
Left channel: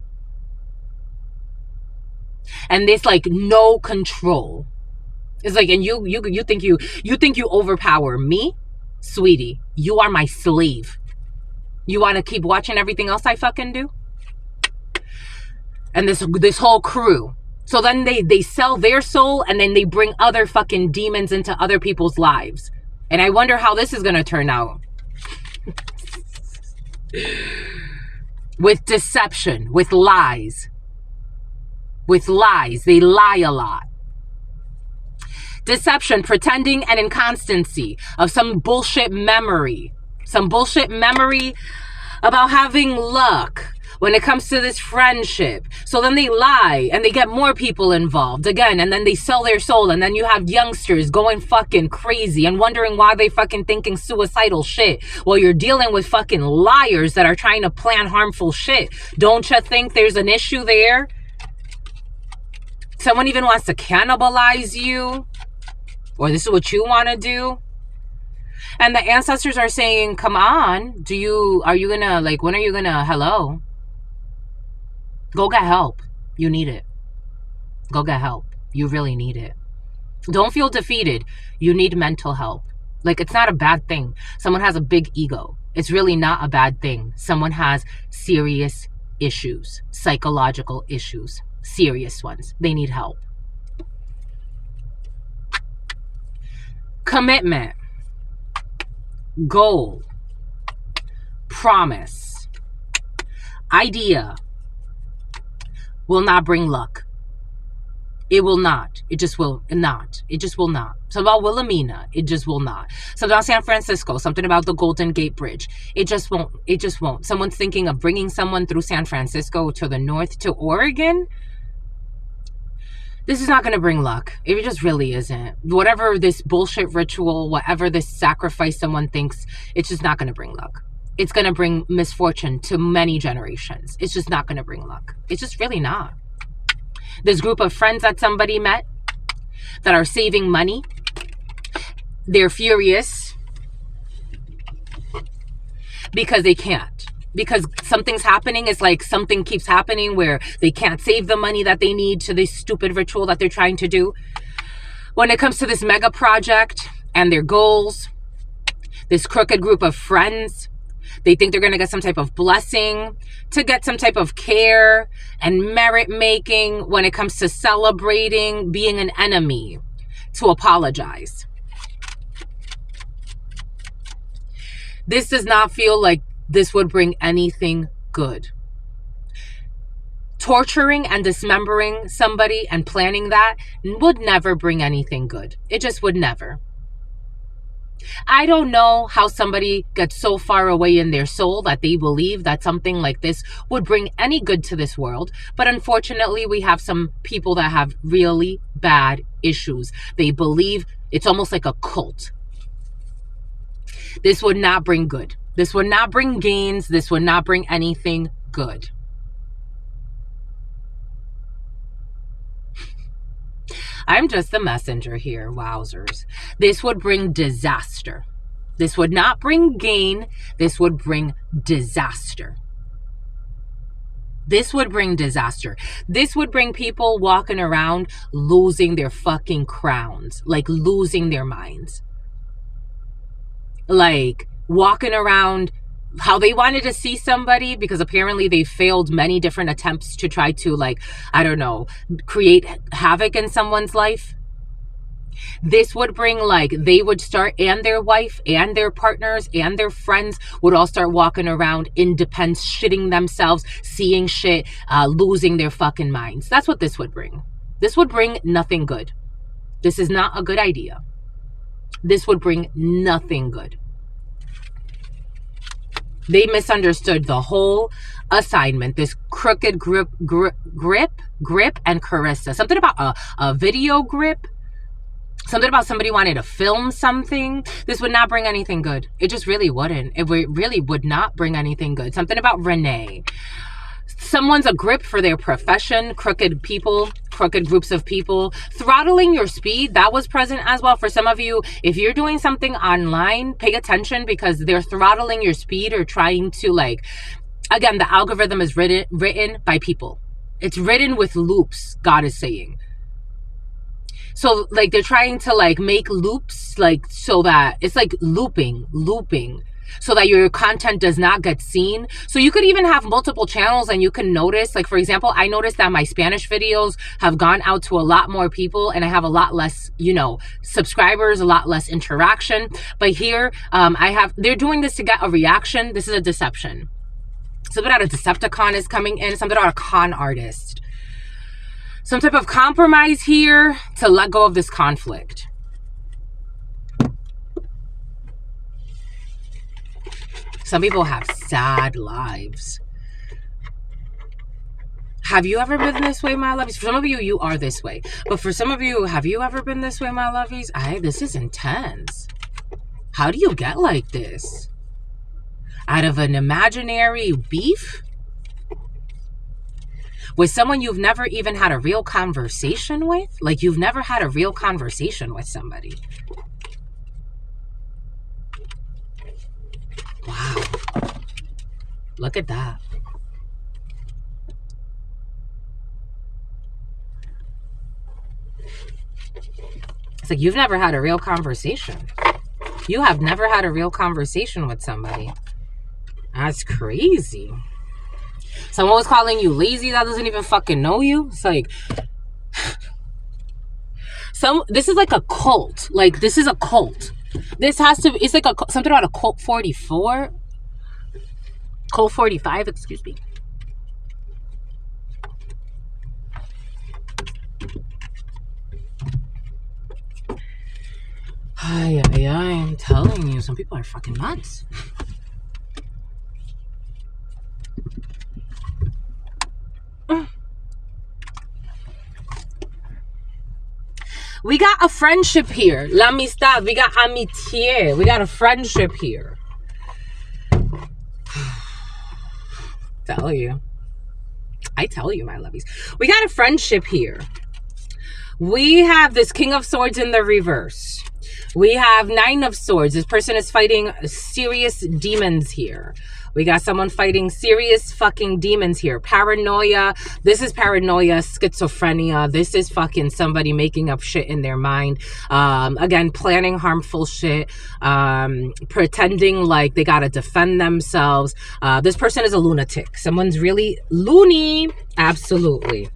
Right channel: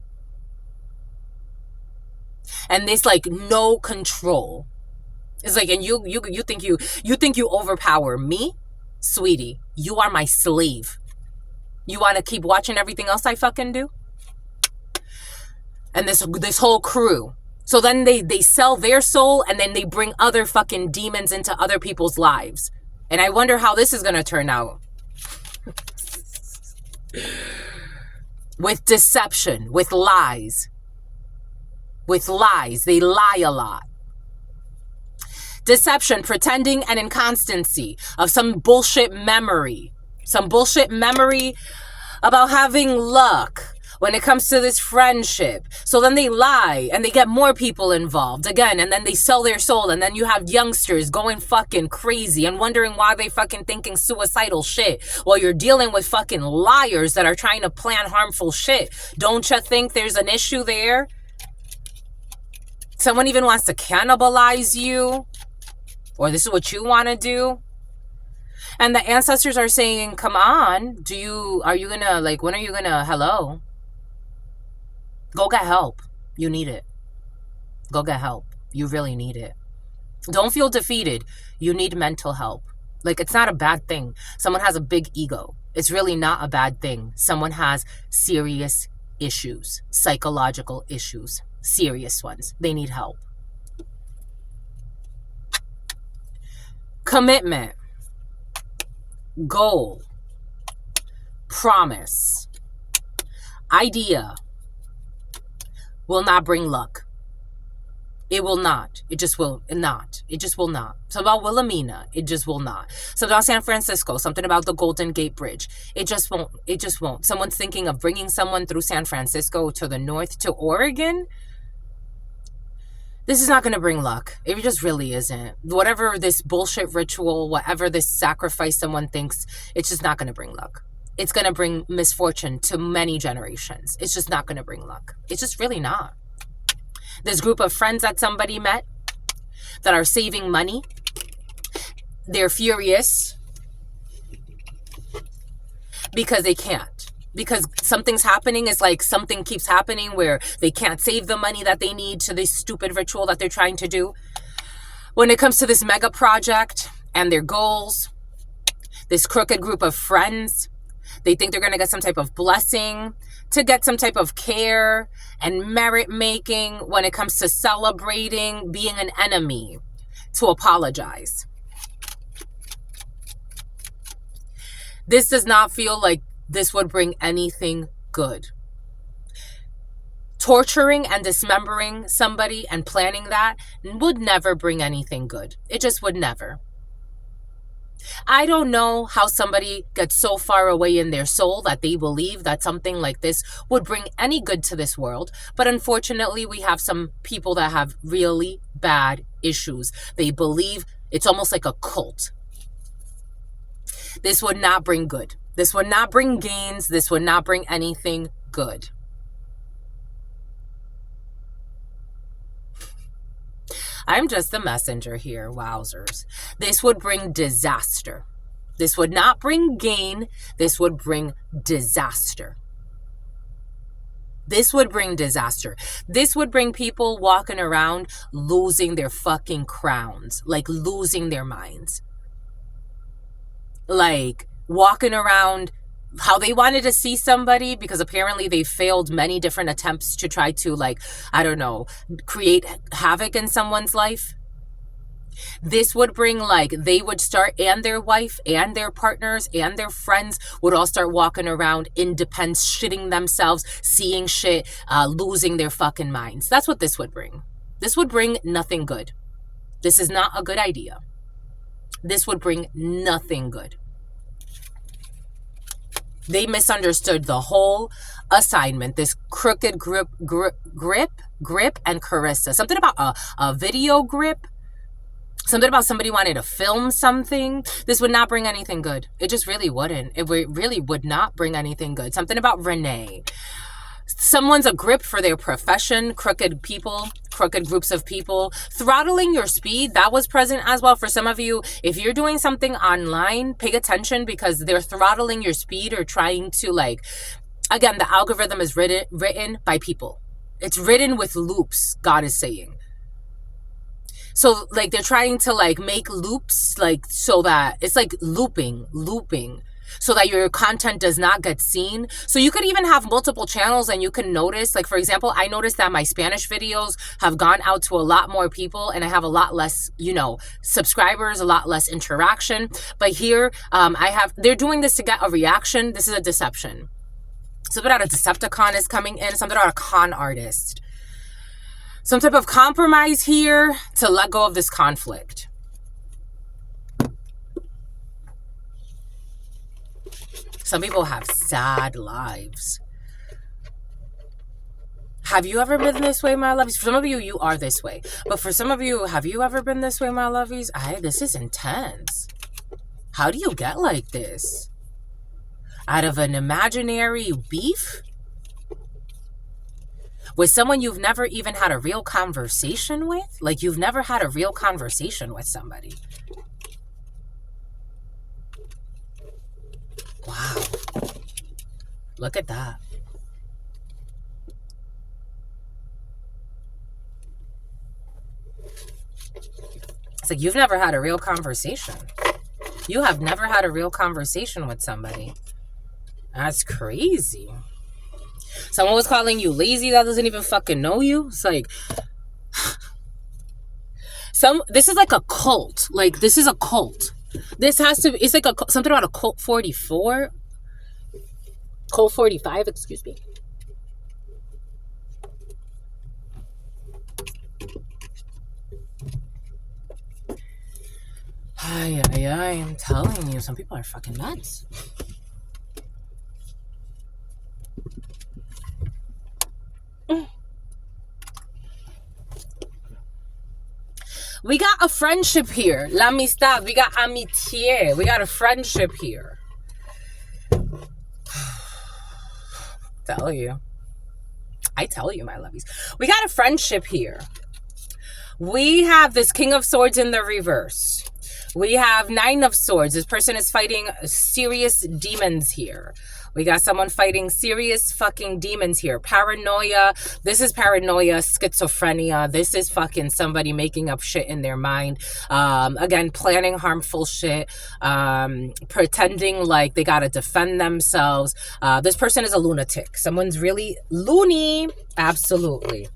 And this like no control. It's like, and you think you overpower me? Sweetie, you are my slave. You want to keep watching everything else I fucking do? And this whole crew. So then they sell their soul and then they bring other fucking demons into other people's lives. And I wonder how this is going to turn out. With deception, with lies. With lies. They lie a lot. Deception, pretending, and inconstancy of some bullshit memory. Some bullshit memory about having luck when it comes to this friendship. So then they lie and they get more people involved again, and then they sell their soul, and then you have youngsters going fucking crazy and wondering why they fucking thinking suicidal shit while you're dealing with fucking liars that are trying to plan harmful shit. Don't you think there's an issue there? Someone even wants to cannibalize you, or this is what you want to do. And the ancestors are saying, come on, are you gonna, like, when are you gonna, hello? Go get help. You need it. Go get help. You really need it. Don't feel defeated. You need mental help. Like, it's not a bad thing. Someone has a big ego. It's really not a bad thing. Someone has serious issues, psychological issues, serious ones. They need help. Commitment. Goal. Promise. Idea. Will not bring luck. It will not. It just will not. It just will not. Something about Wilhelmina. It just will not. Something about San Francisco. Something about the Golden Gate Bridge. It just won't. It just won't. Someone's thinking of bringing someone through San Francisco to the north to Oregon. This is not going to bring luck. It just really isn't. Whatever this bullshit ritual, whatever this sacrifice someone thinks, it's just not going to bring luck. It's going to bring misfortune to many generations. It's just not going to bring luck. It's just really not. This group of friends that somebody met that are saving money, they're furious because they can't. Because something's happening. It's like something keeps happening where they can't save the money that they need to this stupid ritual that they're trying to do. When it comes to this mega project and their goals, this crooked group of friends, they think they're going to get some type of blessing, to get some type of care and merit making when it comes to celebrating being an enemy, to apologize. This does not feel like this would bring anything good. Torturing and dismembering somebody and planning that would never bring anything good. It just would never. I don't know how somebody gets so far away in their soul that they believe that something like this would bring any good to this world. But unfortunately, we have some people that have really bad issues. They believe it's almost like a cult. This would not bring good. This would not bring gains. This would not bring anything good. I'm just the messenger here, wowzers. This would bring disaster. This would not bring gain. This would bring disaster. This would bring disaster. This would bring people walking around losing their fucking crowns, like losing their minds. Like walking around how they wanted to see somebody because apparently they failed many different attempts to try to, like, I don't know, create havoc in someone's life. This would bring, like, they would start, and their wife and their partners and their friends would all start walking around independent, shitting themselves, seeing shit, losing their fucking minds. That's what this would bring. This would bring nothing good. This is not a good idea. This would bring nothing good. They misunderstood the whole assignment. This crooked grip, and Carissa. Something about a video grip. Something about somebody wanting to film something. This would not bring anything good. It just really wouldn't. It really would not bring anything good. Something about Renee. Someone's a grip for their profession. Crooked people, crooked groups of people. Throttling your speed, that was present as well. For some of you, if you're doing something online, pay attention because they're throttling your speed or trying to, like, again, the algorithm is written by people. It's written with loops, God is saying. So, like, they're trying to, like, make loops, like, so that it's like looping, so that your content does not get seen. So you could even have multiple channels and you can notice, like, for example, I noticed that my Spanish videos have gone out to a lot more people and I have a lot less, you know, subscribers, a lot less interaction. But here, they're doing this to get a reaction. This is a deception. Something about a Decepticon is coming in, something about a con artist. Some type of compromise here to let go of this conflict. Some people have sad lives. Have you ever been this way, my lovies? For some of you, you are this way. But for some of you, have you ever been this way, my lovies? This is intense. How do you get like this? Out of an imaginary beef? With someone you've never even had a real conversation with? Like, you've never had a real conversation with somebody. Wow. Look at that. It's like you've never had a real conversation. You have never had a real conversation with somebody. That's crazy. Someone was calling you lazy that doesn't even fucking know you. It's like, this is like a cult. Like, this is a cult. This has to, it's like something about a cult 44. Cult 45, excuse me. I'm telling you, some people are fucking nuts. We got a friendship here. L'amistad. We got amitié. We got a friendship here. I tell you, my lovies. We got a friendship here. We have this King of Swords in the reverse. We have Nine of Swords. This person is fighting serious demons here. We got someone fighting serious fucking demons here. Paranoia. This is paranoia, schizophrenia. This is fucking somebody making up shit in their mind. Again, planning harmful shit. Pretending like they gotta defend themselves. This person is a lunatic. Someone's really loony. Absolutely.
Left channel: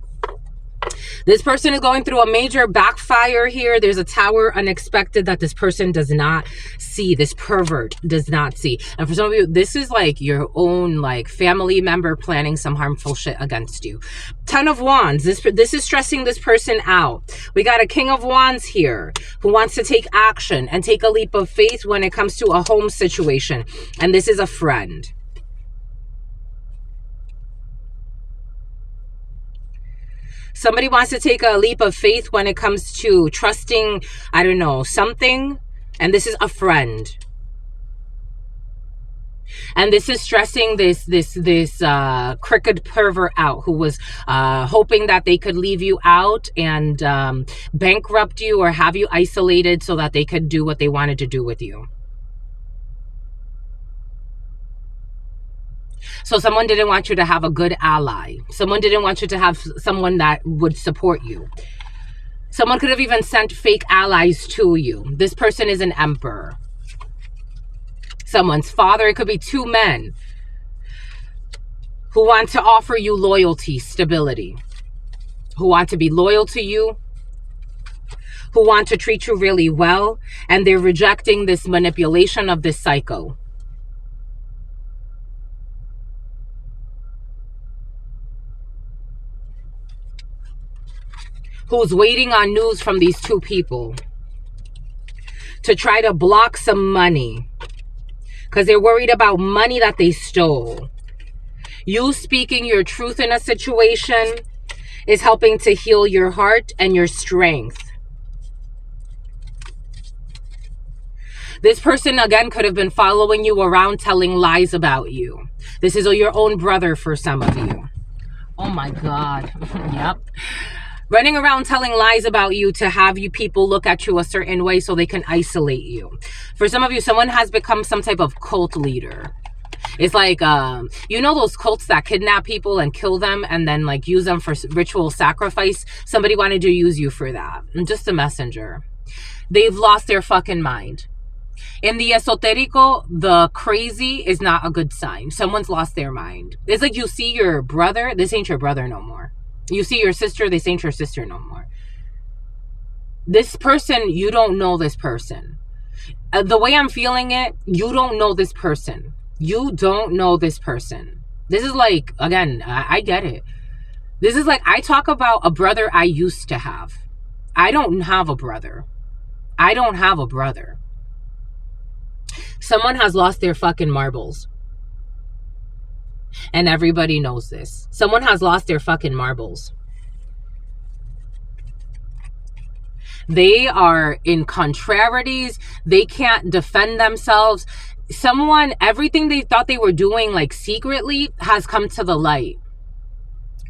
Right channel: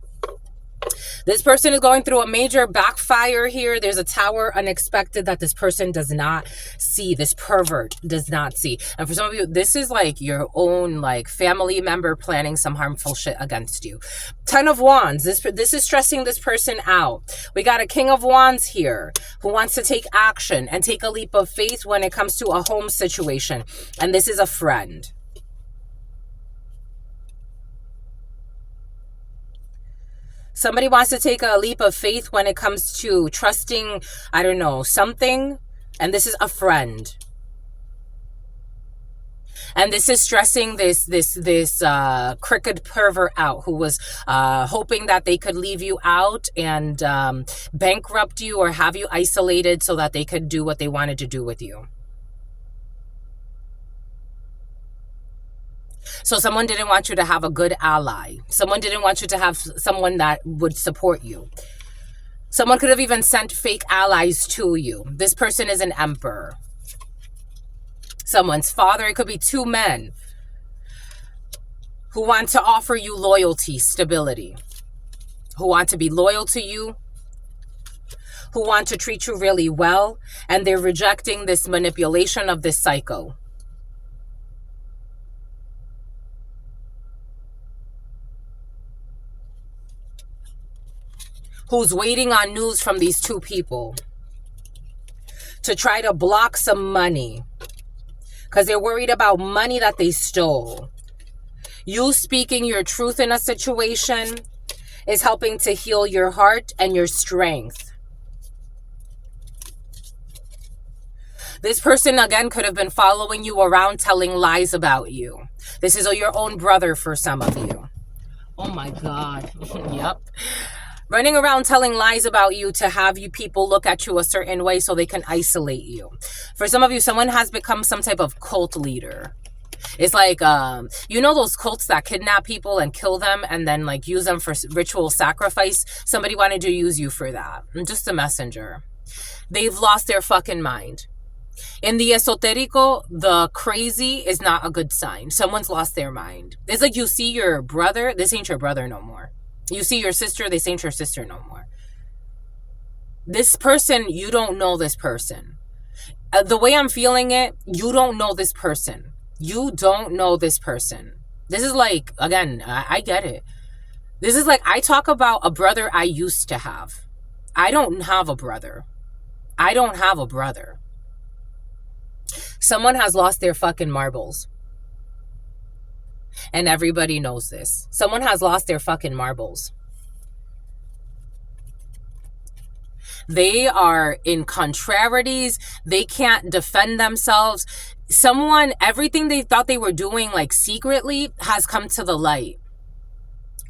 This person is going through a major backfire here. There's a tower unexpected that this person does not see. This pervert does not see. And for some of you, this is like your own like family member planning some harmful shit against you. 10 of Wands. This is stressing this person out. We got a King of Wands here who wants to take action and take a leap of faith when it comes to a home situation. And this is a friend. Somebody wants to take a leap of faith when it comes to trusting, I don't know, something. And this is a friend. And this is stressing this crooked pervert out who was hoping that they could leave you out and bankrupt you or have you isolated so that they could do what they wanted to do with you. So someone didn't want you to have a good ally. Someone didn't want you to have someone that would support you. Someone could have even sent fake allies to you. This person is an emperor. Someone's father. It could be two men who want to offer you loyalty, stability, who want to be loyal to you, who want to treat you really well, and they're rejecting this manipulation of this psycho. Who's waiting on news from these two people to try to block some money because they're worried about money that they stole. You speaking your truth in a situation is helping to heal your heart and your strength. This person, again, could have been following you around telling lies about you. This is your own brother for some of you. Oh my God. Yep. Running around telling lies about you to have you people look at you a certain way so they can isolate you. For some of you, someone has become some type of cult leader. It's like, you know those cults that kidnap people and kill them and then like use them for ritual sacrifice? Somebody wanted to use you for that. I'm just a messenger. They've lost their fucking mind. In the esoterico, the crazy is not a good sign. Someone's lost their mind. It's like you see your brother. This ain't your brother no more. You see your sister, this ain't your sister no more. This person, you don't know this person. The way I'm feeling it, you don't know this person. You don't know this person. This is like, again, I get it. This is like, I talk about a brother I used to have. I don't have a brother. I don't have a brother. Someone has lost their fucking marbles. And everybody knows this. Someone has lost their fucking marbles. They are in contrarieties. They can't defend themselves. Someone, everything they thought they were doing like secretly has come to the light.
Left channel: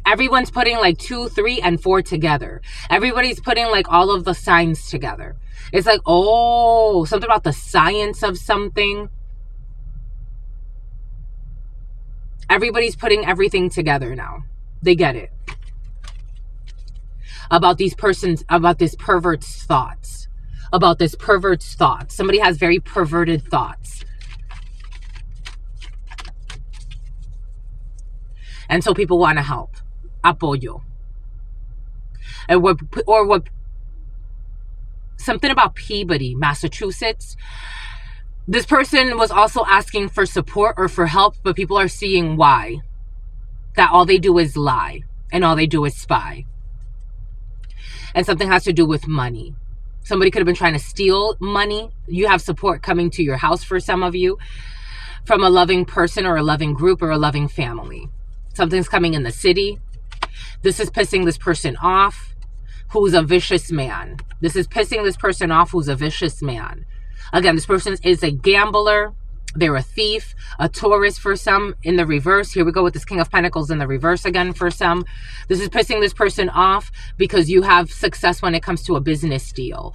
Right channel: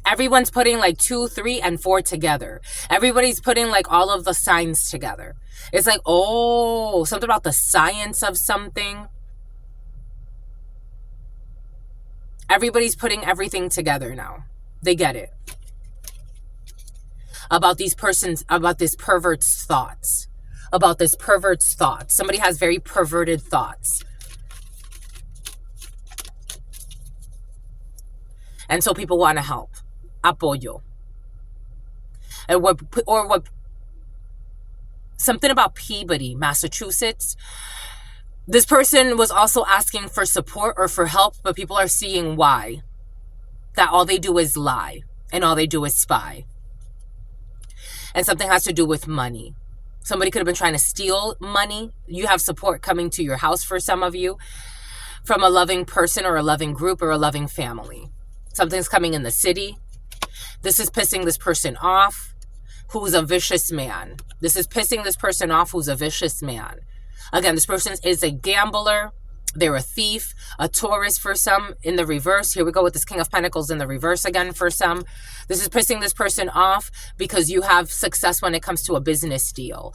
Everyone's putting like 2, 3, and 4 together. Everybody's putting like all of the signs together. It's like, oh, something about the science of something. Everybody's putting everything together now. They get it. About these persons, about this pervert's thoughts. About this pervert's thoughts. Somebody has very perverted thoughts. And so people want to help. Apoyo. And something about Peabody, Massachusetts. This person was also asking for support or for help, but people are seeing why. That all they do is lie and all they do is spy. And something has to do with money. Somebody could have been trying to steal money. You have support coming to your house for some of you from a loving person or a loving group or a loving family. Something's coming in the city. This is pissing this person off who's a vicious man. This is pissing this person off who's a vicious man. Again, this person is a gambler. They're a thief, a Taurus for some in the reverse. Here we go with this King of Pentacles in the reverse again for some. This is pissing this person off because you have success when it comes to a business deal.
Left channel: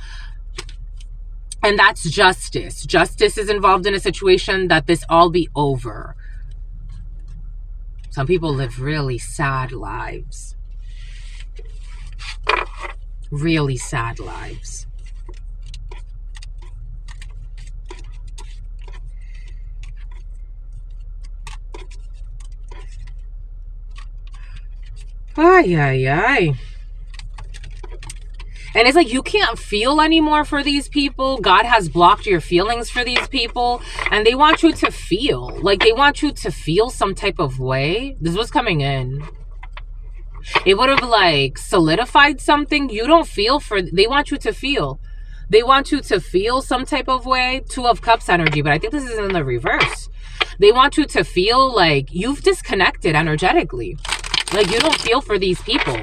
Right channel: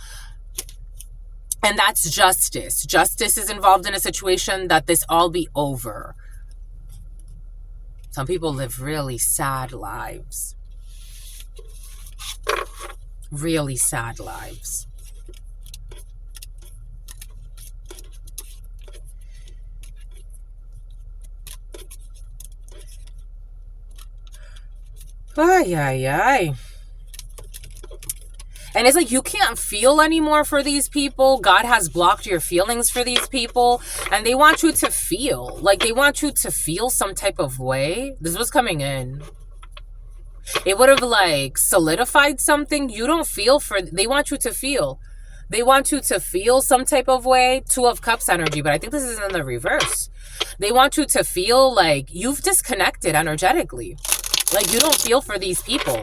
And that's justice. Justice is involved in a situation that this all be over. Some people live really sad lives. Really sad lives. Ay, ay, ay. And it's like, you can't feel anymore for these people. God has blocked your feelings for these people. And they want you to feel. Like, they want you to feel some type of way. This was coming in. It would have, like, solidified something. You don't feel for... They want you to feel. They want you to feel some type of way. 2 of Cups energy. But I think this is in the reverse. They want you to feel like you've disconnected energetically. Like, you don't feel for these people.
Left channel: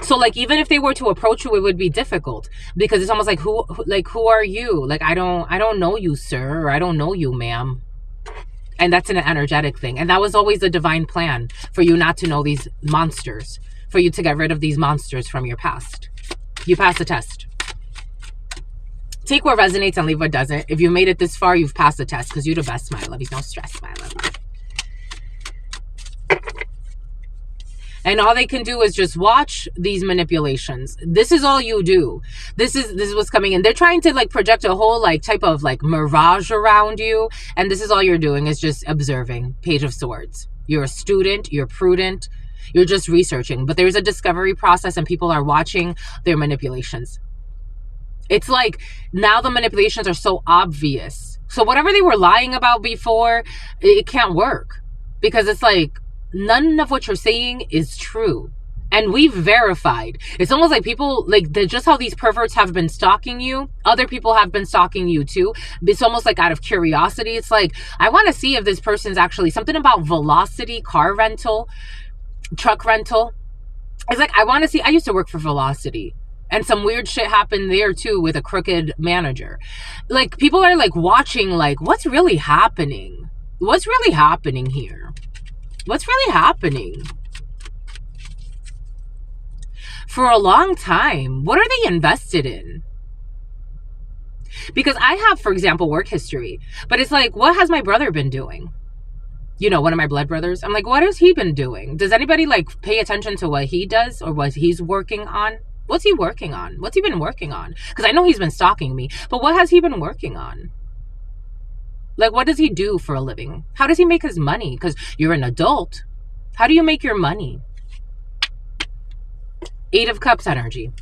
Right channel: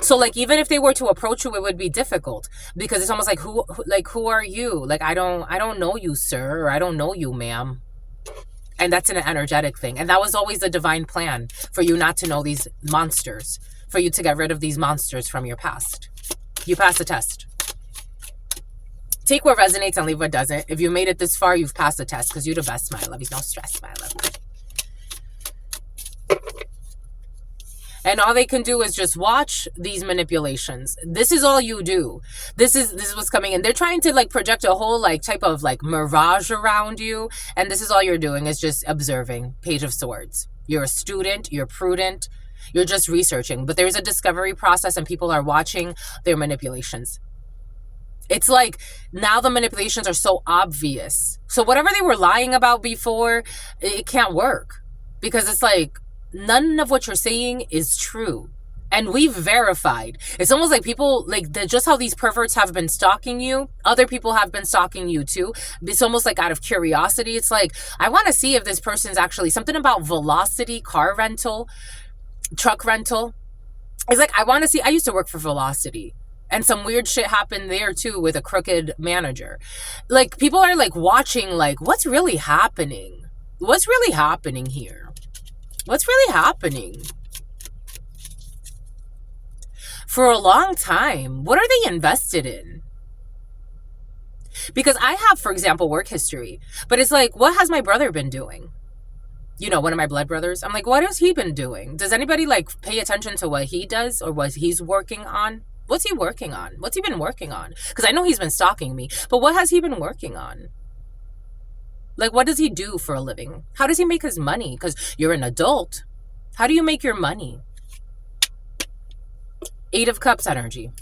So, like, even if they were to approach you, it would be difficult. Because it's almost like, who are you? Like, I don't know you, sir. Or I don't know you, ma'am. And that's an energetic thing. And that was always the divine plan, for you not to know these monsters. For you to get rid of these monsters from your past. You passed the test. Take what resonates and leave what doesn't. If you made it this far, you've passed the test. Because you're the best, my love. No stress, my love. And all they can do is just watch these manipulations. This is all you do. This is what's coming in. They're trying to, like, project a whole, like, type of, like, mirage around you. And this is all you're doing, is just observing. Page of Swords. You're a student. You're prudent. You're just researching. But there's a discovery process, and people are watching their manipulations. It's like, now the manipulations are so obvious. So whatever they were lying about before, it can't work. Because it's like, none of what you're saying is true. And we've verified. It's almost like people, like, just how these perverts have been stalking you, other people have been stalking you too. It's almost like out of curiosity. It's like, I want to see if this person's actually, something about Velocity, car rental, truck rental. It's like, I want to see, I used to work for Velocity. And some weird shit happened there too with a crooked manager. Like, people are, like, watching, like, what's really happening? What's really happening here? What's really happening? For a long time, what are they invested in? Because I have, for example, work history. But it's like, what has my brother been doing? You know, one of my blood brothers. I'm like, what has he been doing? Does anybody, like, pay attention to what he does or what he's working on? What's he working on? What's he been working on? Because I know he's been stalking me. But what has he been working on? Like, what does he do for a living? How does he make his money? Because you're an adult. How do you make your money? 8 of Cups energy.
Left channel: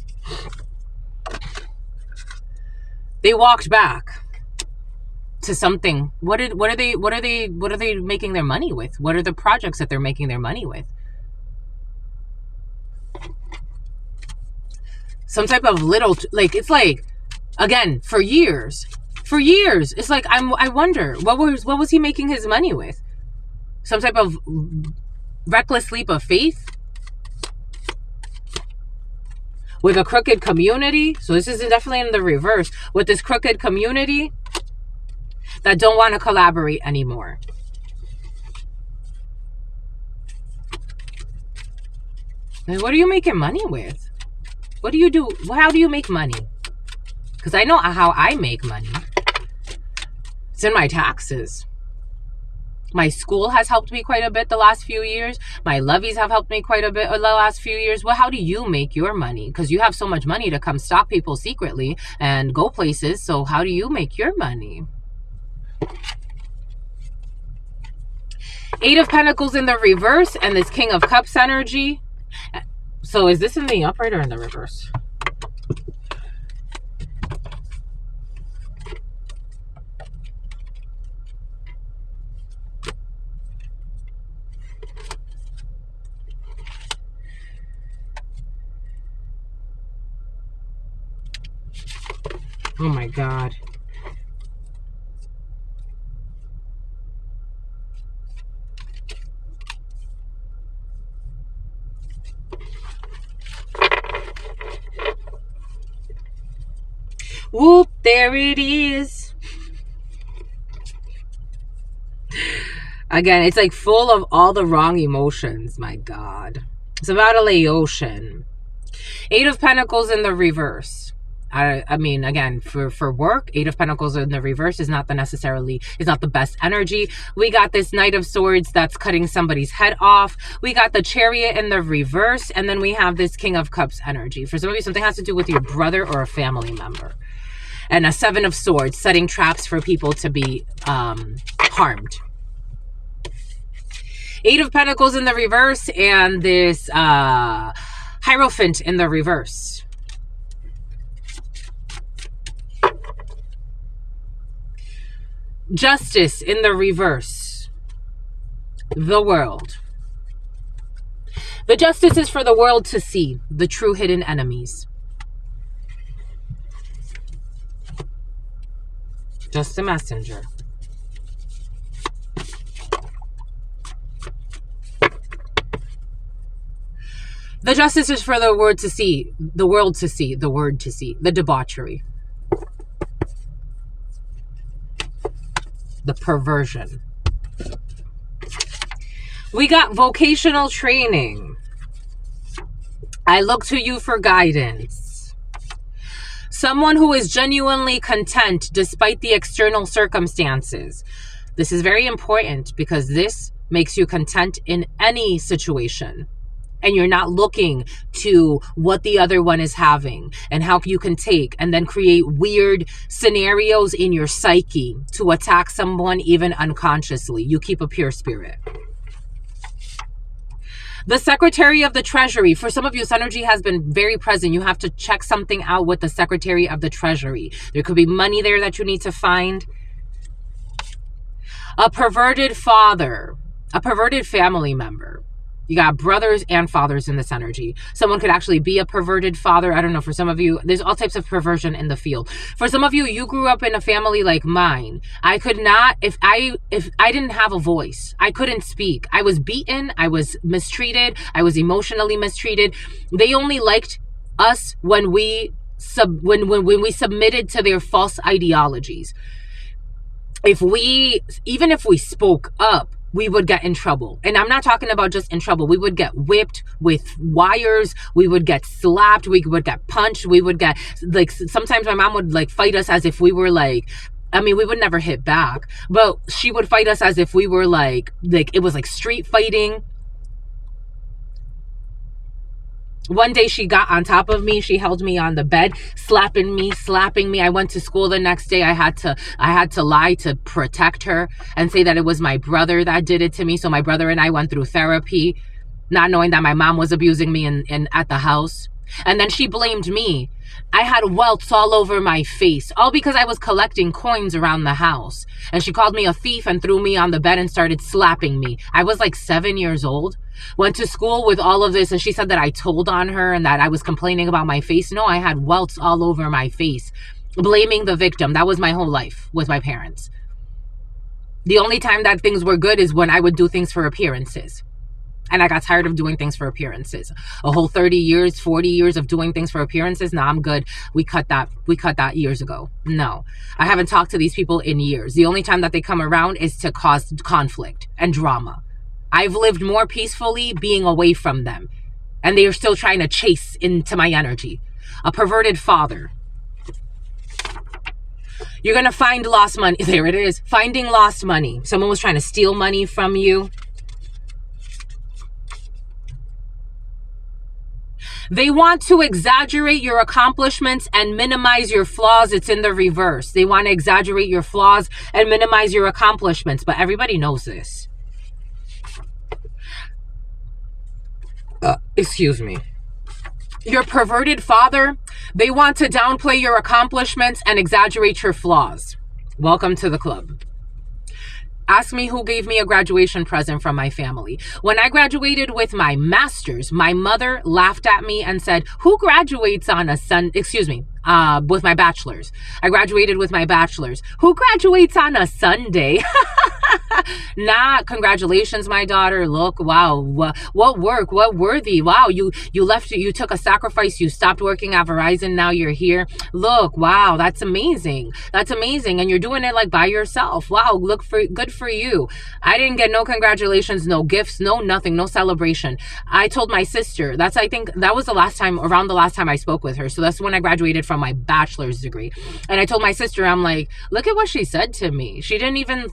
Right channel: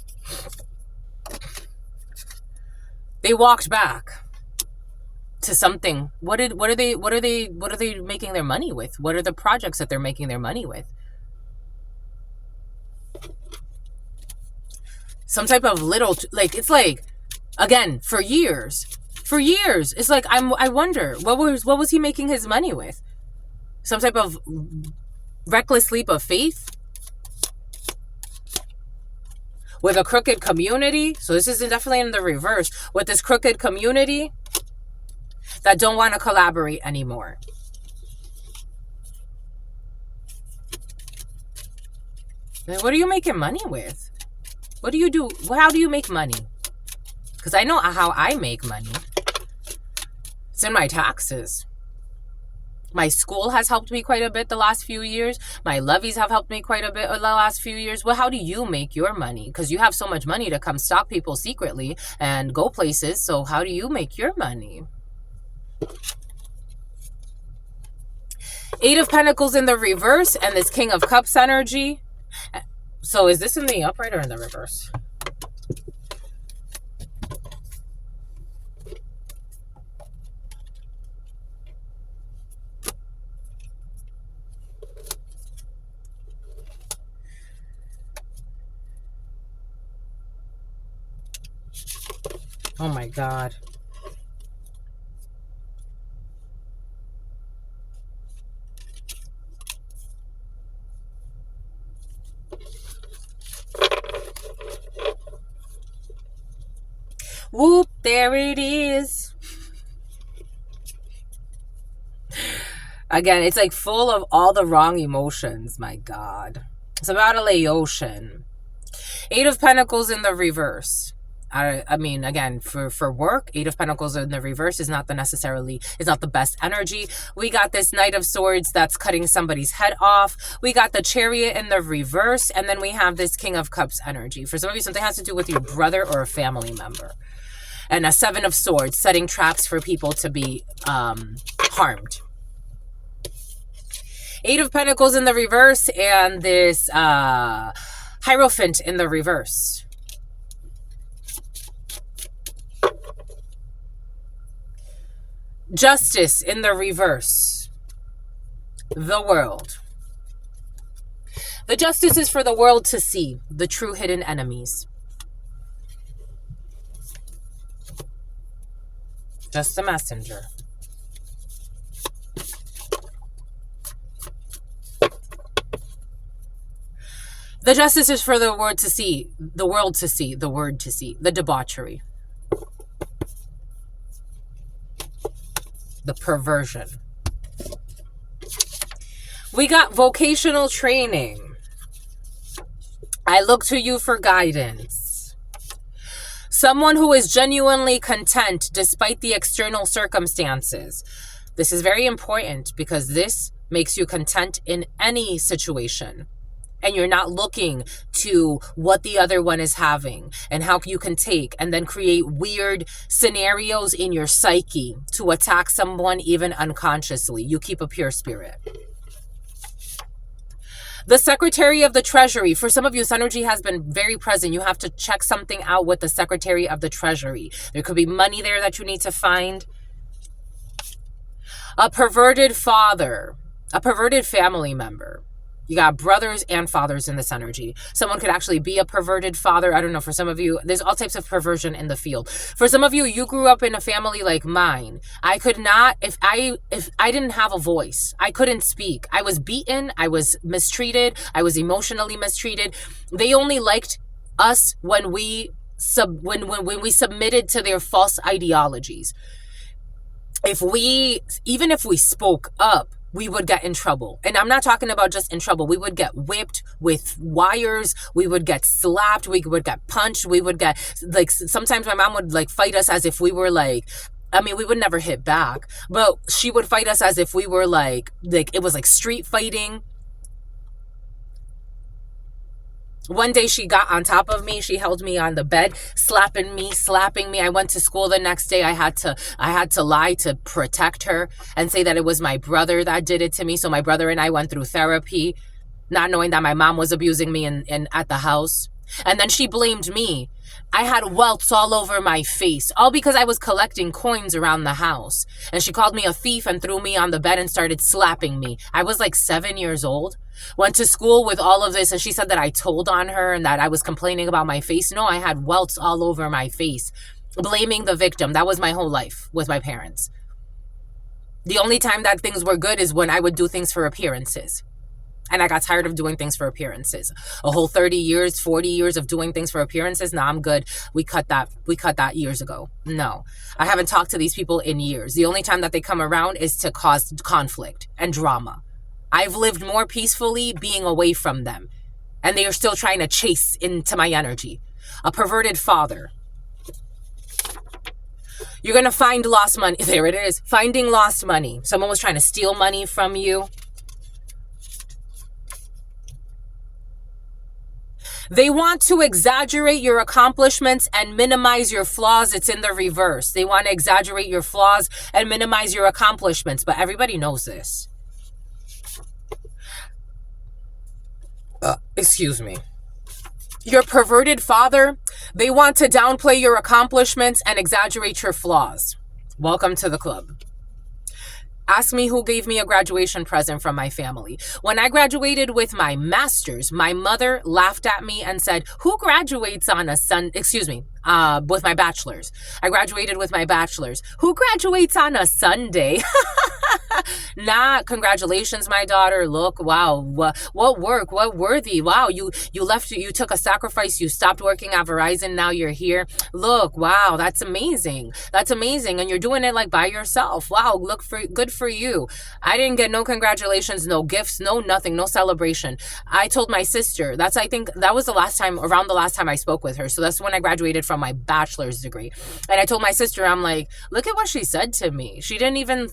They walked back to something. What are they making their money with? What are the projects that they're making their money with? Some type of little, like, it's like, again, for years, it's like, I wonder, what was he making his money with? Some type of reckless leap of faith? With a crooked community? So this is definitely in the reverse. With this crooked community that don't want to collaborate anymore. And what are you making money with? What do you do? How do you make money? Because I know how I make money. It's in my taxes. My school has helped me quite a bit the last few years. My levies have helped me quite a bit the last few years. Well, how do you make your money? Because you have so much money to come stalk people secretly and go places. So how do you make your money? 8 of Pentacles in the reverse and this King of Cups energy. So is this in the upright or in the reverse? Oh my God. Whoop, there it is. Again, it's like full of all the wrong emotions. My God. It's about a Laotian. 8 of Pentacles in the reverse. I mean, again, for work, 8 of Pentacles in the reverse is not the best energy. We got this Knight of Swords that's cutting somebody's head off. We got the Chariot in the reverse. And then we have this King of Cups energy. For some of you, something has to do with your brother or a family member. And a 7 of Swords, setting traps for people to be harmed. 8 of Pentacles in the reverse and this Hierophant in the reverse. Justice in the reverse. The world. The justice is for the world to see the true hidden enemies. Just a messenger. The justice is for the world to see, the world to see, the word to see, the debauchery, the perversion. We got vocational training. I look to you for guidance. Someone who is genuinely content despite the external circumstances. This is very important because this makes you content in any situation. And you're not looking to what the other one is having and how you can take and then create weird scenarios in your psyche to attack someone even unconsciously. You keep a pure spirit. The Secretary of the Treasury. For some of you, this energy has been very present. You have to check something out with the Secretary of the Treasury. There could be money there that you need to find. A perverted father. A perverted family member. You got brothers and fathers in this energy. Someone could actually be a perverted father. I don't know. For some of you, there's all types of perversion in the field. For some of you, you grew up in a family like mine. I could not, if I didn't have a voice, I couldn't speak. I was beaten. I was mistreated. I was emotionally mistreated. They only liked us when we submitted to their false ideologies. Even if we spoke up, we would get in trouble. And I'm not talking about just in trouble. We would get whipped with wires. We would get slapped. We would get punched. We would get, like, sometimes my mom would, like, fight us as if we were, like, I mean, we would never hit back, but she would fight us as if we were, like it was like street fighting. One day she got on top of me. She held me on the bed, slapping me. I went to school the next day. I had to lie to protect her and say that it was my brother that did it to me. So my brother and I went through therapy, not knowing that my mom was abusing me in at the house. And then she blamed me. I had welts all over my face, all because I was collecting coins around the house. And she called me a thief and threw me on the bed and started slapping me. I was like 7 years old. Went to school with all of this, and she said that I told on her and that I was complaining about my face. No, I had welts all over my face, blaming the victim. That was my whole life with my parents. The only time that things were good is when I would do things for appearances. And I got tired of doing things for appearances. A whole 30 years, 40 years of doing things for appearances. Nah, I'm good. We cut that years ago. No, I haven't talked to these people in years. The only time that they come around is to cause conflict and drama. I've lived more peacefully being away from them. And they are still trying to chase into my energy. A perverted father. You're going to find lost money. There it is. Finding lost money. Someone was trying to steal money from you. They want to exaggerate your accomplishments and minimize your flaws. It's in the reverse. They want to exaggerate your flaws and minimize your accomplishments. But everybody knows this. Excuse me. Your perverted father, they want to downplay your accomplishments and exaggerate your flaws. Welcome to the club. Ask me who gave me a graduation present from my family. When I graduated with my master's, my mother laughed at me and said, who graduates on a with my bachelor's. I graduated with my bachelor's. Who graduates on a Sunday? Nah, congratulations, my daughter. Look, wow, what work, what worthy. Wow, you took a sacrifice. You stopped working at Verizon. Now you're here. Look, wow, that's amazing. That's amazing. And you're doing it like by yourself. Wow, good for you. I didn't get no congratulations, no gifts, no nothing, no celebration. I told my sister, I think that was around the last time I spoke with her. So that's when I graduated from my bachelor's degree. And I told my sister, I'm like, look at what she said to me. She didn't even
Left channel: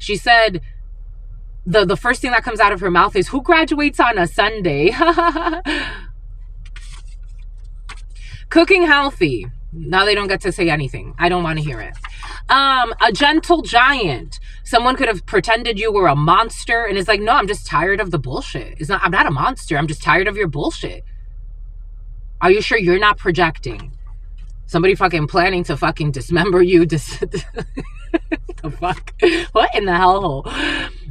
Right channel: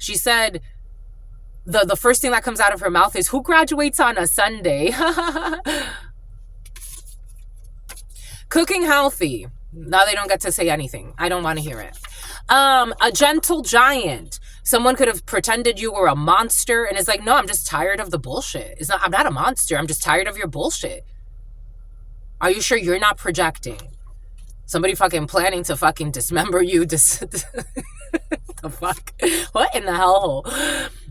she said, the first thing that comes out of her mouth is, who graduates on a Sunday? Cooking healthy. Now they don't get to say anything. I don't want to hear it. A gentle giant. Someone could have pretended you were a monster and is like, no, I'm just tired of the bullshit. I'm not a monster. I'm just tired of your bullshit. Are you sure you're not projecting? Somebody fucking planning to fucking dismember you. The fuck? What in the hellhole?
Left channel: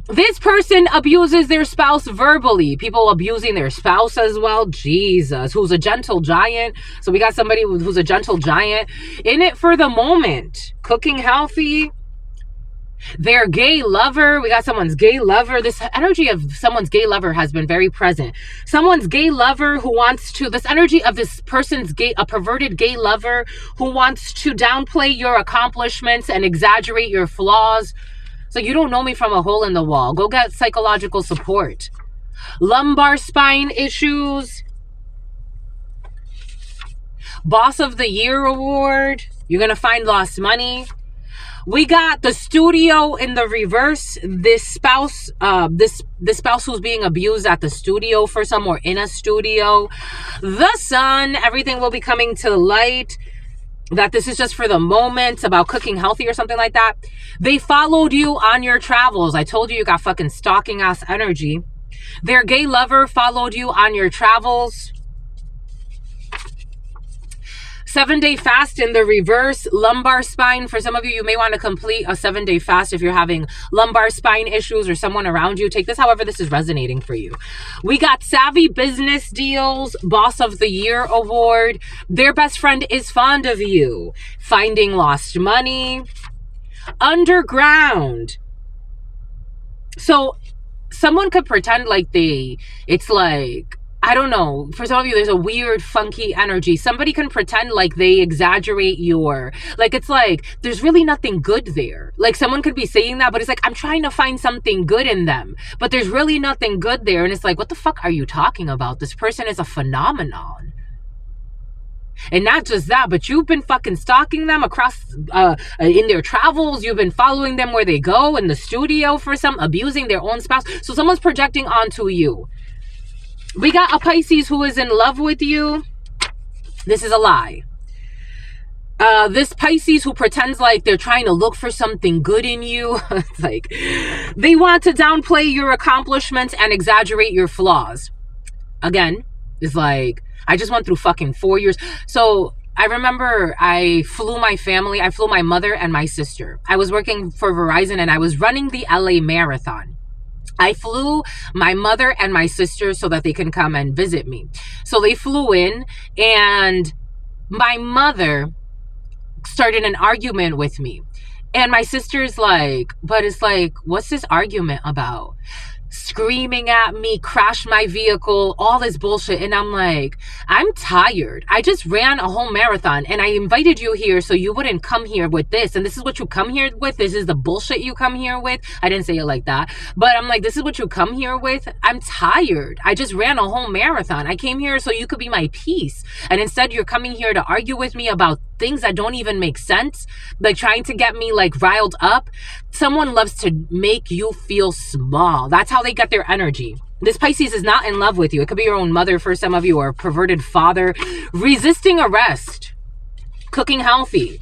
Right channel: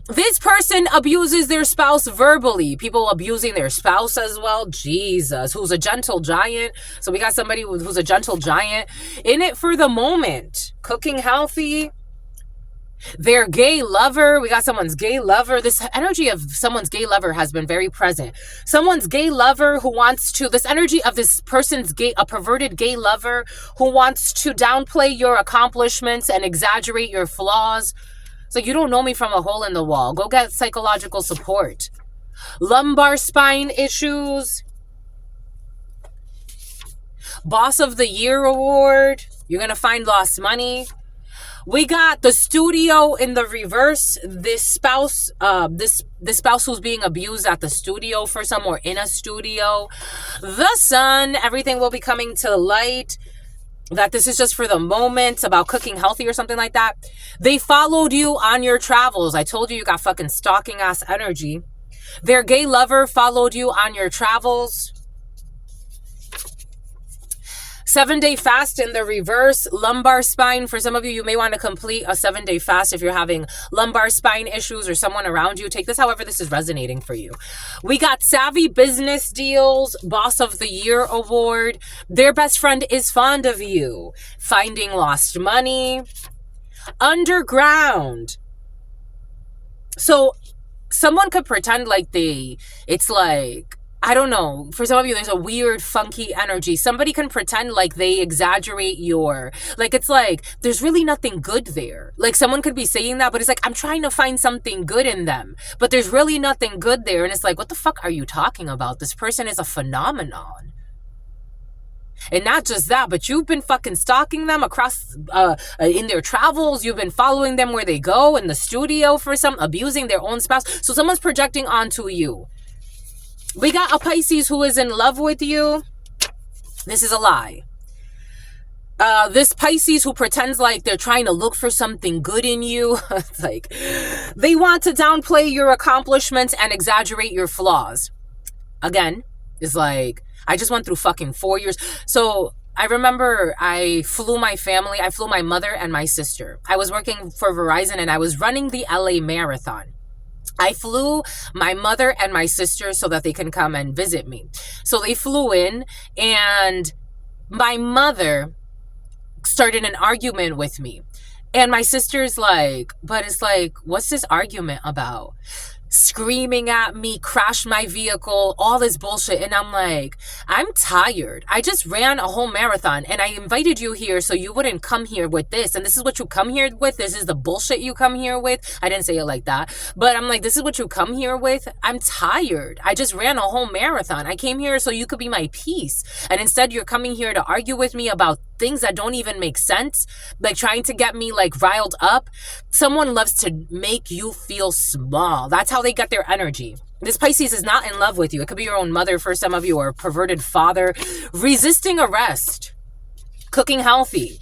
This person abuses their spouse verbally. People abusing their spouse as well. Jesus. Who's a gentle giant. So we got somebody who's a gentle giant. In it for the moment. Cooking healthy. Their gay lover. We got someone's gay lover. This energy of someone's gay lover has been very present. Someone's gay lover who wants to, this energy of this person's gay, a perverted gay lover who wants to downplay your accomplishments and exaggerate your flaws. It's like, you don't know me from a hole in the wall. Go get psychological support. Lumbar spine issues. Boss of the Year award. You're going to find lost money. We got the studio in the reverse. This spouse, this spouse who's being abused at the studio for some, or in a studio. The sun, everything will be coming to light. That this is just for the moment, about cooking healthy or something like that. They followed you on your travels. I told you got fucking stalking ass energy. Their gay lover followed you on your travels. 7-day fast in the reverse. Lumbar spine. For some of you, you may want to complete a 7-day fast if you're having lumbar spine issues or someone around you. Take this however this is resonating for you. We got savvy business deals. Boss of the Year award. Their best friend is fond of you. Finding lost money. Underground. So someone could pretend like it's like, I don't know. For some of you, there's a weird, funky energy. Somebody can pretend like they exaggerate it's like, there's really nothing good there. Like, someone could be saying that, but it's like, I'm trying to find something good in them. But there's really nothing good there. And it's like, what the fuck are you talking about? This person is a phenomenon. And not just that, but you've been fucking stalking them across, in their travels. You've been following them where they go, in the studio for some, abusing their own spouse. So someone's projecting onto you. We got a Pisces who is in love with you. This is a lie. This Pisces who pretends like they're trying to look for something good in you. It's like, they want to downplay your accomplishments and exaggerate your flaws. Again, it's like, I just went through fucking 4 years. So I remember I flew my mother and my sister. I was working for Verizon and I was running the LA Marathon. I flew my mother and my sister so that they can come and visit me. So they flew in, and my mother started an argument with me. And my sister's like, but it's like, what's this argument about? Screaming at me, crash my vehicle, all this bullshit. And I'm like, I'm tired. I just ran a whole marathon and I invited you here so you wouldn't come here with this. And this is what you come here with. This is the bullshit you come here with. I didn't say it like that, but I'm like, this is what you come here with. I'm tired. I just ran a whole marathon. I came here so you could be my peace. And instead you're coming here to argue with me about things that don't even make sense, like trying to get me like riled up. Someone loves to make you feel small. That's how they get their energy. This Pisces is not in love with you. It could be your own mother for some of you, or a perverted father. Resisting arrest. Cooking healthy.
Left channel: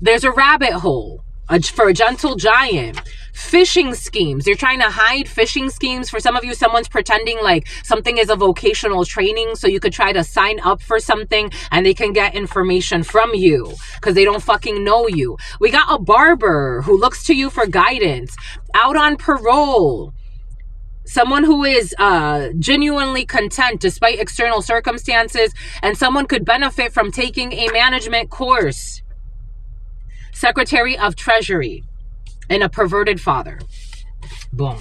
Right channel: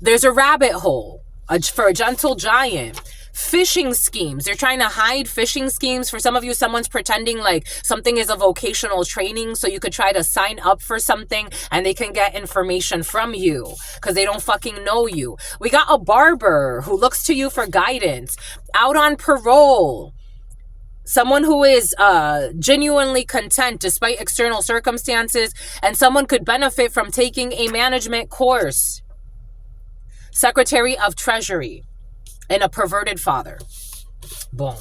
There's a rabbit hole for a gentle giant. Phishing schemes. They're trying to hide phishing schemes. For some of you, someone's pretending like something is a vocational training so you could try to sign up for something and they can get information from you because they don't fucking know you. We got a barber who looks to you for guidance. Out on parole. Someone who is genuinely content despite external circumstances, and someone could benefit from taking a management course. Secretary of Treasury. And a perverted father. Boom.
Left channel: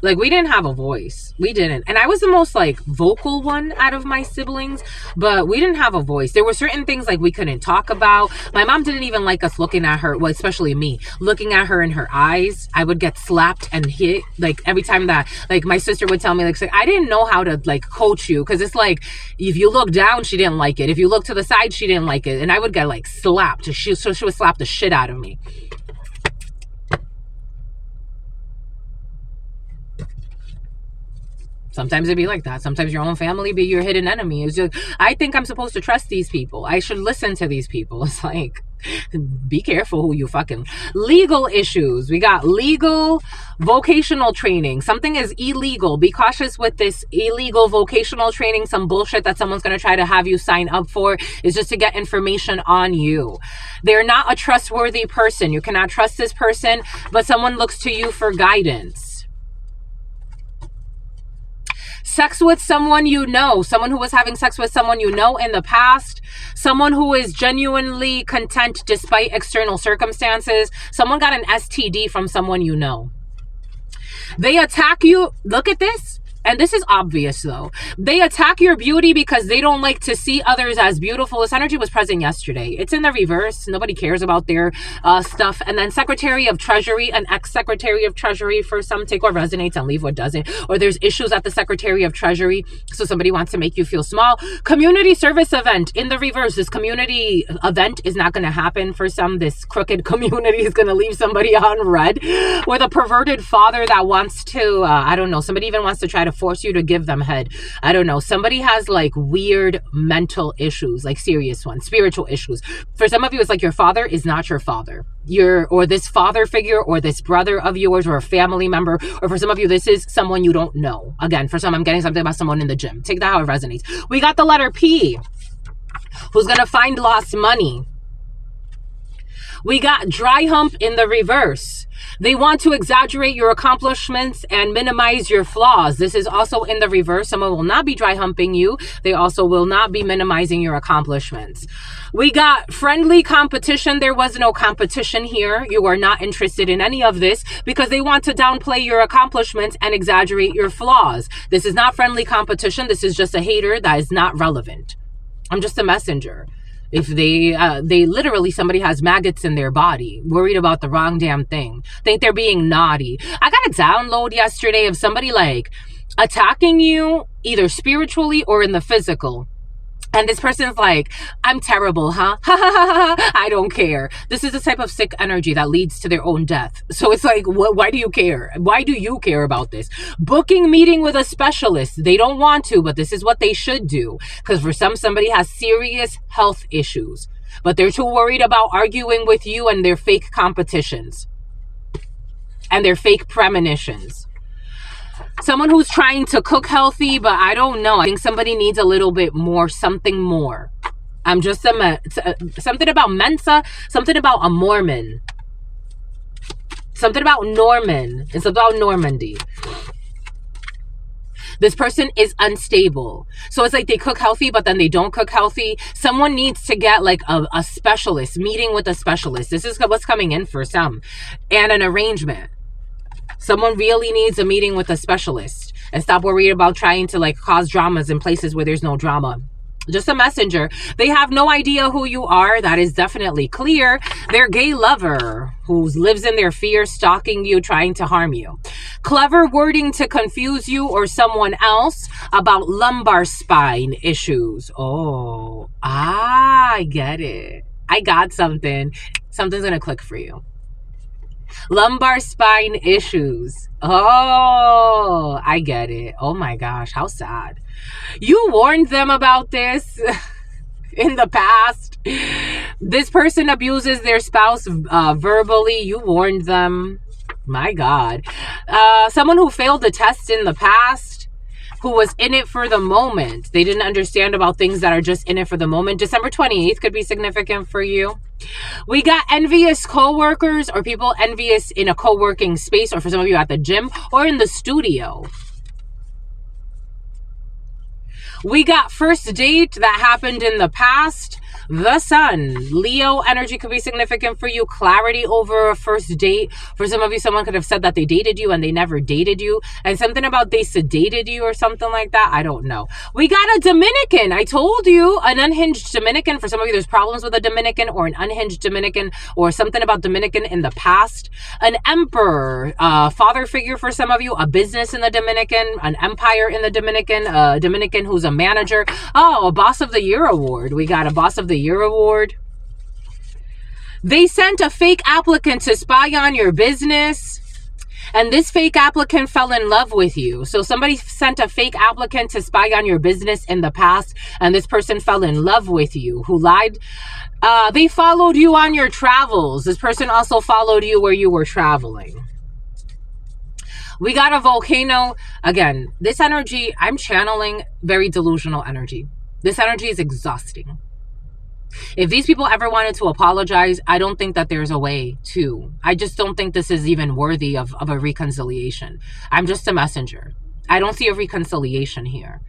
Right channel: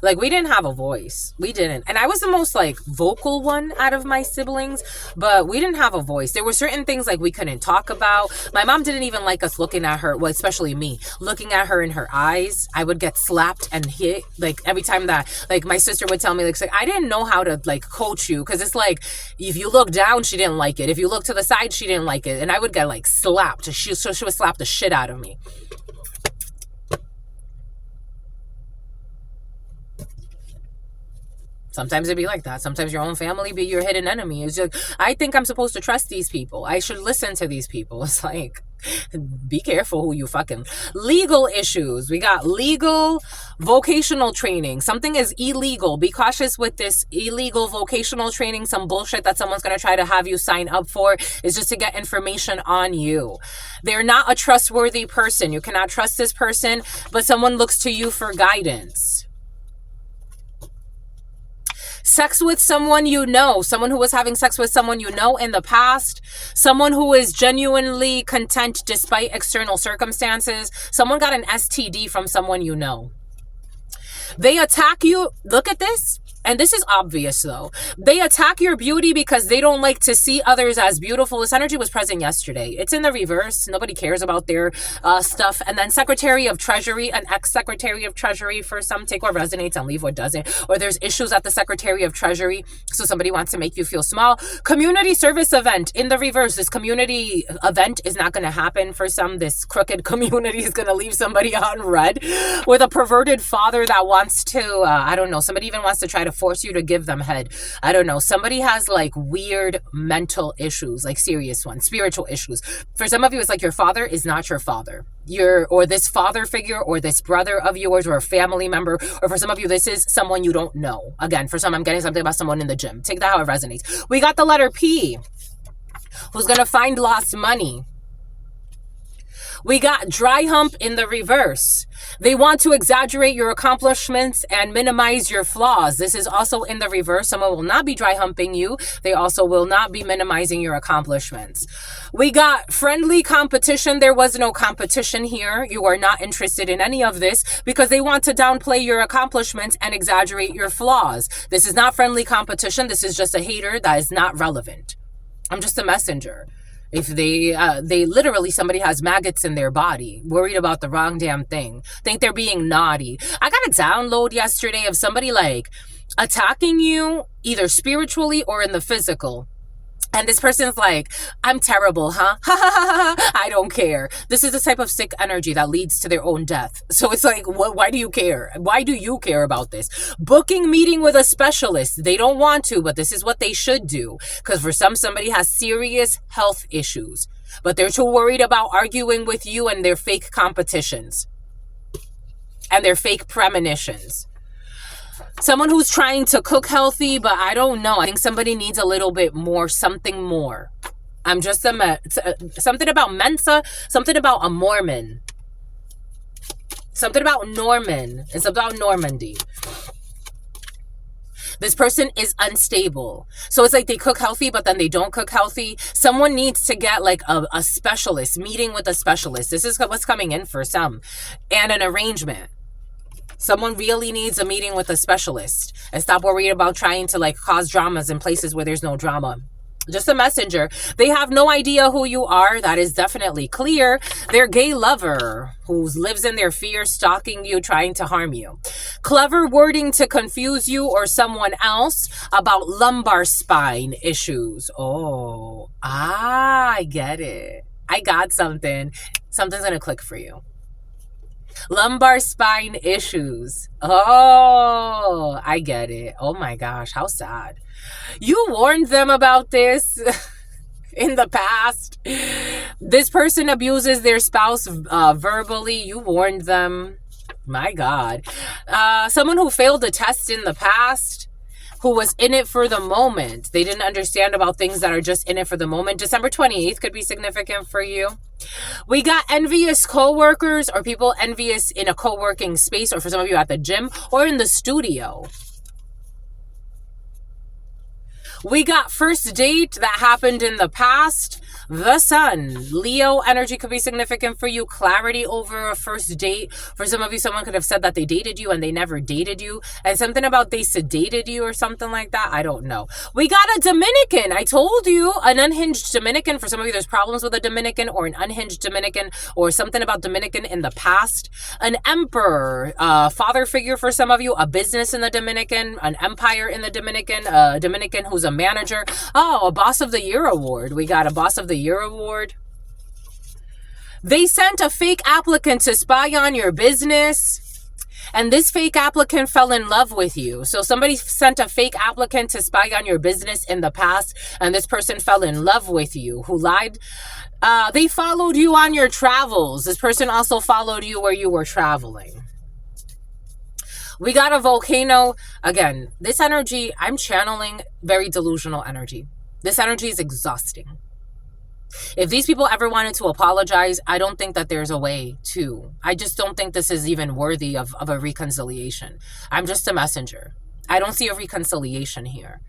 Like, we didn't have a voice. We didn't. And I was the most, like, vocal one out of my siblings. But we didn't have a voice. There were certain things, like, we couldn't talk about. My mom didn't even like us looking at her. Well, especially me. Looking at her in her eyes. I would get slapped and hit. Like, every time that, like, my sister would tell me, like, I didn't know how to, like, coach you. Because it's like, if you look down, she didn't like it. If you look to the side, she didn't like it. And I would get, like, slapped. So she would slap the shit out of me. Sometimes it be like that. Sometimes your own family be your hidden enemy. It's just, I think I'm supposed to trust these people. I should listen to these people. It's like, be careful who you fucking. Legal issues. We got legal vocational training. Something is illegal. Be cautious with this illegal vocational training. Some bullshit that someone's going to try to have you sign up for is just to get information on you. They're not a trustworthy person. You cannot trust this person, but someone looks to you for guidance. Sex with someone you know, someone who was having sex with someone you know in the past, someone who is genuinely content despite external circumstances, someone got an STD from someone you know. They attack you. Look at this. And this is obvious though. They attack your beauty because they don't like to see others as beautiful. This energy was present yesterday. It's in the reverse. Nobody cares about their stuff. And then Secretary of Treasury, an ex-Secretary of Treasury, for some, take what resonates and leave what doesn't. Or there's issues at the Secretary of Treasury, so somebody wants to make you feel small. Community service event in the reverse. This community event is not going to happen for some. This crooked community is going to leave somebody on red with a perverted father that wants to, I don't know, somebody even wants to try to force you to give them head. I don't know. Somebody has like weird mental issues, like serious ones, spiritual issues. For some of you, it's like your father is not your father. Or this father figure or this brother of yours or a family member. Or for some of you, this is someone you don't know. Again, for some, I'm getting something about someone in the gym. Take that how it resonates. We got the letter P. Who's going to find lost money? We got dry hump in the reverse. They want to exaggerate your accomplishments and minimize your flaws. This is also in the reverse. Someone will not be dry humping you. They also will not be minimizing your accomplishments. We got friendly competition. There was no competition here. You are not interested in any of this because they want to downplay your accomplishments and exaggerate your flaws. This is not friendly competition. This is just a hater that is not relevant. I'm just a messenger. If they literally, somebody has maggots in their body, worried about the wrong damn thing, think they're being naughty. I got a download yesterday of somebody like attacking you either spiritually or in the physical. And this person's like, I'm terrible, huh? I don't care. This is the type of sick energy that leads to their own death. So it's like, why do you care? Why do you care about this? Booking meeting with a specialist. They don't want to, but this is what they should do. Because for somebody has serious health issues, but they're too worried about arguing with you and their fake competitions and their fake premonitions. Someone who's trying to cook healthy, but I don't know. I think somebody needs a little bit more, something more. I'm just something about Mensa, something about a Mormon. Something about Norman. It's about Normandy. This person is unstable. So it's like they cook healthy, but then they don't cook healthy. Someone needs to get like a specialist, meeting with a specialist. This is what's coming in for some. And an arrangement. Someone really needs a meeting with a specialist and stop worrying about trying to like cause dramas in places where there's no drama. Just a messenger. They have no idea who you are. That is definitely clear. Their gay lover who lives in their fear, stalking you, trying to harm you. Clever wording to confuse you or someone else about lumbar spine issues. Oh, I get it. I got something. Something's going to click for you. Lumbar spine issues. Oh, I get it. Oh my gosh, how sad. You warned them about this in the past. This person abuses their spouse verbally. You warned them. My God. Someone who failed a test in the past, who was in it for the moment. They didn't understand about things that are just in it for the moment. December 28th could be significant for you. We got envious co-workers or people envious in a co-working space, or for some of you at the gym or in the studio. We got first date that happened in the past. The sun. Leo energy could be significant for you. Clarity over a first date. For some of you, someone could have said that they dated you and they never dated you. And something about they sedated you or something like that. I don't know. We got a Dominican. I told you, an unhinged Dominican. For some of you, there's problems with a Dominican or an unhinged Dominican or something about Dominican in the past. An emperor. Father figure for some of you. A business in the Dominican. An empire in the Dominican. A Dominican who's a manager. Oh, a boss of the year award. We got a boss of the year award. They sent a fake applicant to spy on your business. And this fake applicant fell in love with you. So somebody sent a fake applicant to spy on your business in the past, and this person fell in love with you, who lied. They followed you on your travels. This person also followed you where you were traveling. We got a volcano. Again, this energy, I'm channeling very delusional energy. This energy is exhausting. If these people ever wanted to apologize, I don't think that there's a way to. I just don't think this is even worthy of a reconciliation. I'm just a messenger. I don't see a reconciliation here.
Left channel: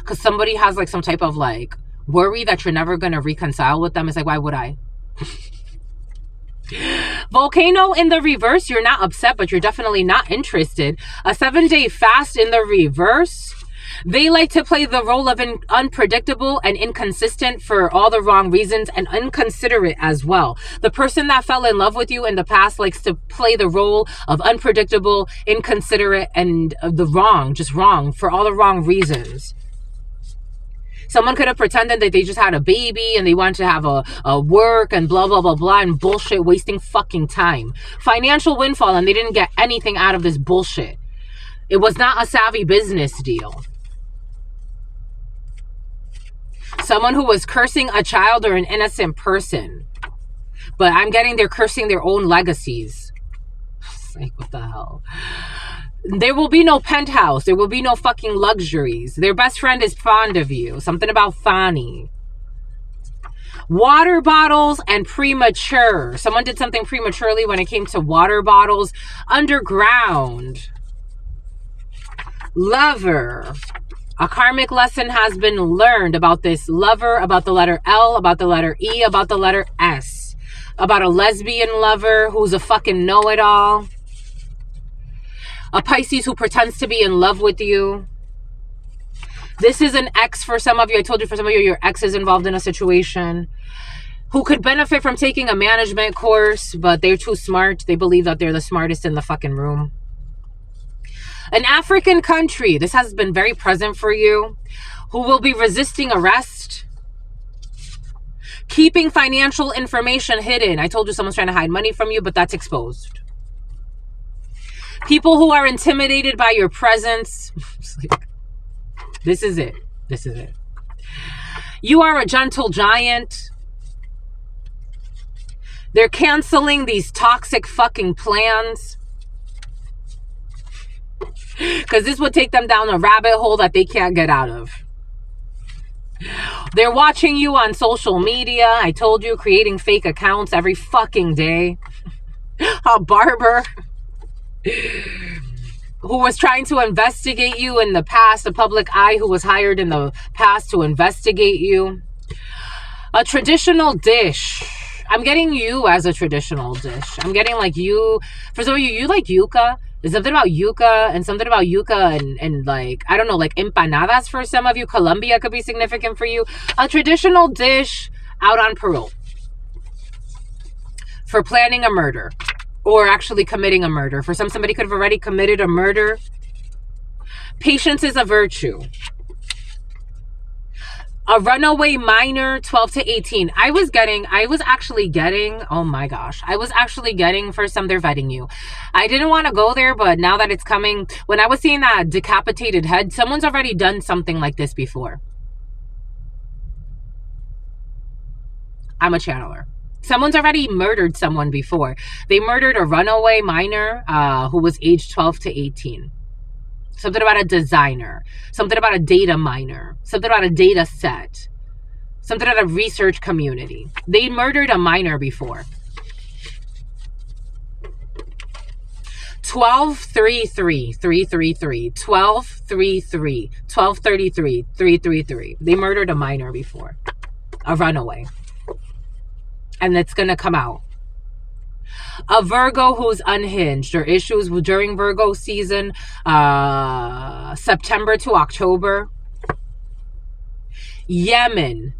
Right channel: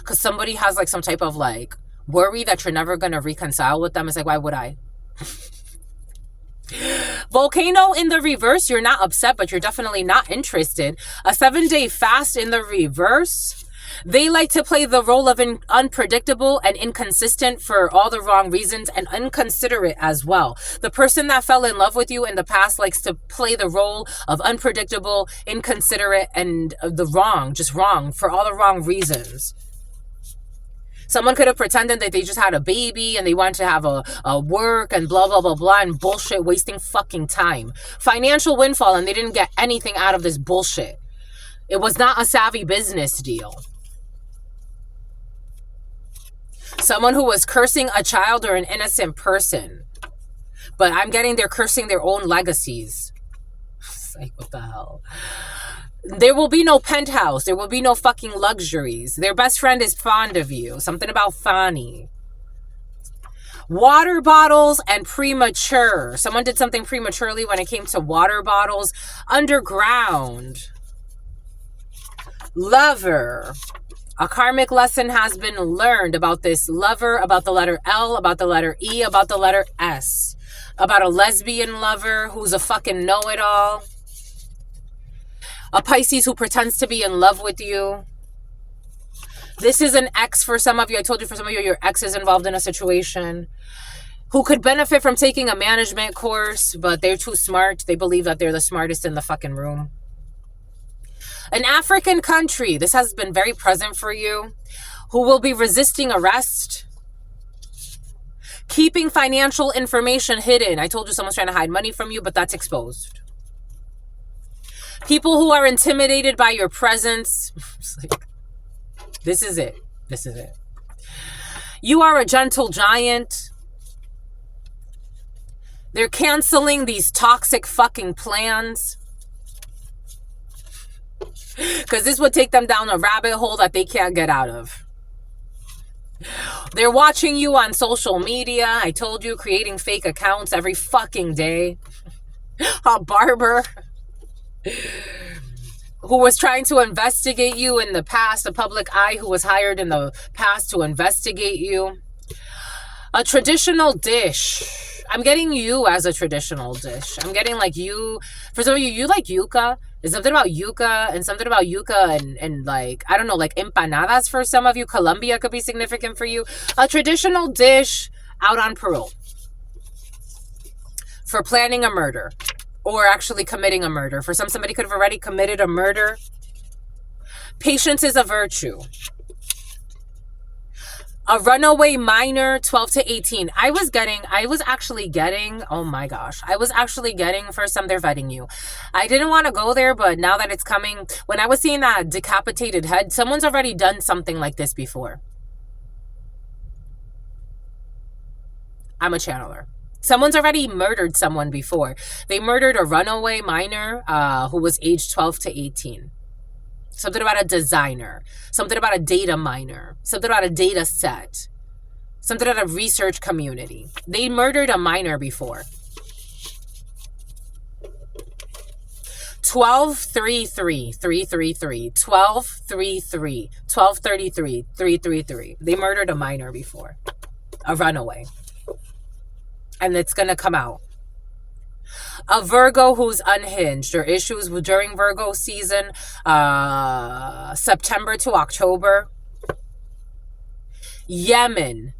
Because somebody has like some type of like worry that you're never going to reconcile with them. It's like, why would I? Volcano in the reverse, you're not upset, but you're definitely not interested. A 7-day fast in the reverse. They like to play the role of unpredictable and inconsistent for all the wrong reasons, and inconsiderate as well. The person that fell in love with you in the past likes to play the role of unpredictable, inconsiderate, and just wrong for all the wrong reasons. Someone could have pretended that they just had a baby and they wanted to have a work and blah, blah, blah, blah, and bullshit, wasting fucking time. Financial windfall, and they didn't get anything out of this bullshit. It was not a savvy business deal. Someone who was cursing a child or an innocent person. But I'm getting they're cursing their own legacies. It's like, what the hell? There will be no penthouse. There will be no fucking luxuries. Their best friend is fond of you. Something about Fani. Water bottles and premature. Someone did something prematurely when it came to water bottles. Underground. Lover. A karmic lesson has been learned about this lover, about the letter L, about the letter E, about the letter S. About a lesbian lover who's a fucking know-it-all. A Pisces who pretends to be in love with you. This is an ex for some of you. I told you for some of you, your ex is involved in a situation who could benefit from taking a management course, but they're too smart. They believe that they're the smartest in the fucking room. An African country. This has been very present for you. Who will be resisting arrest. Keeping financial information hidden. I told you someone's trying to hide money from you, but that's exposed. People who are intimidated by your presence. This is it. This is it. You are a gentle giant. They're canceling these toxic fucking plans. Because this would take them down a rabbit hole that they can't get out of. They're watching you on social media. I told you, creating fake accounts every fucking day. A barber who was trying to investigate you in the past, a public eye who was hired in the past to investigate you. A traditional dish. I'm getting you as a traditional dish. I'm getting like you, for some of you, you like yuca. There's something about yuca and like, I don't know, like empanadas for some of you. Colombia could be significant for you. A traditional dish out on parole for planning a murder. Or actually committing a murder. For some, somebody could have already committed a murder. Patience is a virtue. A runaway minor, 12 to 18. I was actually getting, oh my gosh. I was actually getting, for some, they're vetting you. I didn't want to go there, but now that it's coming, when I was seeing that decapitated head, someone's already done something like this before. I'm a channeler. Someone's already murdered someone before. They murdered a runaway minor who was aged 12 to 18. Something about a designer. Something about a data miner. Something about a data set. Something about a research community. They murdered a minor before. 1233 333 1233 1233 333. They murdered a minor before. A runaway. And it's going to come out. A Virgo who's unhinged or issues during Virgo season, September to October. Yemen.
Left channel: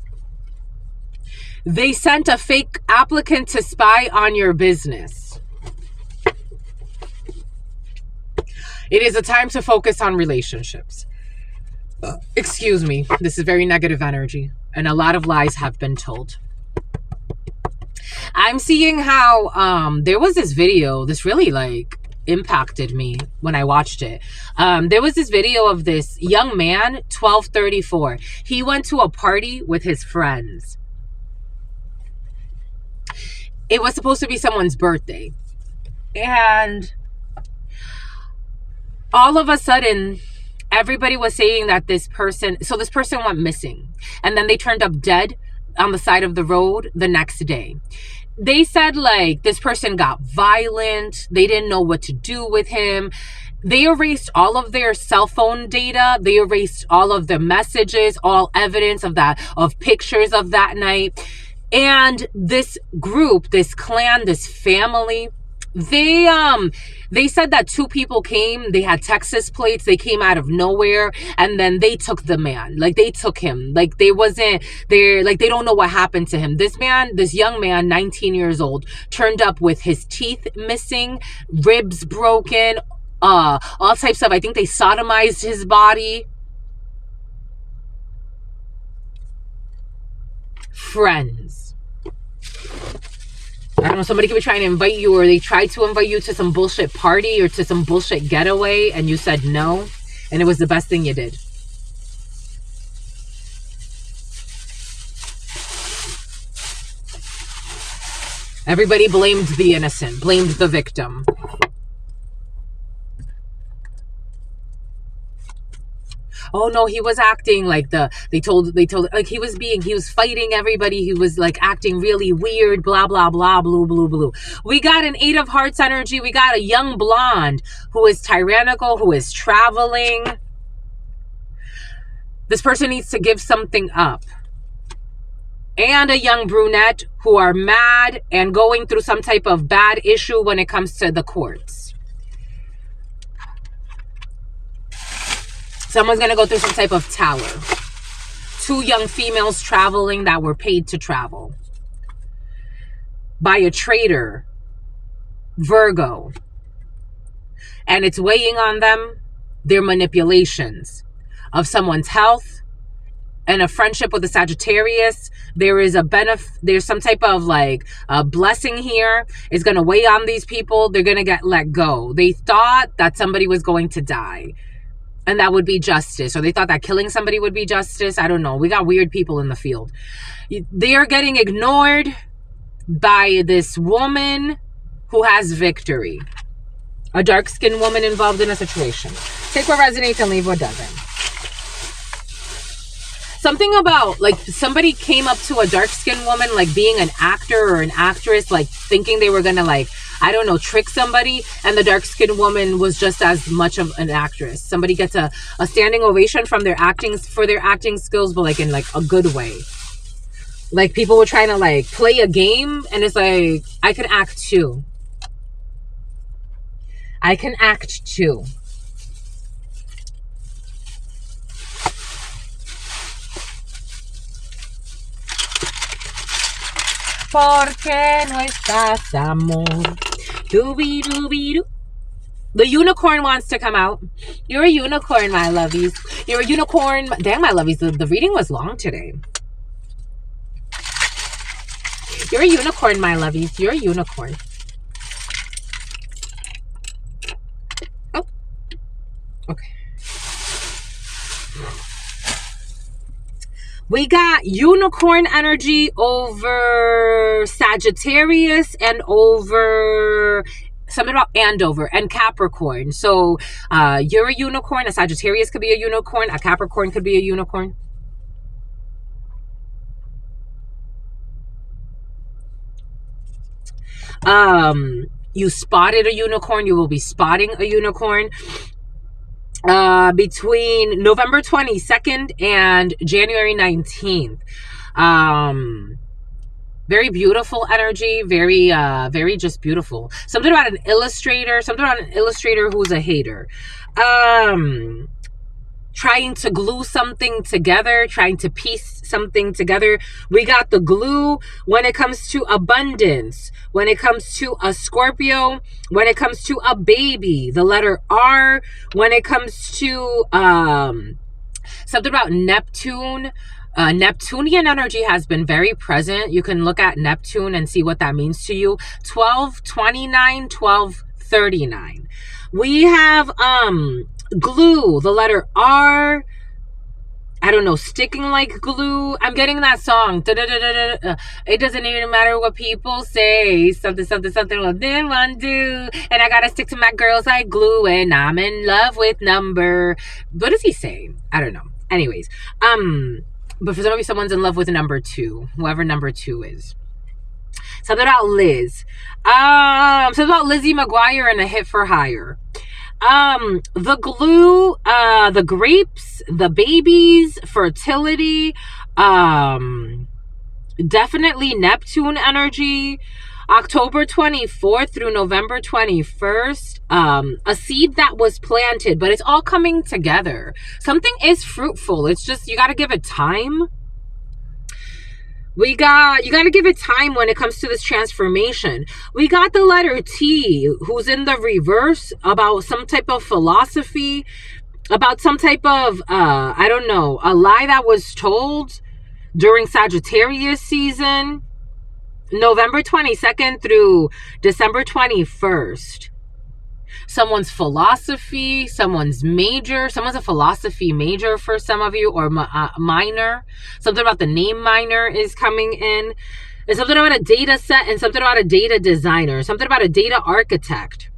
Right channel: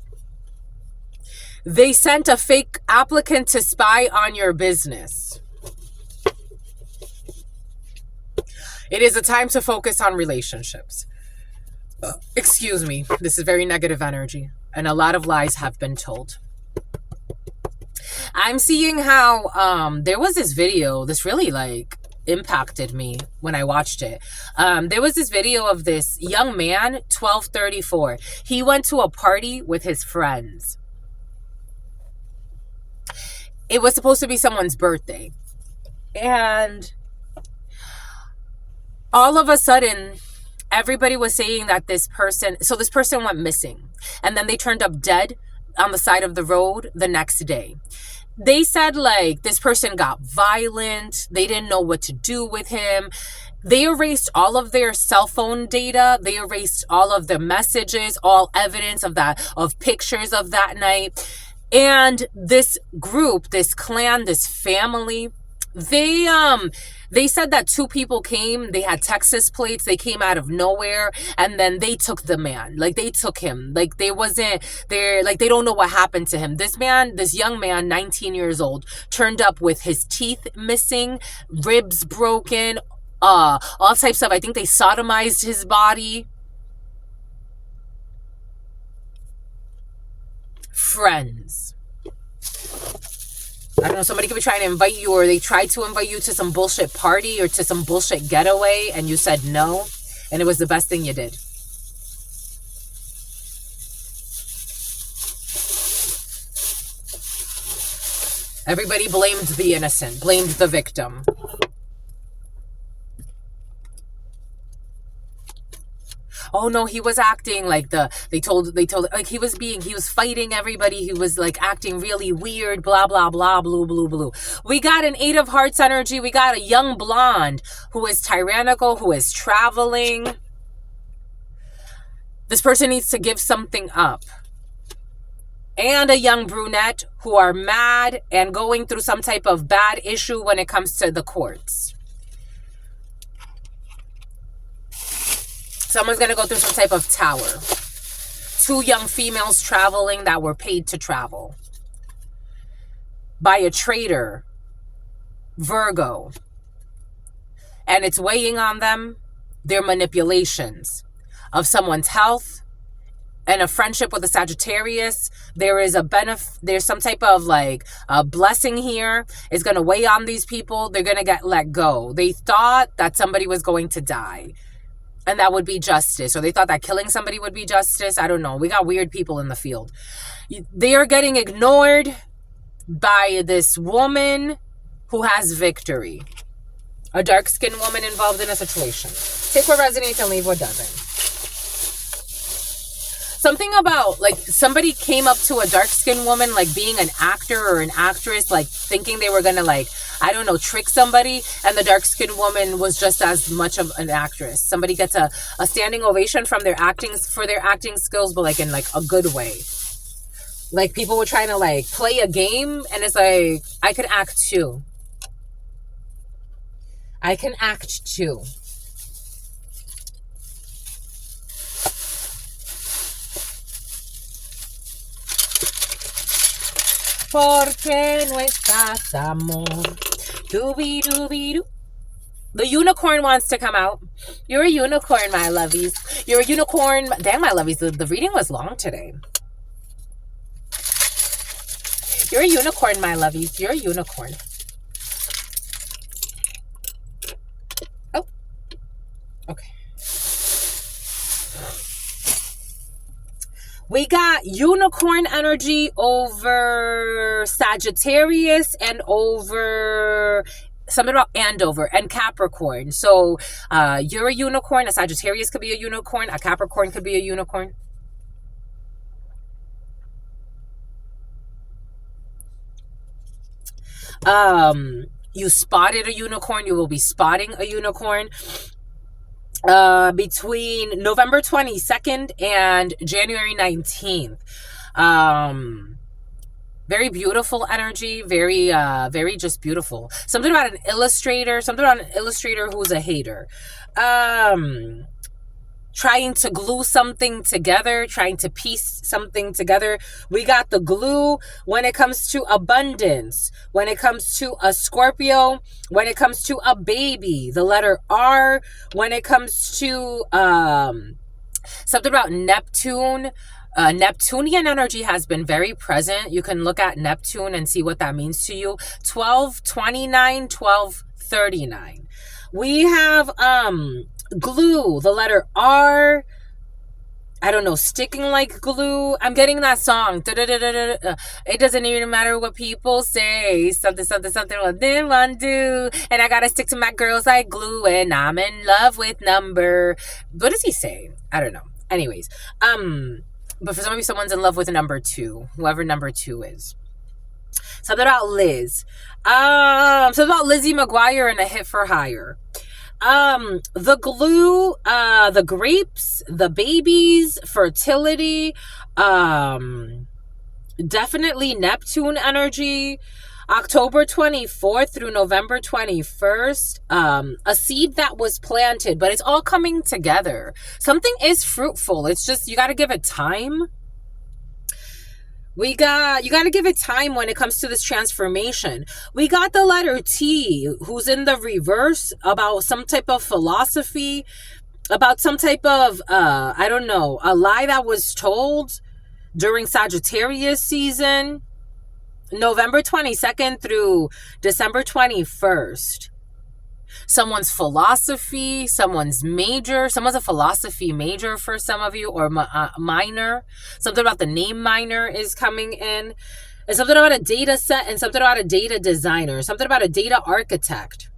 They sent a fake applicant to spy on your business. It is a time to focus on relationships. Excuse me. This is very negative energy. And a lot of lies have been told. I'm seeing how there was this video, this really like impacted me when I watched it. There was this video of this young man, 1234. He went to a party with his friends. It was supposed to be someone's birthday. And all of a sudden, everybody was saying that this person went missing. And then they turned up dead on the side of the road the next day. They said like this person got violent. They didn't know what to do with him. They erased all of their cell phone data. They erased all of the messages, all evidence of pictures of that night. And this group, this clan, this family, they said that two people came. They had Texas plates. They came out of nowhere, and then they took the man. Like, they took him. Like, they wasn't there. Like, they don't know what happened to him. This young man, 19 years old, turned up with his teeth missing, ribs broken, all types of. I think they sodomized his body. Friends. I don't know, somebody could be trying to invite you, or they tried to invite you to some bullshit party or to some bullshit getaway, and you said no, and it was the best thing you did. Everybody blamed the innocent, blamed the victim. Oh no, he was acting like they told like he was fighting everybody. He was like acting really weird, blah, blah, blah, blue, blue, blue. We got an 8 of Hearts energy. We got a young blonde who is tyrannical, who is traveling. This person needs to give something up. And a young brunette who are mad and going through some type of bad issue when it comes to the courts. Someone's going to go through some type of tower. 2 young females traveling that were paid to travel by a traitor, Virgo. And it's weighing on them their manipulations of someone's health and a friendship with a Sagittarius. There is there's some type of like a blessing here. It's going to weigh on these people. They're going to get let go. They thought that somebody was going to die, and that would be justice. Or they thought that killing somebody would be justice. I don't know. We got weird people in the field. They are getting ignored by this woman who has victory. A dark-skinned woman involved in a situation. Take what resonates and leave what doesn't. Something about, like, somebody came up to a dark-skinned woman, like, being an actor or an actress, like, thinking they were gonna, like, I don't know, trick somebody, and the dark-skinned woman was just as much of an actress. Somebody gets a standing ovation from their acting skills, but like in like a good way. Like, people were trying to like play a game, and it's like, I can act too. I can act too. Porque no estás, amor. Dooby-dooby-doo. The unicorn wants to come out. You're a unicorn, my lovies. You're a unicorn. Damn, my lovies. The reading was long today. You're a unicorn, my lovies. You're a unicorn. Oh. Okay. We got unicorn energy over Sagittarius and over something about Andover and Capricorn. So you're a unicorn. A Sagittarius could be a unicorn. A Capricorn could be a unicorn. You spotted a unicorn. You will be spotting a unicorn. Between November 22nd and January 19th. Very beautiful energy, very just beautiful. Something about an illustrator who's a hater. Trying to glue something together, trying to piece something together. We got the glue when it comes to abundance, when it comes to a Scorpio, when it comes to a baby, the letter R, when it comes to something about Neptune. Neptunian energy has been very present. You can look at Neptune and see what that means to you. 1229, 1239. We have glue, the letter R. I don't know, sticking like glue. I'm getting that song. It doesn't even matter what people say. Something, something, something. What they want to do. And I gotta stick to my girls like glue. And I'm in love with number. What does he say? I don't know. Anyways, but for some of you, someone's in love with number 2, whoever number 2 is. Something about Liz. Something about Lizzie McGuire and A Hit for Hire. The glue, the grapes, the babies, fertility, definitely Neptune energy. October 24th through November 21st, a seed that was planted, but it's all coming together. Something is fruitful. It's just, you got to give it time. You got to give it time when it comes to this transformation. We got the letter T, who's in the reverse, about some type of philosophy, about some type of, I don't know, a lie that was told during Sagittarius season, November 22nd through December 21st. Someone's philosophy, someone's major, someone's a philosophy major for some of you, or minor. Something about the name minor is coming in. And something about a data set, and something about a data designer, something about a data architect,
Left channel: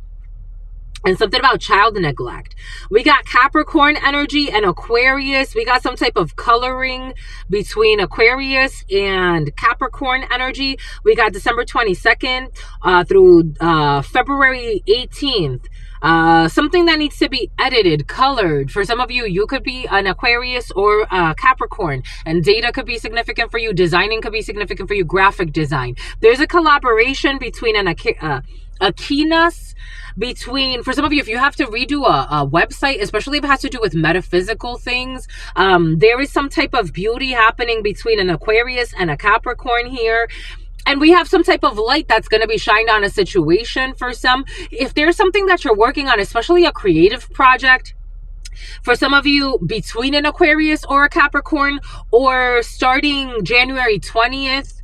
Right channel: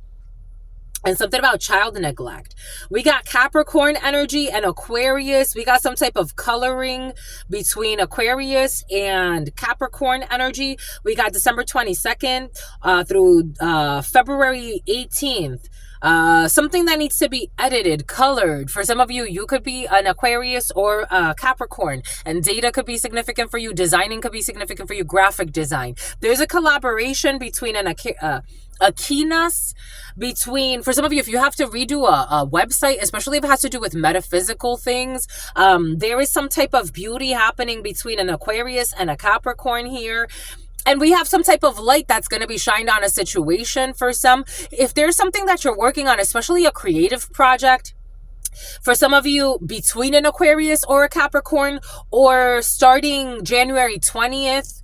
and something about child neglect. We got Capricorn energy and Aquarius. We got some type of coloring between Aquarius and Capricorn energy. We got December 22nd through February 18th. Something that needs to be edited, colored. For some of you, you could be an Aquarius or Capricorn, and data could be significant for you. Designing could be significant for you. Graphic design. There's a collaboration between an Aquinas, between, for some of you, if you have to redo a website, especially if it has to do with metaphysical things, there is some type of beauty happening between an Aquarius and a Capricorn here. And we have some type of light that's going to be shined on a situation for some. If there's something that you're working on, especially a creative project, for some of you, between an Aquarius or a Capricorn, or starting January 20th,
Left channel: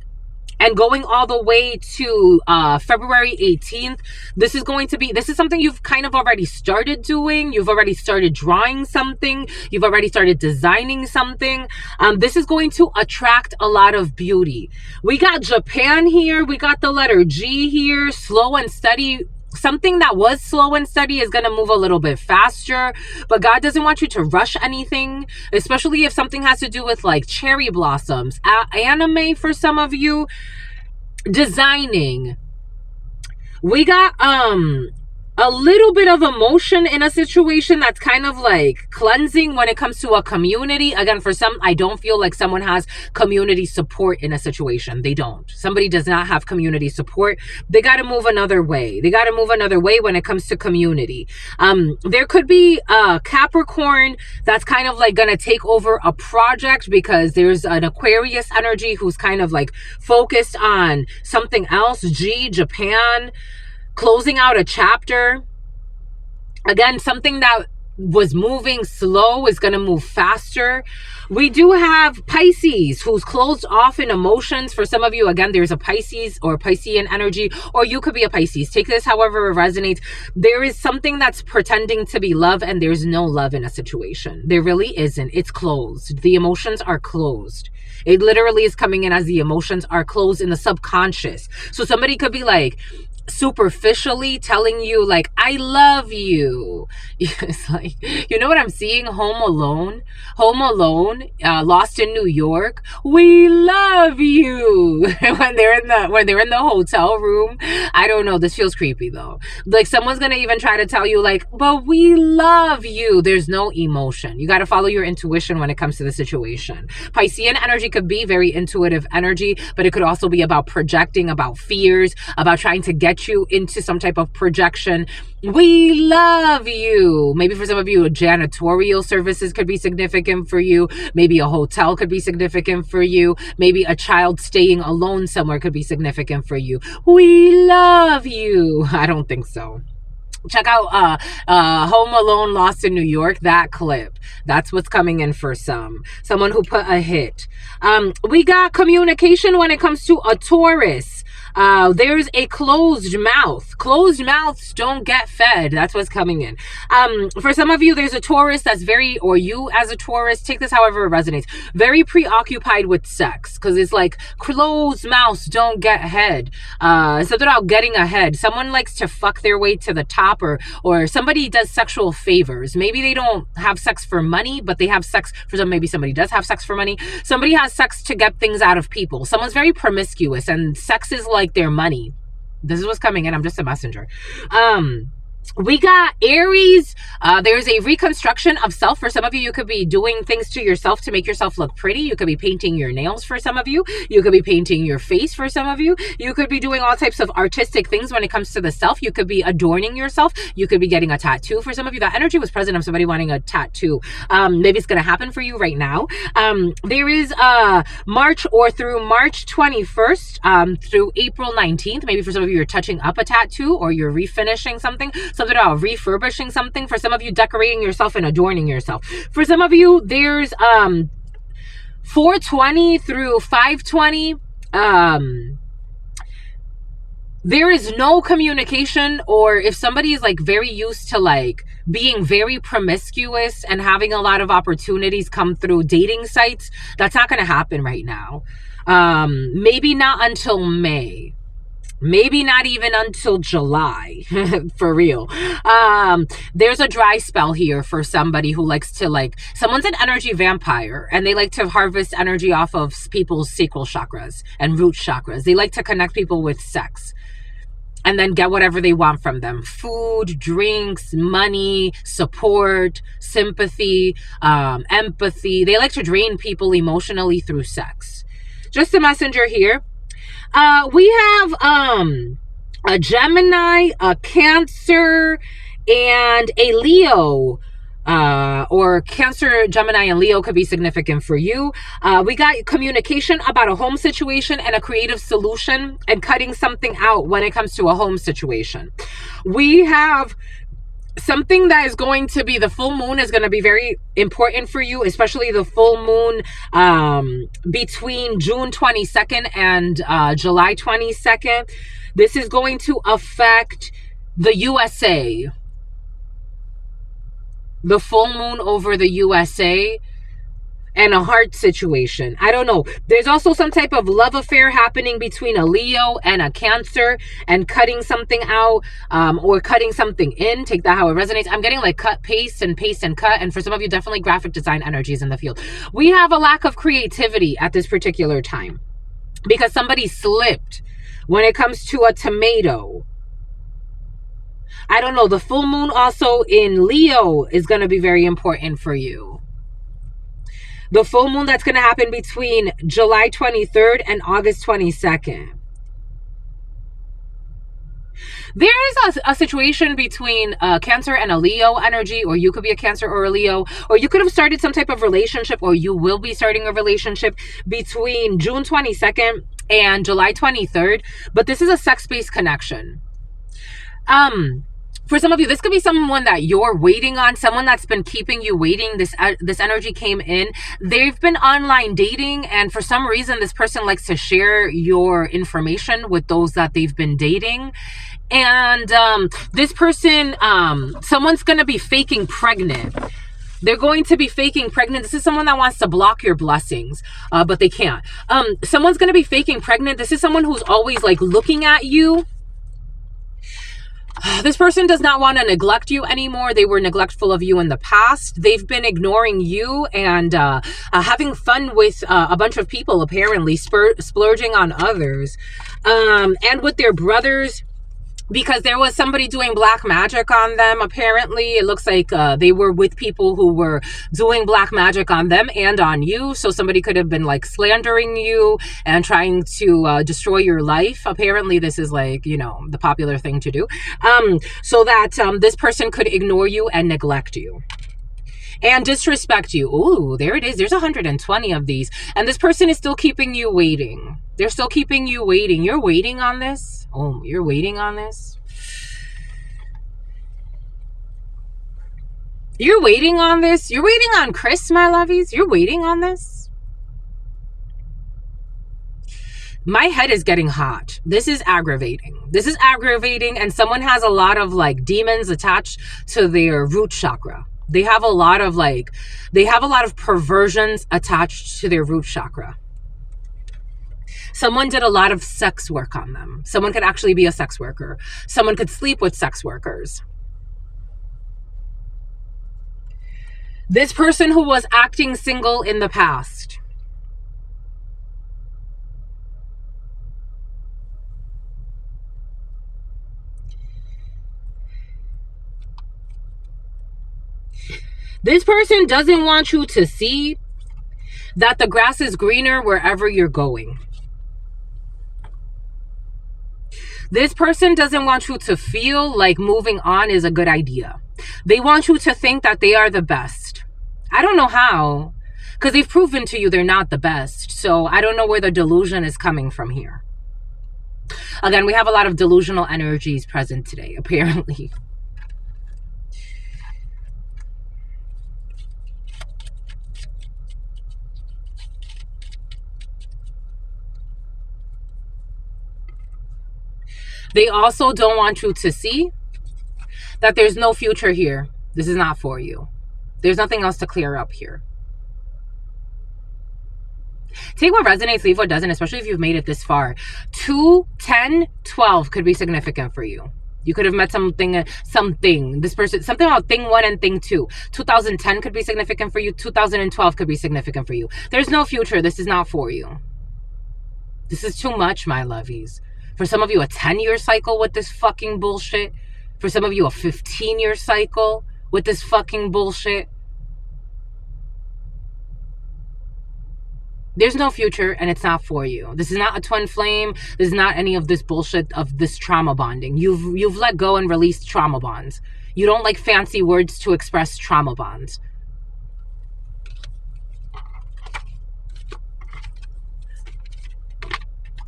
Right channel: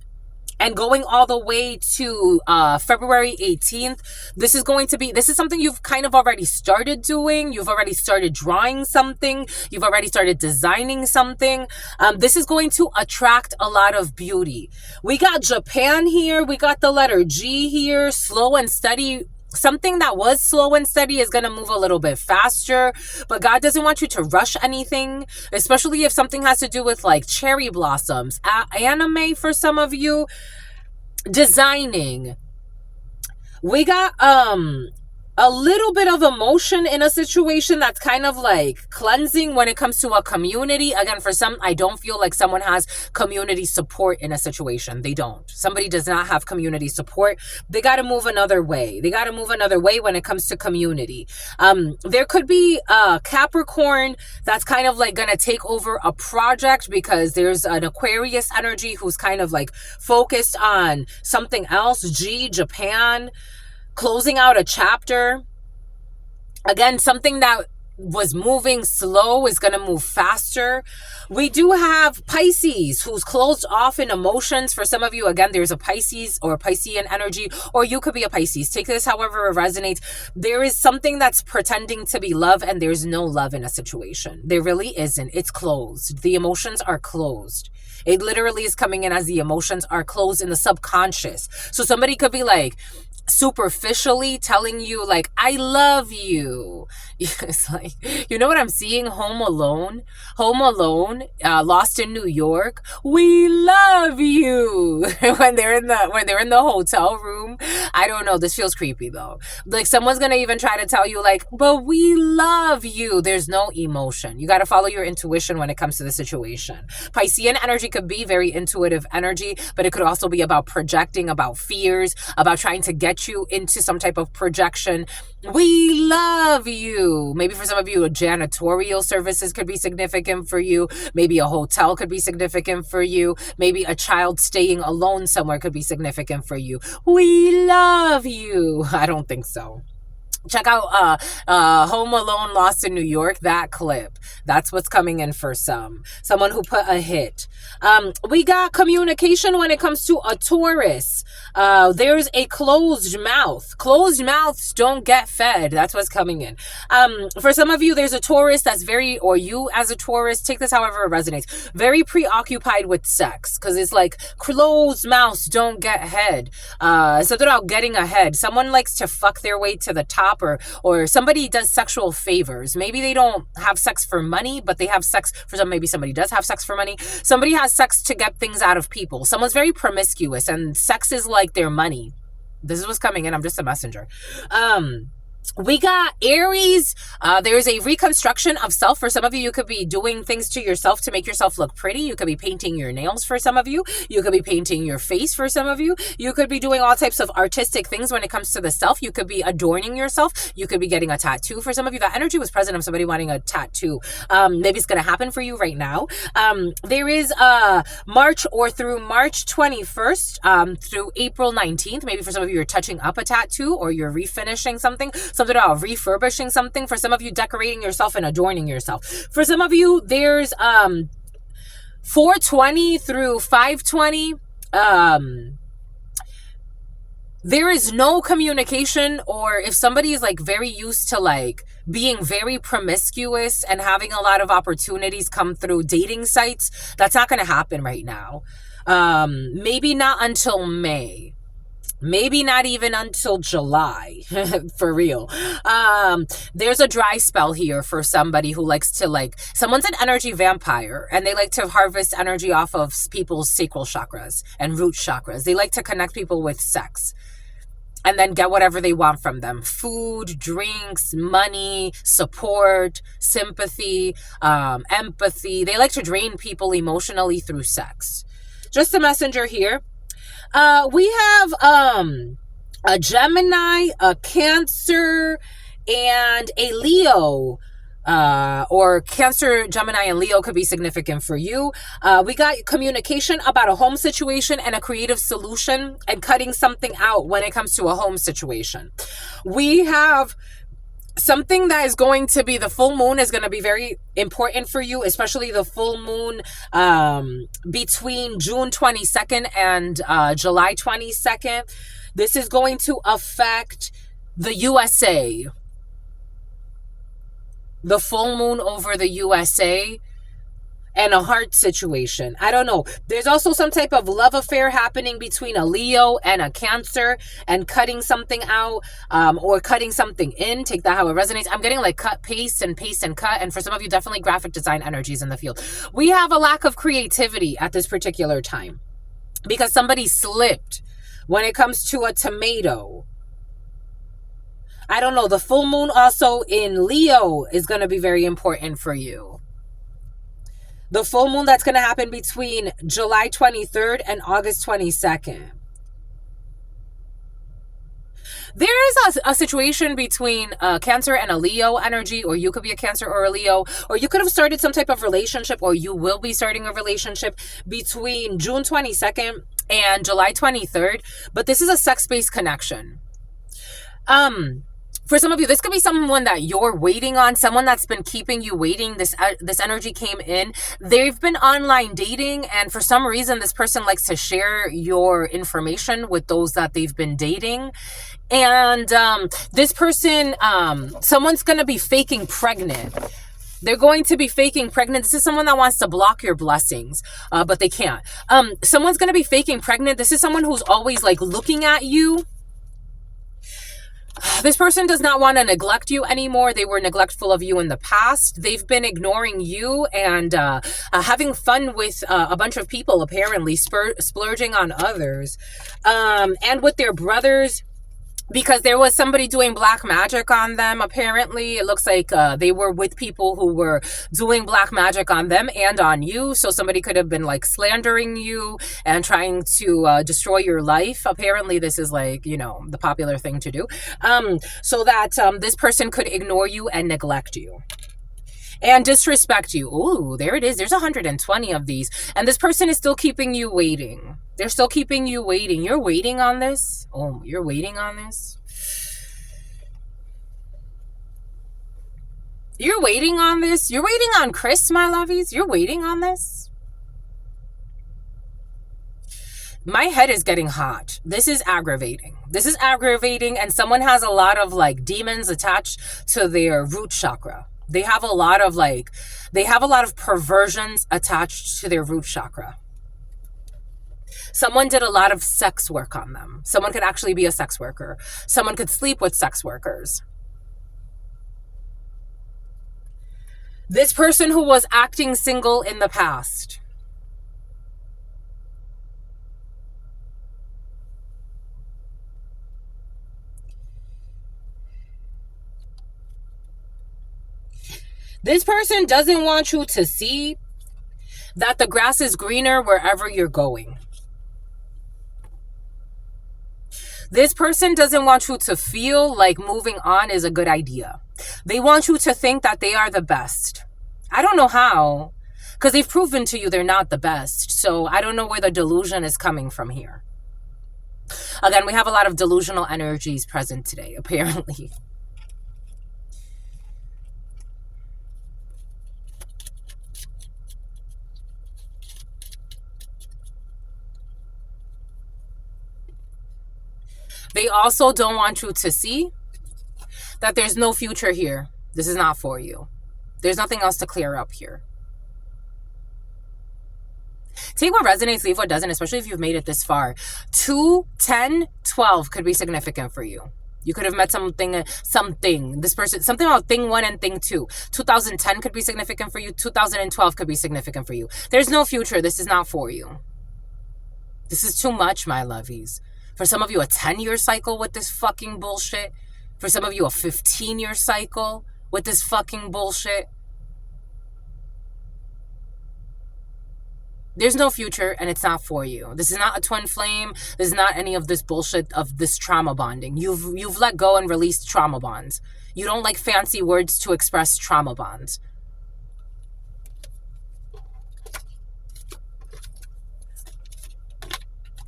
and going all the way to February 18th, this is something you've kind of already started doing. You've already started drawing something. You've already started designing something. This is going to attract a lot of beauty. We got Japan here. We got the letter G here, slow and steady. Something that was slow and steady is going to move a little bit faster, but God doesn't want you to rush anything, especially if something has to do with like cherry blossoms, anime for some of you, designing. We got a little bit of emotion in a situation that's kind of like cleansing when it comes to a community. Again, for some, I don't feel like someone has community support in a situation. They don't. Somebody does not have community support. They got to move another way. They got to move another way when it comes to community. There could be a Capricorn that's kind of like going to take over a project because there's an Aquarius energy who's kind of like focused on something else. Japan, closing out a chapter. Again, something that was moving slow is going to move faster. We do have Pisces, who's closed off in emotions. For some of you, again, there's a Pisces or Piscean energy, or you could be a Pisces. Take this however it resonates. There is something that's pretending to be love, and there's no love in a situation. There really isn't. It's closed. The emotions are closed. It literally is coming in as the emotions are closed in the subconscious. So somebody could be like, superficially telling you like, I love you. It's like, you know what I'm seeing? Home Alone, Lost in New York. We love you. when they're in the hotel room. I don't know. This feels creepy though. Like someone's gonna even try to tell you like, but we love you. There's no emotion. You got to follow your intuition when it comes to the situation. Piscean energy could be very intuitive energy, but it could also be about projecting, about fears, about trying to get you into some type of projection. We love you. Maybe for some of you, janitorial services could be significant for you. Maybe a hotel could be significant for you. Maybe a child staying alone somewhere could be significant for you. We love you. I don't think so. Check out Home Alone, Lost in New York, that clip. That's what's coming in for someone who put a hit. We got communication when it comes to a Taurus. There's a closed mouth. Closed mouths don't get fed. That's what's coming in. For some of you, there's a Taurus that's very, or you as a Taurus, take this however it resonates, very preoccupied with sex, because it's like closed mouths don't get head. Something about getting ahead. Someone likes to fuck their way to the top, or somebody does sexual favors. Maybe they don't have sex for money, but they have sex for some. Maybe somebody does have sex for money. Somebody has sex to get things out of people. Someone's very promiscuous, and sex is like their money. This is what's coming in. I'm just a messenger. We got Aries. There's a reconstruction of self. For some of you, you could be doing things to yourself to make yourself look pretty. You could be painting your nails for some of you. You could be painting your face for some of you. You could be doing all types of artistic things when it comes to the self. You could be adorning yourself. You could be getting a tattoo for some of you. That energy was present of somebody wanting a tattoo. Maybe it's going to happen for you right now. There is March, or through March 21st through April 19th. Maybe for some of you, you're touching up a tattoo, or you're refinishing something about refurbishing something. For some of you, decorating yourself and adorning yourself. For some of you, there's 420 through 520. There is no communication, or if somebody is like very used to like being very promiscuous and having a lot of opportunities come through dating sites, that's not going to happen right now. Maybe not until May. Maybe not even until July, for real. There's a dry spell here for somebody who likes to like, someone's an energy vampire, and they like to harvest energy off of people's sacral chakras and root chakras. They like to connect people with sex and then get whatever they want from them. Food, drinks, money, support, sympathy, empathy. They like to drain people emotionally through sex. Just a messenger here. We have a Gemini, a Cancer, and a Leo. Or Cancer, Gemini, and Leo could be significant for you. We got communication about a home situation and a creative solution, and cutting something out when it comes to a home situation. We have something that is going to be, the full moon is going to be very important for you, especially the full moon between June 22nd and July 22nd. This is going to affect the USA. The full moon over the USA and a heart situation. I don't know. There's also some type of love affair happening between a Leo and a Cancer, and cutting something out or cutting something in. Take that how it resonates. I'm getting like cut, paste, and cut. And for some of you, definitely graphic design energies in the field. We have a lack of creativity at this particular time because somebody slipped when it comes to a tomato. I don't know. The full moon also in Leo is going to be very important for you. The full moon that's going to happen between July 23rd and August 22nd. There is a situation between Cancer and a Leo energy, or you could be a Cancer or a Leo, or you could have started some type of relationship, or you will be starting a relationship between June 22nd and July 23rd. But this is a sex-based connection. For some of you, this could be someone that you're waiting on, someone that's been keeping you waiting. This energy came in. They've been online dating, and for some reason, this person likes to share your information with those that they've been dating. And this person, someone's going to be faking pregnant. They're going to be faking pregnant. This is someone that wants to block your blessings, but they can't. Someone's going to be faking pregnant. This is someone who's always like looking at you. This person does not want to neglect you anymore. They were neglectful of you in the past. They've been ignoring you and having fun with a bunch of people, apparently, splurging on others. And with their brothers, because there was somebody doing black magic on them, apparently. It looks like they were with people who were doing black magic on them and on you. So somebody could have been like slandering you and trying to destroy your life. Apparently this is like, you know, the popular thing to do. So that this person could ignore you and neglect you and disrespect you. Ooh, there it is. There's 120 of these. And this person is still keeping you waiting. They're still keeping you waiting. You're waiting on this? Oh, you're waiting on this? You're waiting on this? You're waiting on Chris, my lovies? You're waiting on this? My head is getting hot. This is aggravating. This is aggravating, and someone has a lot of like demons attached to their root chakra. They have a lot of perversions attached to their root chakra. Someone did a lot of sex work on them. Someone could actually be a sex worker. Someone could sleep with sex workers. This person who was acting single in the past. This person doesn't want you to see that the grass is greener wherever you're going. This person doesn't want you to feel like moving on is a good idea. They want you to think that they are the best. I don't know how, because they've proven to you they're not the best. So I don't know where the delusion is coming from here. Again, we have a lot of delusional energies present today, apparently. They also don't want you to see that there's no future here. This is not for you. There's nothing else to clear up here. Take what resonates, leave what doesn't, especially if you've made it this far. 2, 10, 12 could be significant for you. You could have met something, this person, something about thing 1 and thing 2. 2010 could be significant for you. 2012 could be significant for you. There's no future. This is not for you. This is too much, my lovies. For some of you, a 10-year cycle with this fucking bullshit. For some of you, a 15-year cycle with this fucking bullshit. There's no future, and it's not for you. This is not a twin flame. This is not any of this bullshit of this trauma bonding. You've let go and released trauma bonds. You don't like fancy words to express trauma bonds.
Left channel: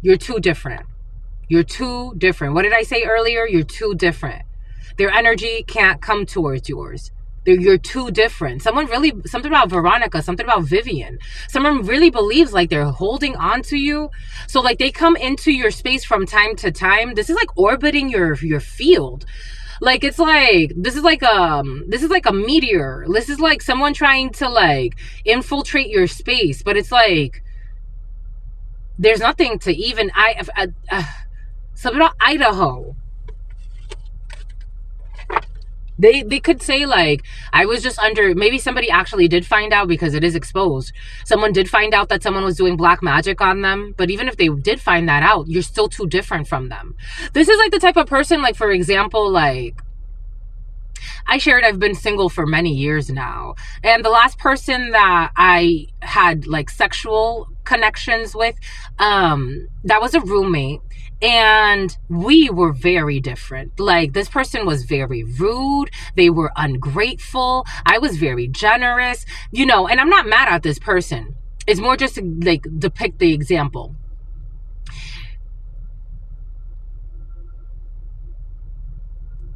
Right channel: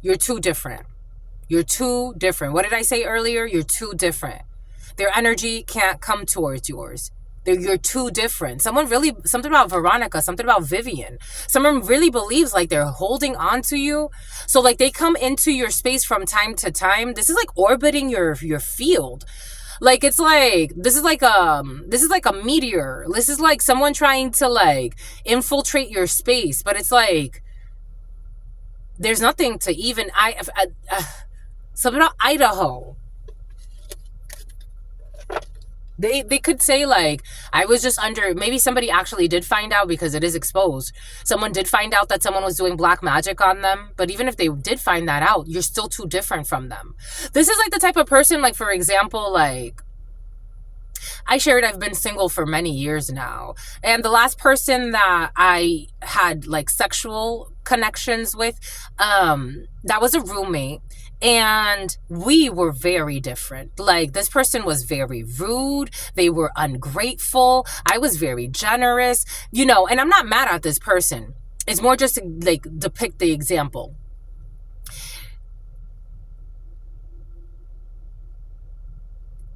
You're too different. You're too different. What did I say earlier? You're too different. Their energy can't come towards yours. You're too different. Something about Veronica, something about Vivian. Someone really believes like they're holding on to you. So like they come into your space from time to time. This is like orbiting your field. Like it's like this is like a meteor. This is like someone trying to like infiltrate your space, but it's like there's nothing to even something about Idaho. They could say like, I was just under, maybe somebody actually did find out because it is exposed. Someone did find out that someone was doing black magic on them. But even if they did find that out, you're still too different from them. This is like the type of person, like, for example, like, I shared I've been single for many years now. And the last person that I had like sexual connections with, that was a roommate. And we were very different. Like this person was very rude. They were ungrateful. I was very generous, you know, and I'm not mad at this person. It's more just to like depict the example.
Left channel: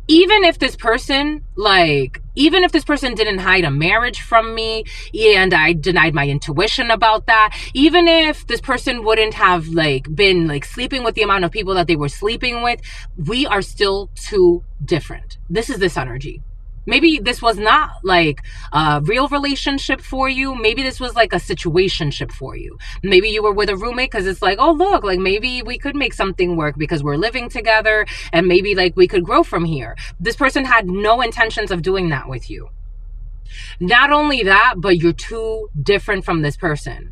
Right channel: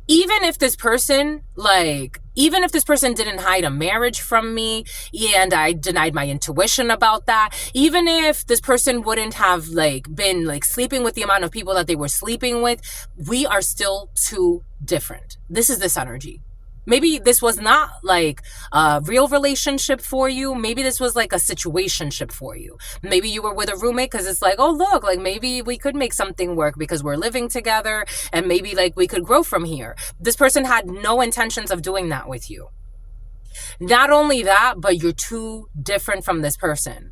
Even if this person didn't hide a marriage from me and I denied my intuition about that, even if this person wouldn't have like been like sleeping with the amount of people that they were sleeping with, we are still too different. This is this energy. Maybe this was not like a real relationship for you. Maybe this was like a situationship for you. Maybe you were with a roommate because it's like, oh, look, like maybe we could make something work because we're living together and maybe like we could grow from here. This person had no intentions of doing that with you. Not only that, but you're too different from this person.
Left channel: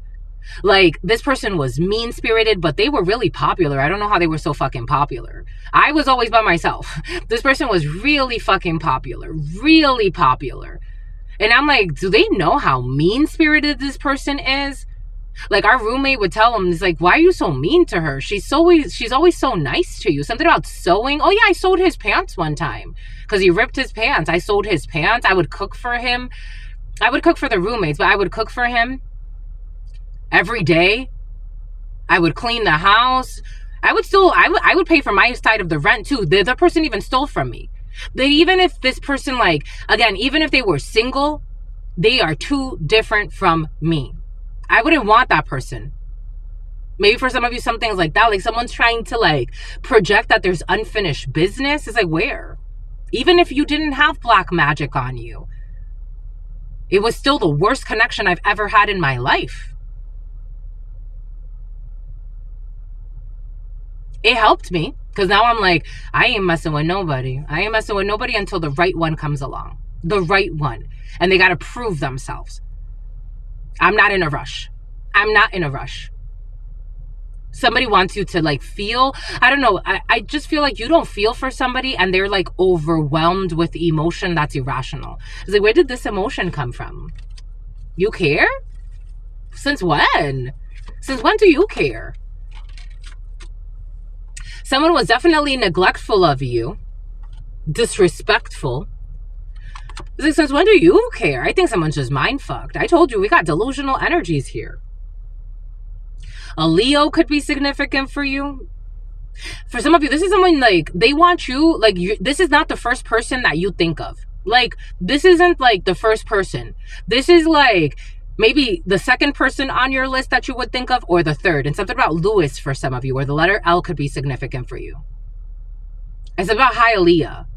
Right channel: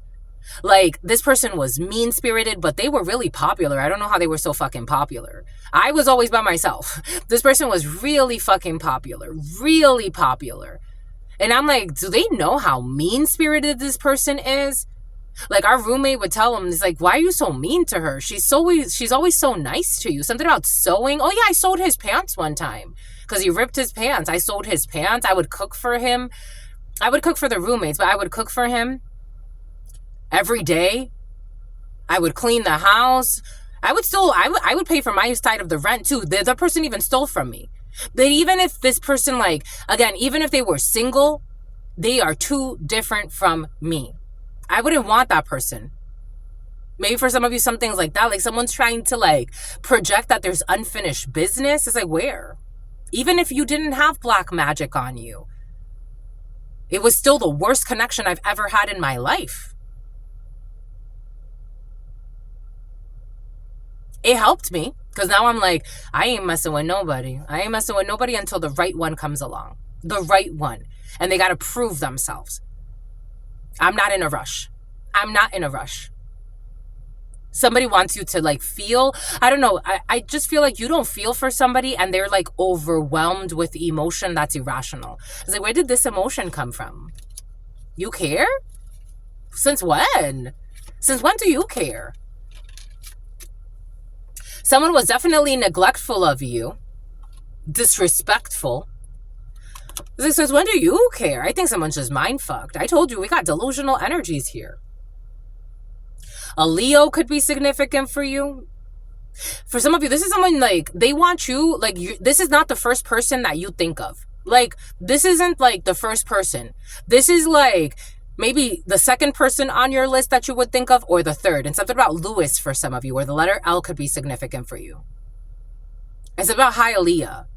Like this person was mean-spirited, but they were really popular. I don't know how they were so fucking popular. I was always by myself. This person was really fucking popular, really popular. And I'm like, do they know how mean-spirited this person is? Like our roommate would tell him, it's like, why are you so mean to her? She's always so nice to you. Something about sewing. Oh yeah, I sewed his pants one time because he ripped his pants. I sewed his pants. I would cook for him. I would cook for the roommates, but I would cook for him every day. I would clean the house. I would pay for my side of the rent too. The person even stole from me. But even if this person, like, again, even if they were single, they are too different from me. I wouldn't want that person. Maybe for some of you, some things like that, like someone's trying to like project that there's unfinished business. It's like, where? Even if you didn't have black magic on you, it was still the worst connection I've ever had in my life. It helped me because now I'm like, I ain't messing with nobody. I ain't messing with nobody until the right one comes along. The right one. And they got to prove themselves. I'm not in a rush. I'm not in a rush. Somebody wants you to like feel, I don't know. I just feel like you don't feel for somebody and they're like overwhelmed with emotion that's irrational. It's like, where did this emotion come from? You care? Since when? Since when do you care? Someone was definitely neglectful of you, disrespectful. It's like, since when do you care? I think someone's just mind fucked. I told you we got delusional energies here. A Leo could be significant for you. For some of you, this is someone like, they want you, like, this is not the first person that you think of. Like, this isn't like the first person. This is like maybe the second person on your list that you would think of, or the third. And something about Lewis for some of you, or the letter L could be significant for you. It's about Hialeah.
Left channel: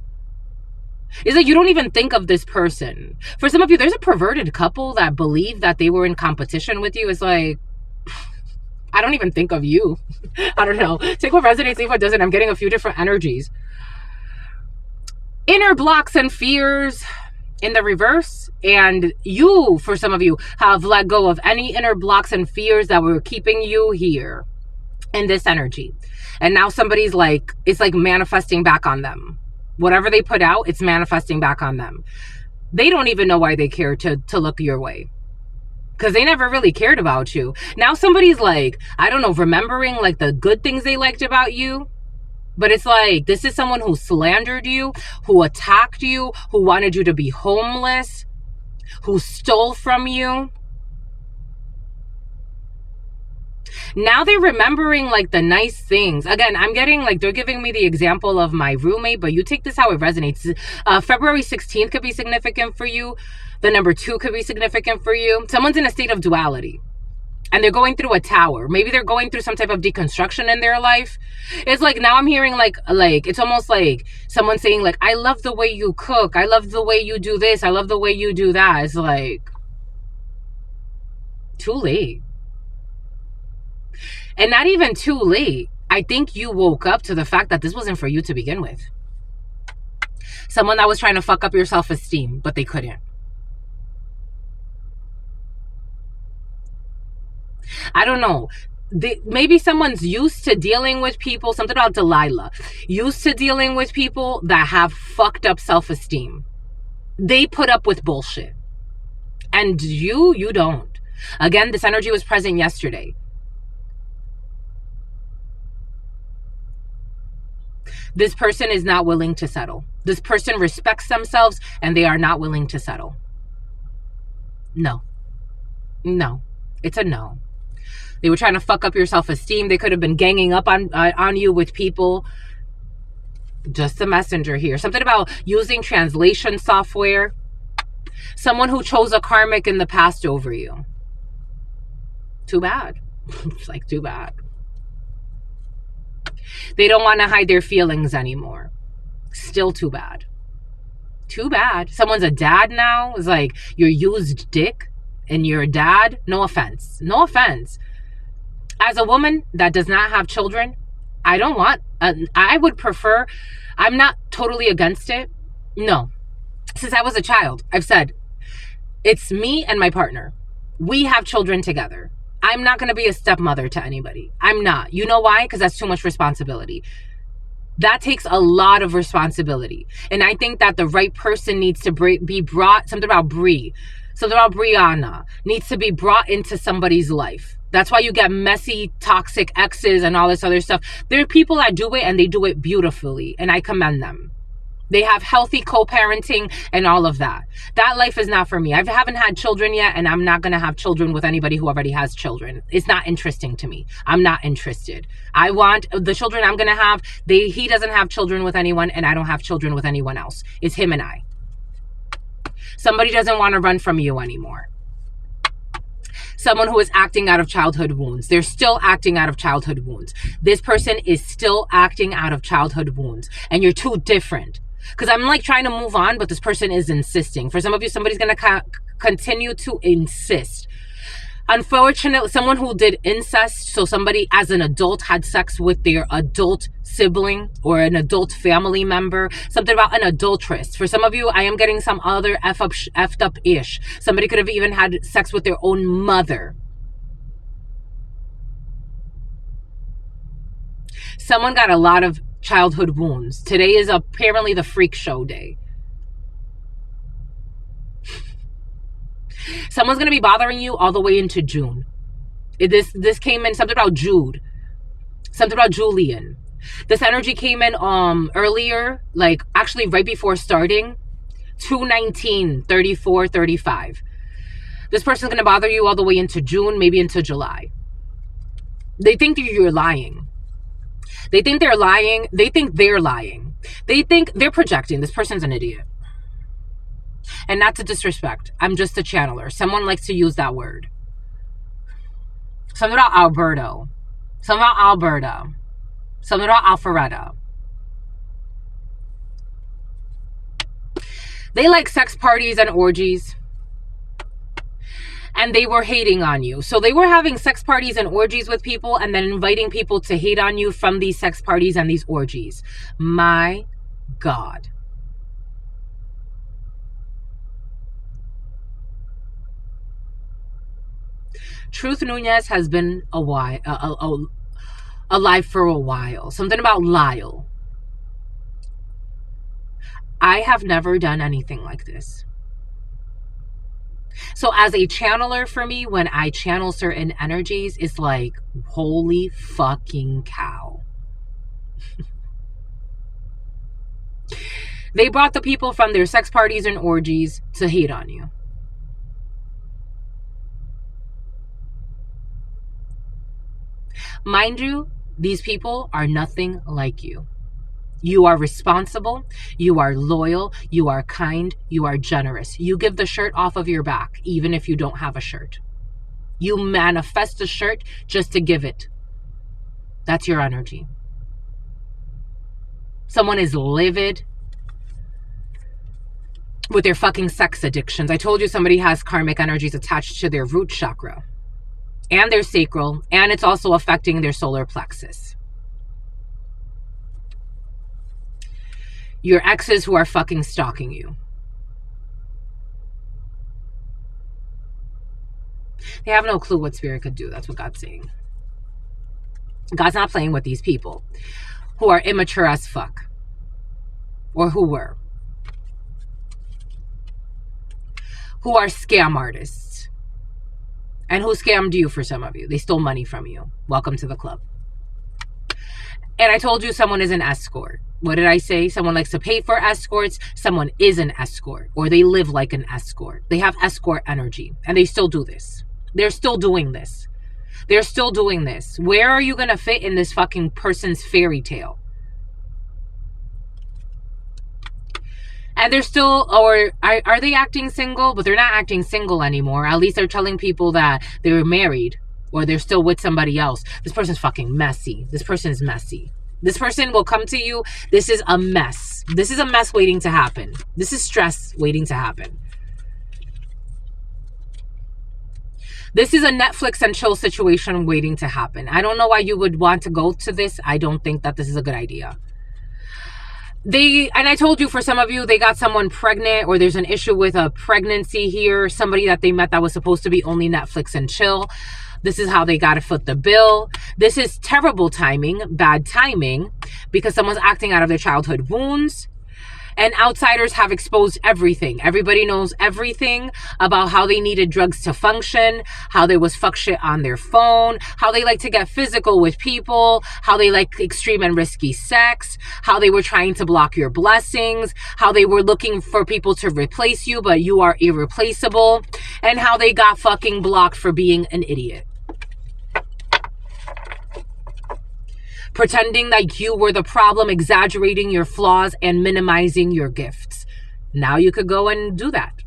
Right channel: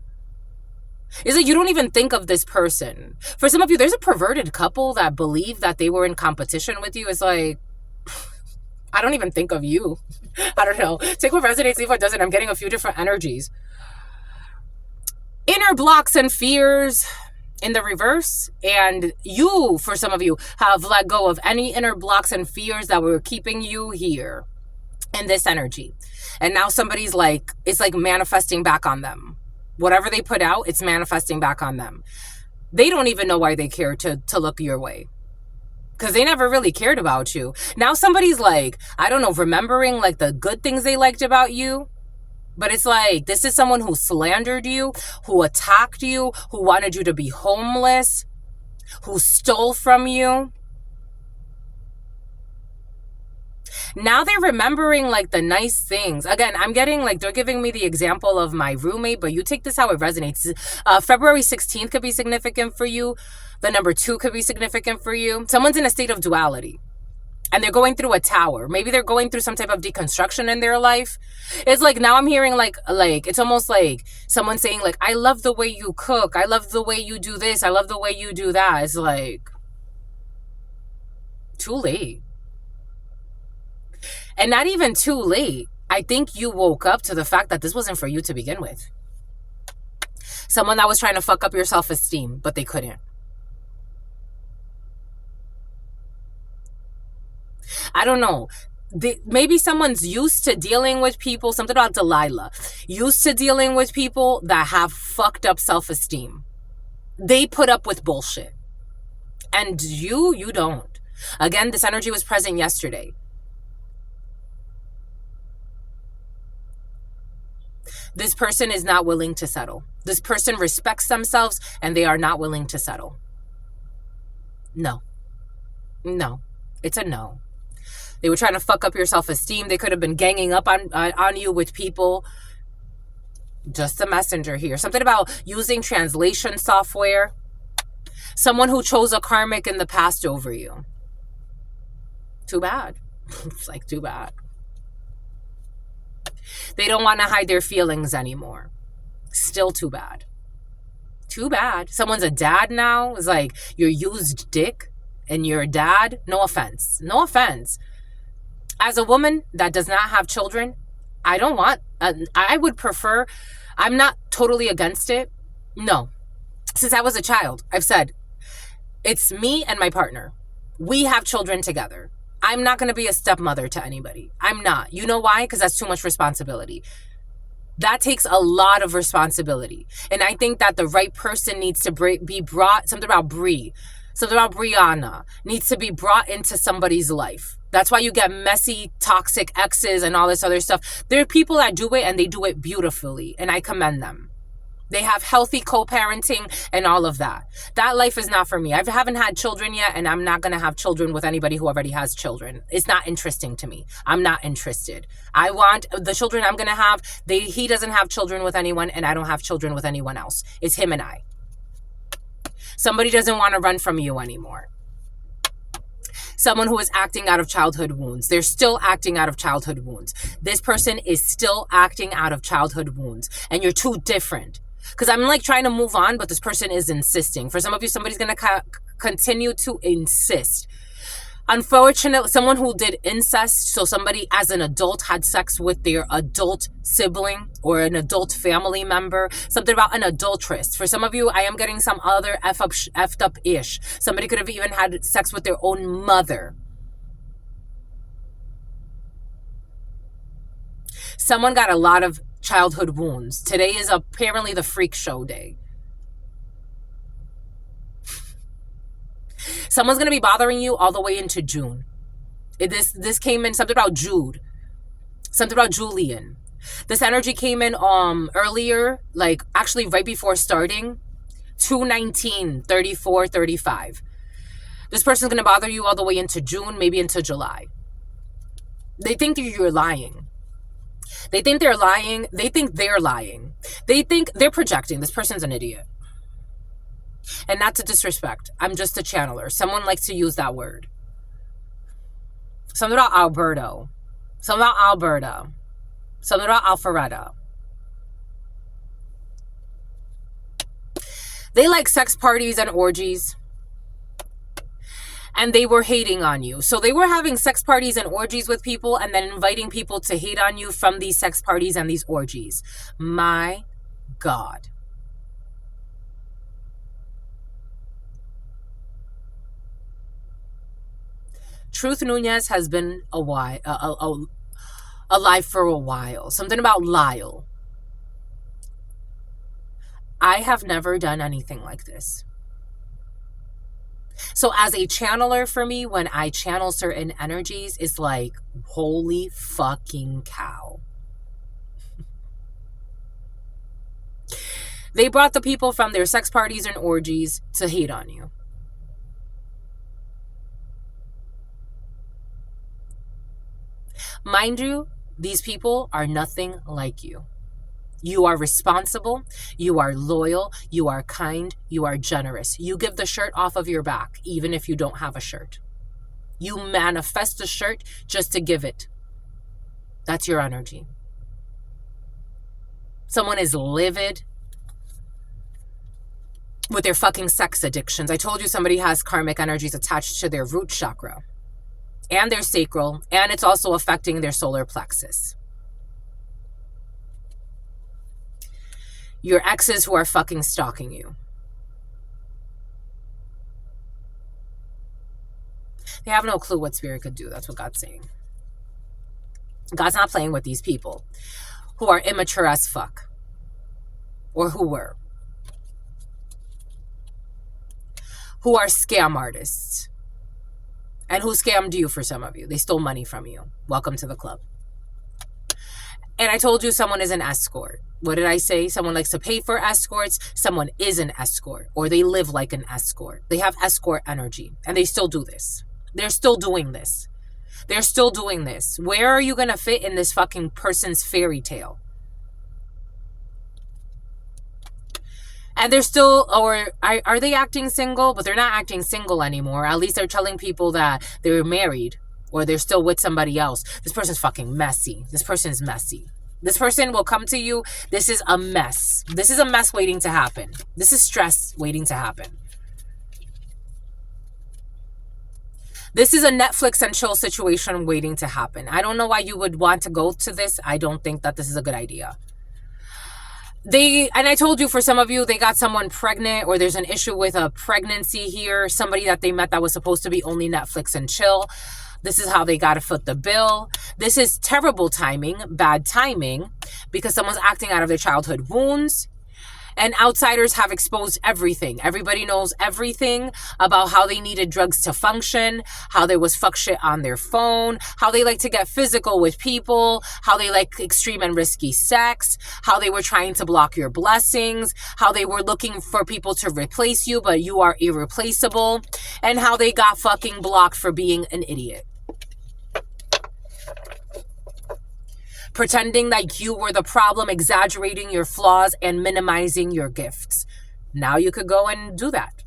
It's like you don't even think of this person. For some of you, there's a perverted couple that believe that they were in competition with you. It's like, I don't even think of you. I don't know. Take what resonates, leave what doesn't. I'm getting a few different energies. Inner blocks and fears in the reverse. And you, for some of you, have let go of any inner blocks and fears that were keeping you here in this energy. And now somebody's like, it's like manifesting back on them. Whatever they put out, it's manifesting back on them. They don't even know why they care to look your way. Because they never really cared about you. Now somebody's like, I don't know, remembering like the good things they liked about you. But it's like, this is someone who slandered you, who attacked you, who wanted you to be homeless, who stole from you. Now they're remembering like the nice things. Again, I'm getting like, they're giving me the example of my roommate, but you take this how it resonates. February 16th could be significant for you. The number 2 could be significant for you. Someone's in a state of duality and they're going through a tower. Maybe they're going through some type of deconstruction in their life. It's like, now I'm hearing like it's almost like someone saying like, I love the way you cook. I love the way you do this. I love the way you do that. It's like, too late. And not even too late. I think you woke up to the fact that this wasn't for you to begin with. Someone that was trying to fuck up your self-esteem, but they couldn't. I don't know. Maybe someone's used to dealing with people, something about Delilah, used to dealing with people that have fucked up self-esteem. They put up with bullshit. And you don't. Again, this energy was present yesterday. This person is not willing to settle. This person respects themselves and they are not willing to settle. No. No. It's a no. They were trying to fuck up your self-esteem. They could have been ganging up on you with people. Just a messenger here. Something about using translation software. Someone who chose a karmic in the past over you. Too bad. It's like, too bad. They don't want to hide their feelings anymore. Still too bad. Too bad. Someone's a dad now. It's like, you're used dick and you're a dad. No offense. No offense. As a woman that does not have children, I would prefer, I'm not totally against it. No. Since I was a child, I've said, it's me and my partner. We have children together. I'm not going to be a stepmother to anybody. I'm not. You know why? Because that's too much responsibility. That takes a lot of responsibility. And I think that the right person needs to be brought, something about Brianna, needs to be brought into somebody's life. That's why you get messy, toxic exes and all this other stuff. There are people that do it and they do it beautifully. And I commend them. They have healthy co-parenting and all of that. That life is not for me. I haven't had children yet, and I'm not going to have children with anybody who already has children. It's not interesting to me. I'm not interested. I want the children I'm going to have. He doesn't have children with anyone, and I don't have children with anyone else. It's him and I. Somebody doesn't want to run from you anymore. Someone who is acting out of childhood wounds. They're still acting out of childhood wounds. This person is still acting out of childhood wounds. And you're too different. Because I'm like trying to move on, but this person is insisting. For some of you, somebody's going to continue to insist. Unfortunately, someone who did incest, so somebody as an adult had sex with their adult sibling or an adult family member, something about an adulteress. For some of you, I am getting some other effed up-ish. Somebody could have even had sex with their own mother. Someone got a lot of childhood wounds. Today is apparently the freak show day. Someone's going to be bothering you all the way into June. This came in, something about Jude. Something about Julian. This energy came in earlier, like actually right before starting. 2/19/34/35. This person's going to bother you all the way into June, maybe into July. They think that you're lying. They think they're lying. They think they're lying. They think they're projecting. This person's an idiot. And not to disrespect. I'm just a channeler. Someone likes to use that word. Something about Alberto. Something about Alberta. Something about Alpharetta. They like sex parties and orgies. And they were hating on you. So they were having sex parties and orgies with people and then inviting people to hate on you from these sex parties and these orgies. My God. Truth Nunez has been alive for a while. Something about Lyle. I have never done anything like this. So as a channeler for me, when I channel certain energies, it's like, holy fucking cow. They brought the people from their sex parties and orgies to hate on you. Mind you, these people are nothing like you. You are responsible, you are loyal, you are kind, you are generous. You give the shirt off of your back, even if you don't have a shirt. You manifest a shirt just to give it. That's your energy. Someone is livid with their fucking sex addictions. I told you somebody has karmic energies attached to their root chakra and their sacral, and it's also affecting their solar plexus. Your exes who are fucking stalking you. They have no clue what spirit could do. That's what God's saying. God's not playing with these people who are immature as fuck. Or who were. Who are scam artists. And who scammed you for some of you. They stole money from you. Welcome to the club. And I told you someone is an escort. What did I say? Someone likes to pay for escorts. Someone is an escort. Or they live like an escort. They have escort energy. And they still do this. They're still doing this. They're still doing this. Where are you going to fit in this fucking person's fairy tale? And they're still, or are they acting single? But they're not acting single anymore. At least they're telling people that they're married. Or they're still with somebody else. This person's fucking messy. This person's messy. This person will come to you. This is a mess. This is a mess waiting to happen. This is stress waiting to happen. This is a Netflix and chill situation waiting to happen. I don't know why you would want to go to this. I don't think that this is a good idea. And I told you, for some of you, they got someone pregnant, or there's an issue with a pregnancy here. Somebody that they met that was supposed to be only Netflix and chill. This is how they got to foot the bill. This is terrible timing, bad timing, because someone's acting out of their childhood wounds. And outsiders have exposed everything. Everybody knows everything about how they needed drugs to function, how there was fuck shit on their phone, how they like to get physical with people, how they like extreme and risky sex, how they were trying to block your blessings, how they were looking for people to replace you, but you are irreplaceable, and how they got fucking blocked for being an idiot. Pretending like you were the problem, exaggerating your flaws and minimizing your gifts. Now you could go and do that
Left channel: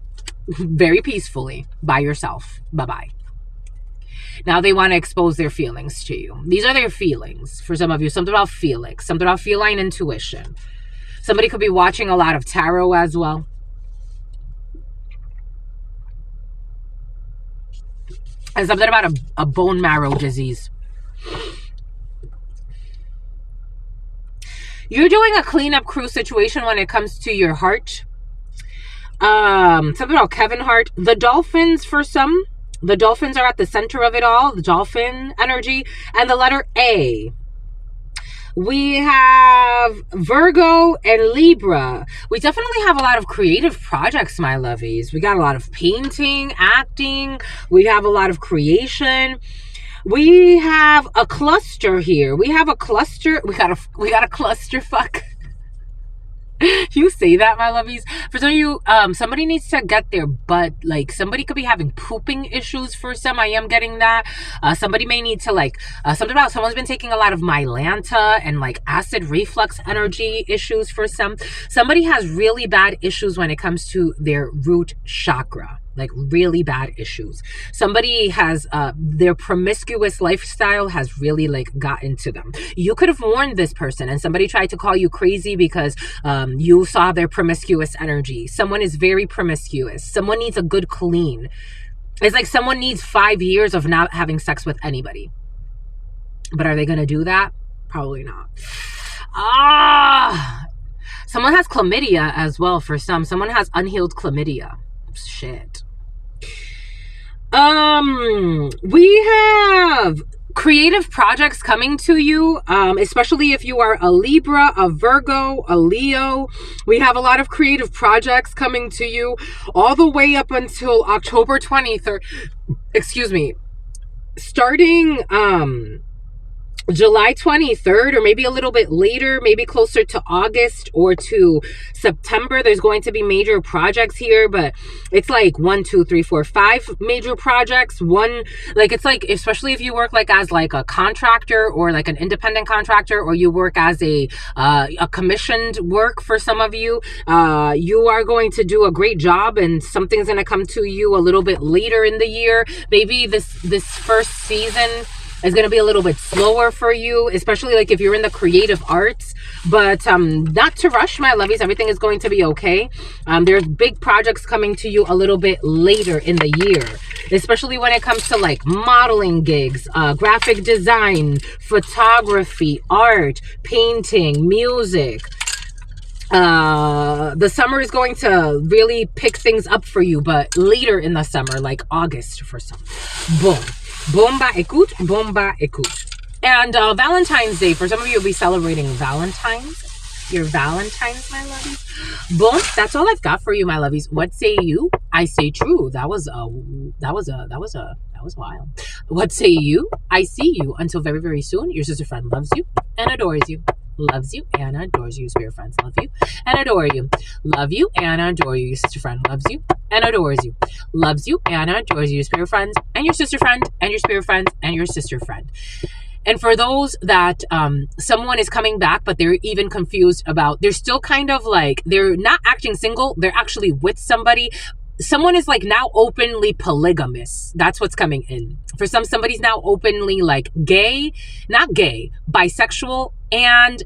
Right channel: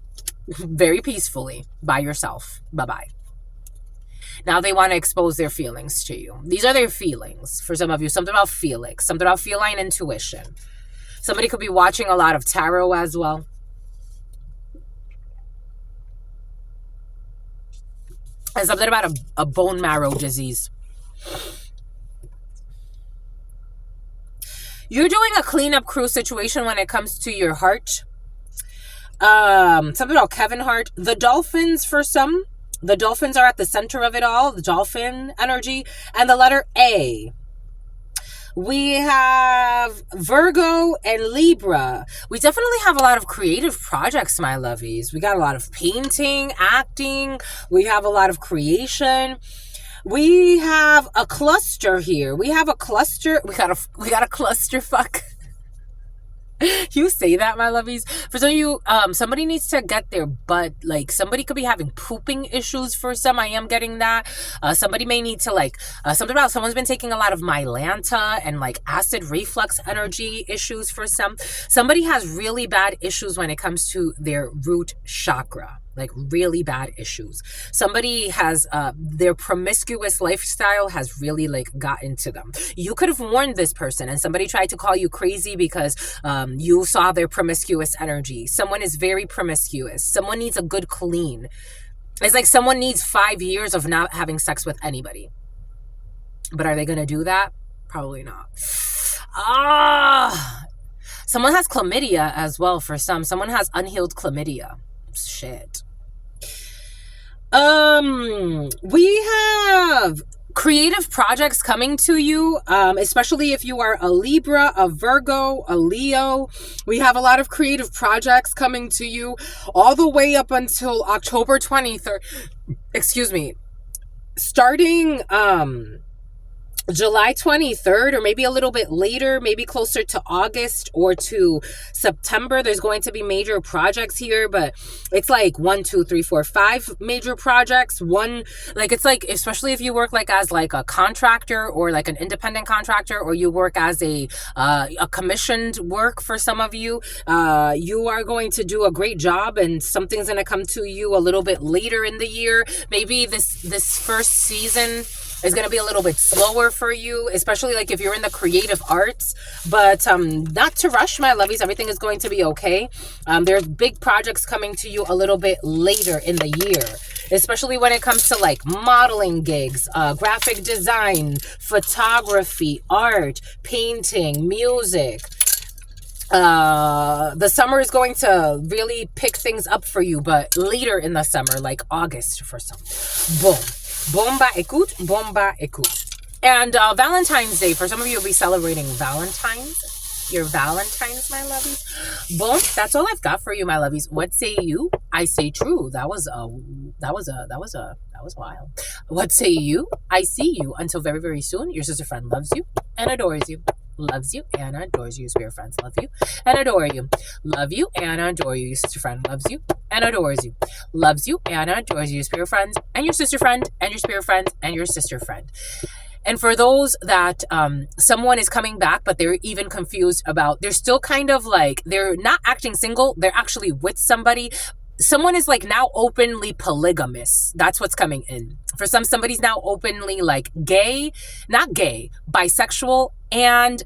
very peacefully by yourself. Bye-bye. Now they want to expose their feelings to you. These are their feelings for some of you. Something about Felix, something about feline intuition. Somebody could be watching a lot of tarot as well. And something about a bone marrow disease. You're doing a cleanup crew situation when it comes to your heart. Something about Kevin Hart. The dolphins for some. The dolphins are at the center of it all. The dolphin energy. And the letter A. We have Virgo and Libra. We definitely have a lot of creative projects, my lovies. We got a lot of painting, acting. We have a lot of creation. We have a cluster here. We have a cluster. We got a cluster fuck. You say that, my lovies. For some of you, somebody needs to get their butt, like, somebody could be having pooping issues for some. I am getting that. Somebody may need to, like, something about someone's been taking a lot of Mylanta and, like, acid reflux energy issues for some. Somebody has really bad issues when it comes to their root chakra. Like, really bad issues. Somebody has their promiscuous lifestyle has really, like, gotten to them. You could have warned this person and somebody tried to call you crazy because you saw their promiscuous energy. Someone is very promiscuous. Someone needs a good clean. It's like someone needs 5 years of not having sex with anybody. But are they going to do that? Probably not. Someone has chlamydia as well for some. Someone has unhealed chlamydia. Shit. We have creative projects coming to you, especially if you are a Libra, a Virgo, a Leo. We have a lot of creative projects coming to you all the way up until October 23rd. Excuse me. Starting July 23rd, or maybe a little bit later, maybe closer to August or to September, there's going to be major projects here. But it's like 1, 2, 3, 4, 5 major projects. One, like, it's like, especially if you work like as like a contractor or like an independent contractor, or you work as a commissioned work for some of you, you are going to do a great job, and something's going to come to you a little bit later in the year. Maybe this first season is going to be a little bit slower for you, especially like if you're in the creative arts. But not to rush, my lovies. Everything is going to be okay. There's big projects coming to you a little bit later in the year, especially when it comes to like modeling gigs, graphic design, photography, art, painting, music. The summer is going to really pick things up for you, but later in the summer, like August for some. Boom. Bomba écoute, bomba écoute. And Valentine's Day, for some of you, will be celebrating Valentine's. Your Valentine's, my lovies. Boom, that's all I've got for you, my lovies. What say you? I say true. That was wild. What say you? I see you. Until very, very soon. Your sister friend loves you and adores you. Loves you and adores you. Spirit friends love you and adore you. Love you and adore you. Your sister friend loves you and adores you. Loves you and adores you. Your spirit friends and your sister friend and your spirit friends and your sister friend. And for those that someone is coming back, but they're even confused about, they're still kind of like, they're not acting single. They're actually with somebody. Someone is like now openly polygamous. That's what's coming in. For some, somebody's now openly like gay, not gay, bisexual, and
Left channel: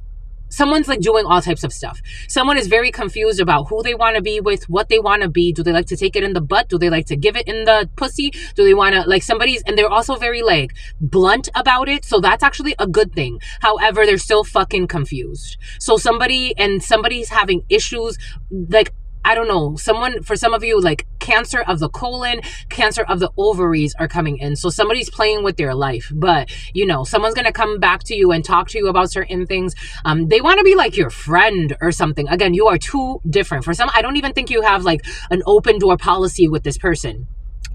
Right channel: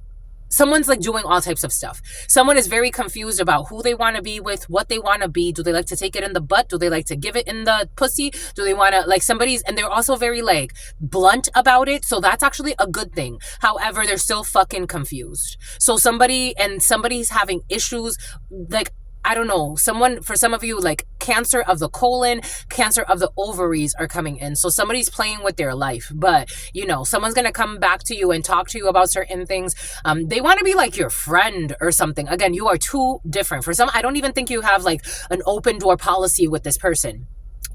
someone's like doing all types of stuff. Someone is very confused about who they want to be with, what they want to be. Do they like to take it in the butt? Do they like to give it in the pussy? Do they want to, like, somebody's, and they're also very like blunt about it. So that's actually a good thing. However, they're still fucking confused. So somebody's having issues, like, I don't know, for some of you, like cancer of the colon, cancer of the ovaries are coming in. So somebody's playing with their life, but you know, someone's going to come back to you and talk to you about certain things. They want to be like your friend or something. Again, you are too different. For some, I don't even think you have like an open door policy with this person.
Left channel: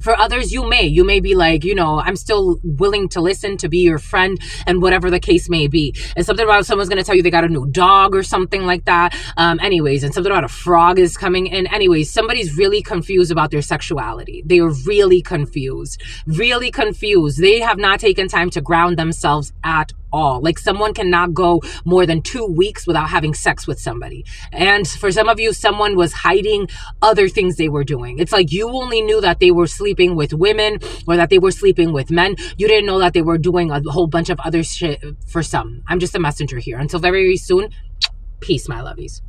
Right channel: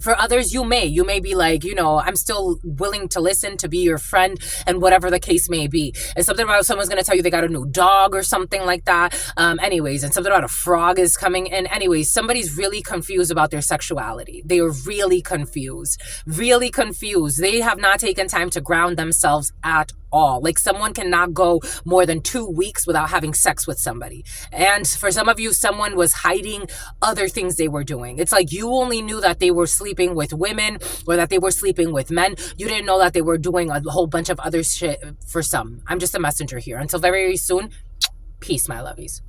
For others, you may be like, you know, I'm still willing to listen, to be your friend, and whatever the case may be. And something about someone's going to tell you they got a new dog or something like that. Anyways, and something about a frog is coming in. Anyways, somebody's really confused about their sexuality. They are really confused. Really confused. They have not taken time to ground themselves at all. Like someone cannot go more than 2 weeks without having sex with somebody. And for some of you, someone was hiding other things they were doing. It's like you only knew that they were sleeping with women or that they were sleeping with men. You didn't know that they were doing a whole bunch of other shit for some. I'm just a messenger here. Until very, very soon, peace, my lovies.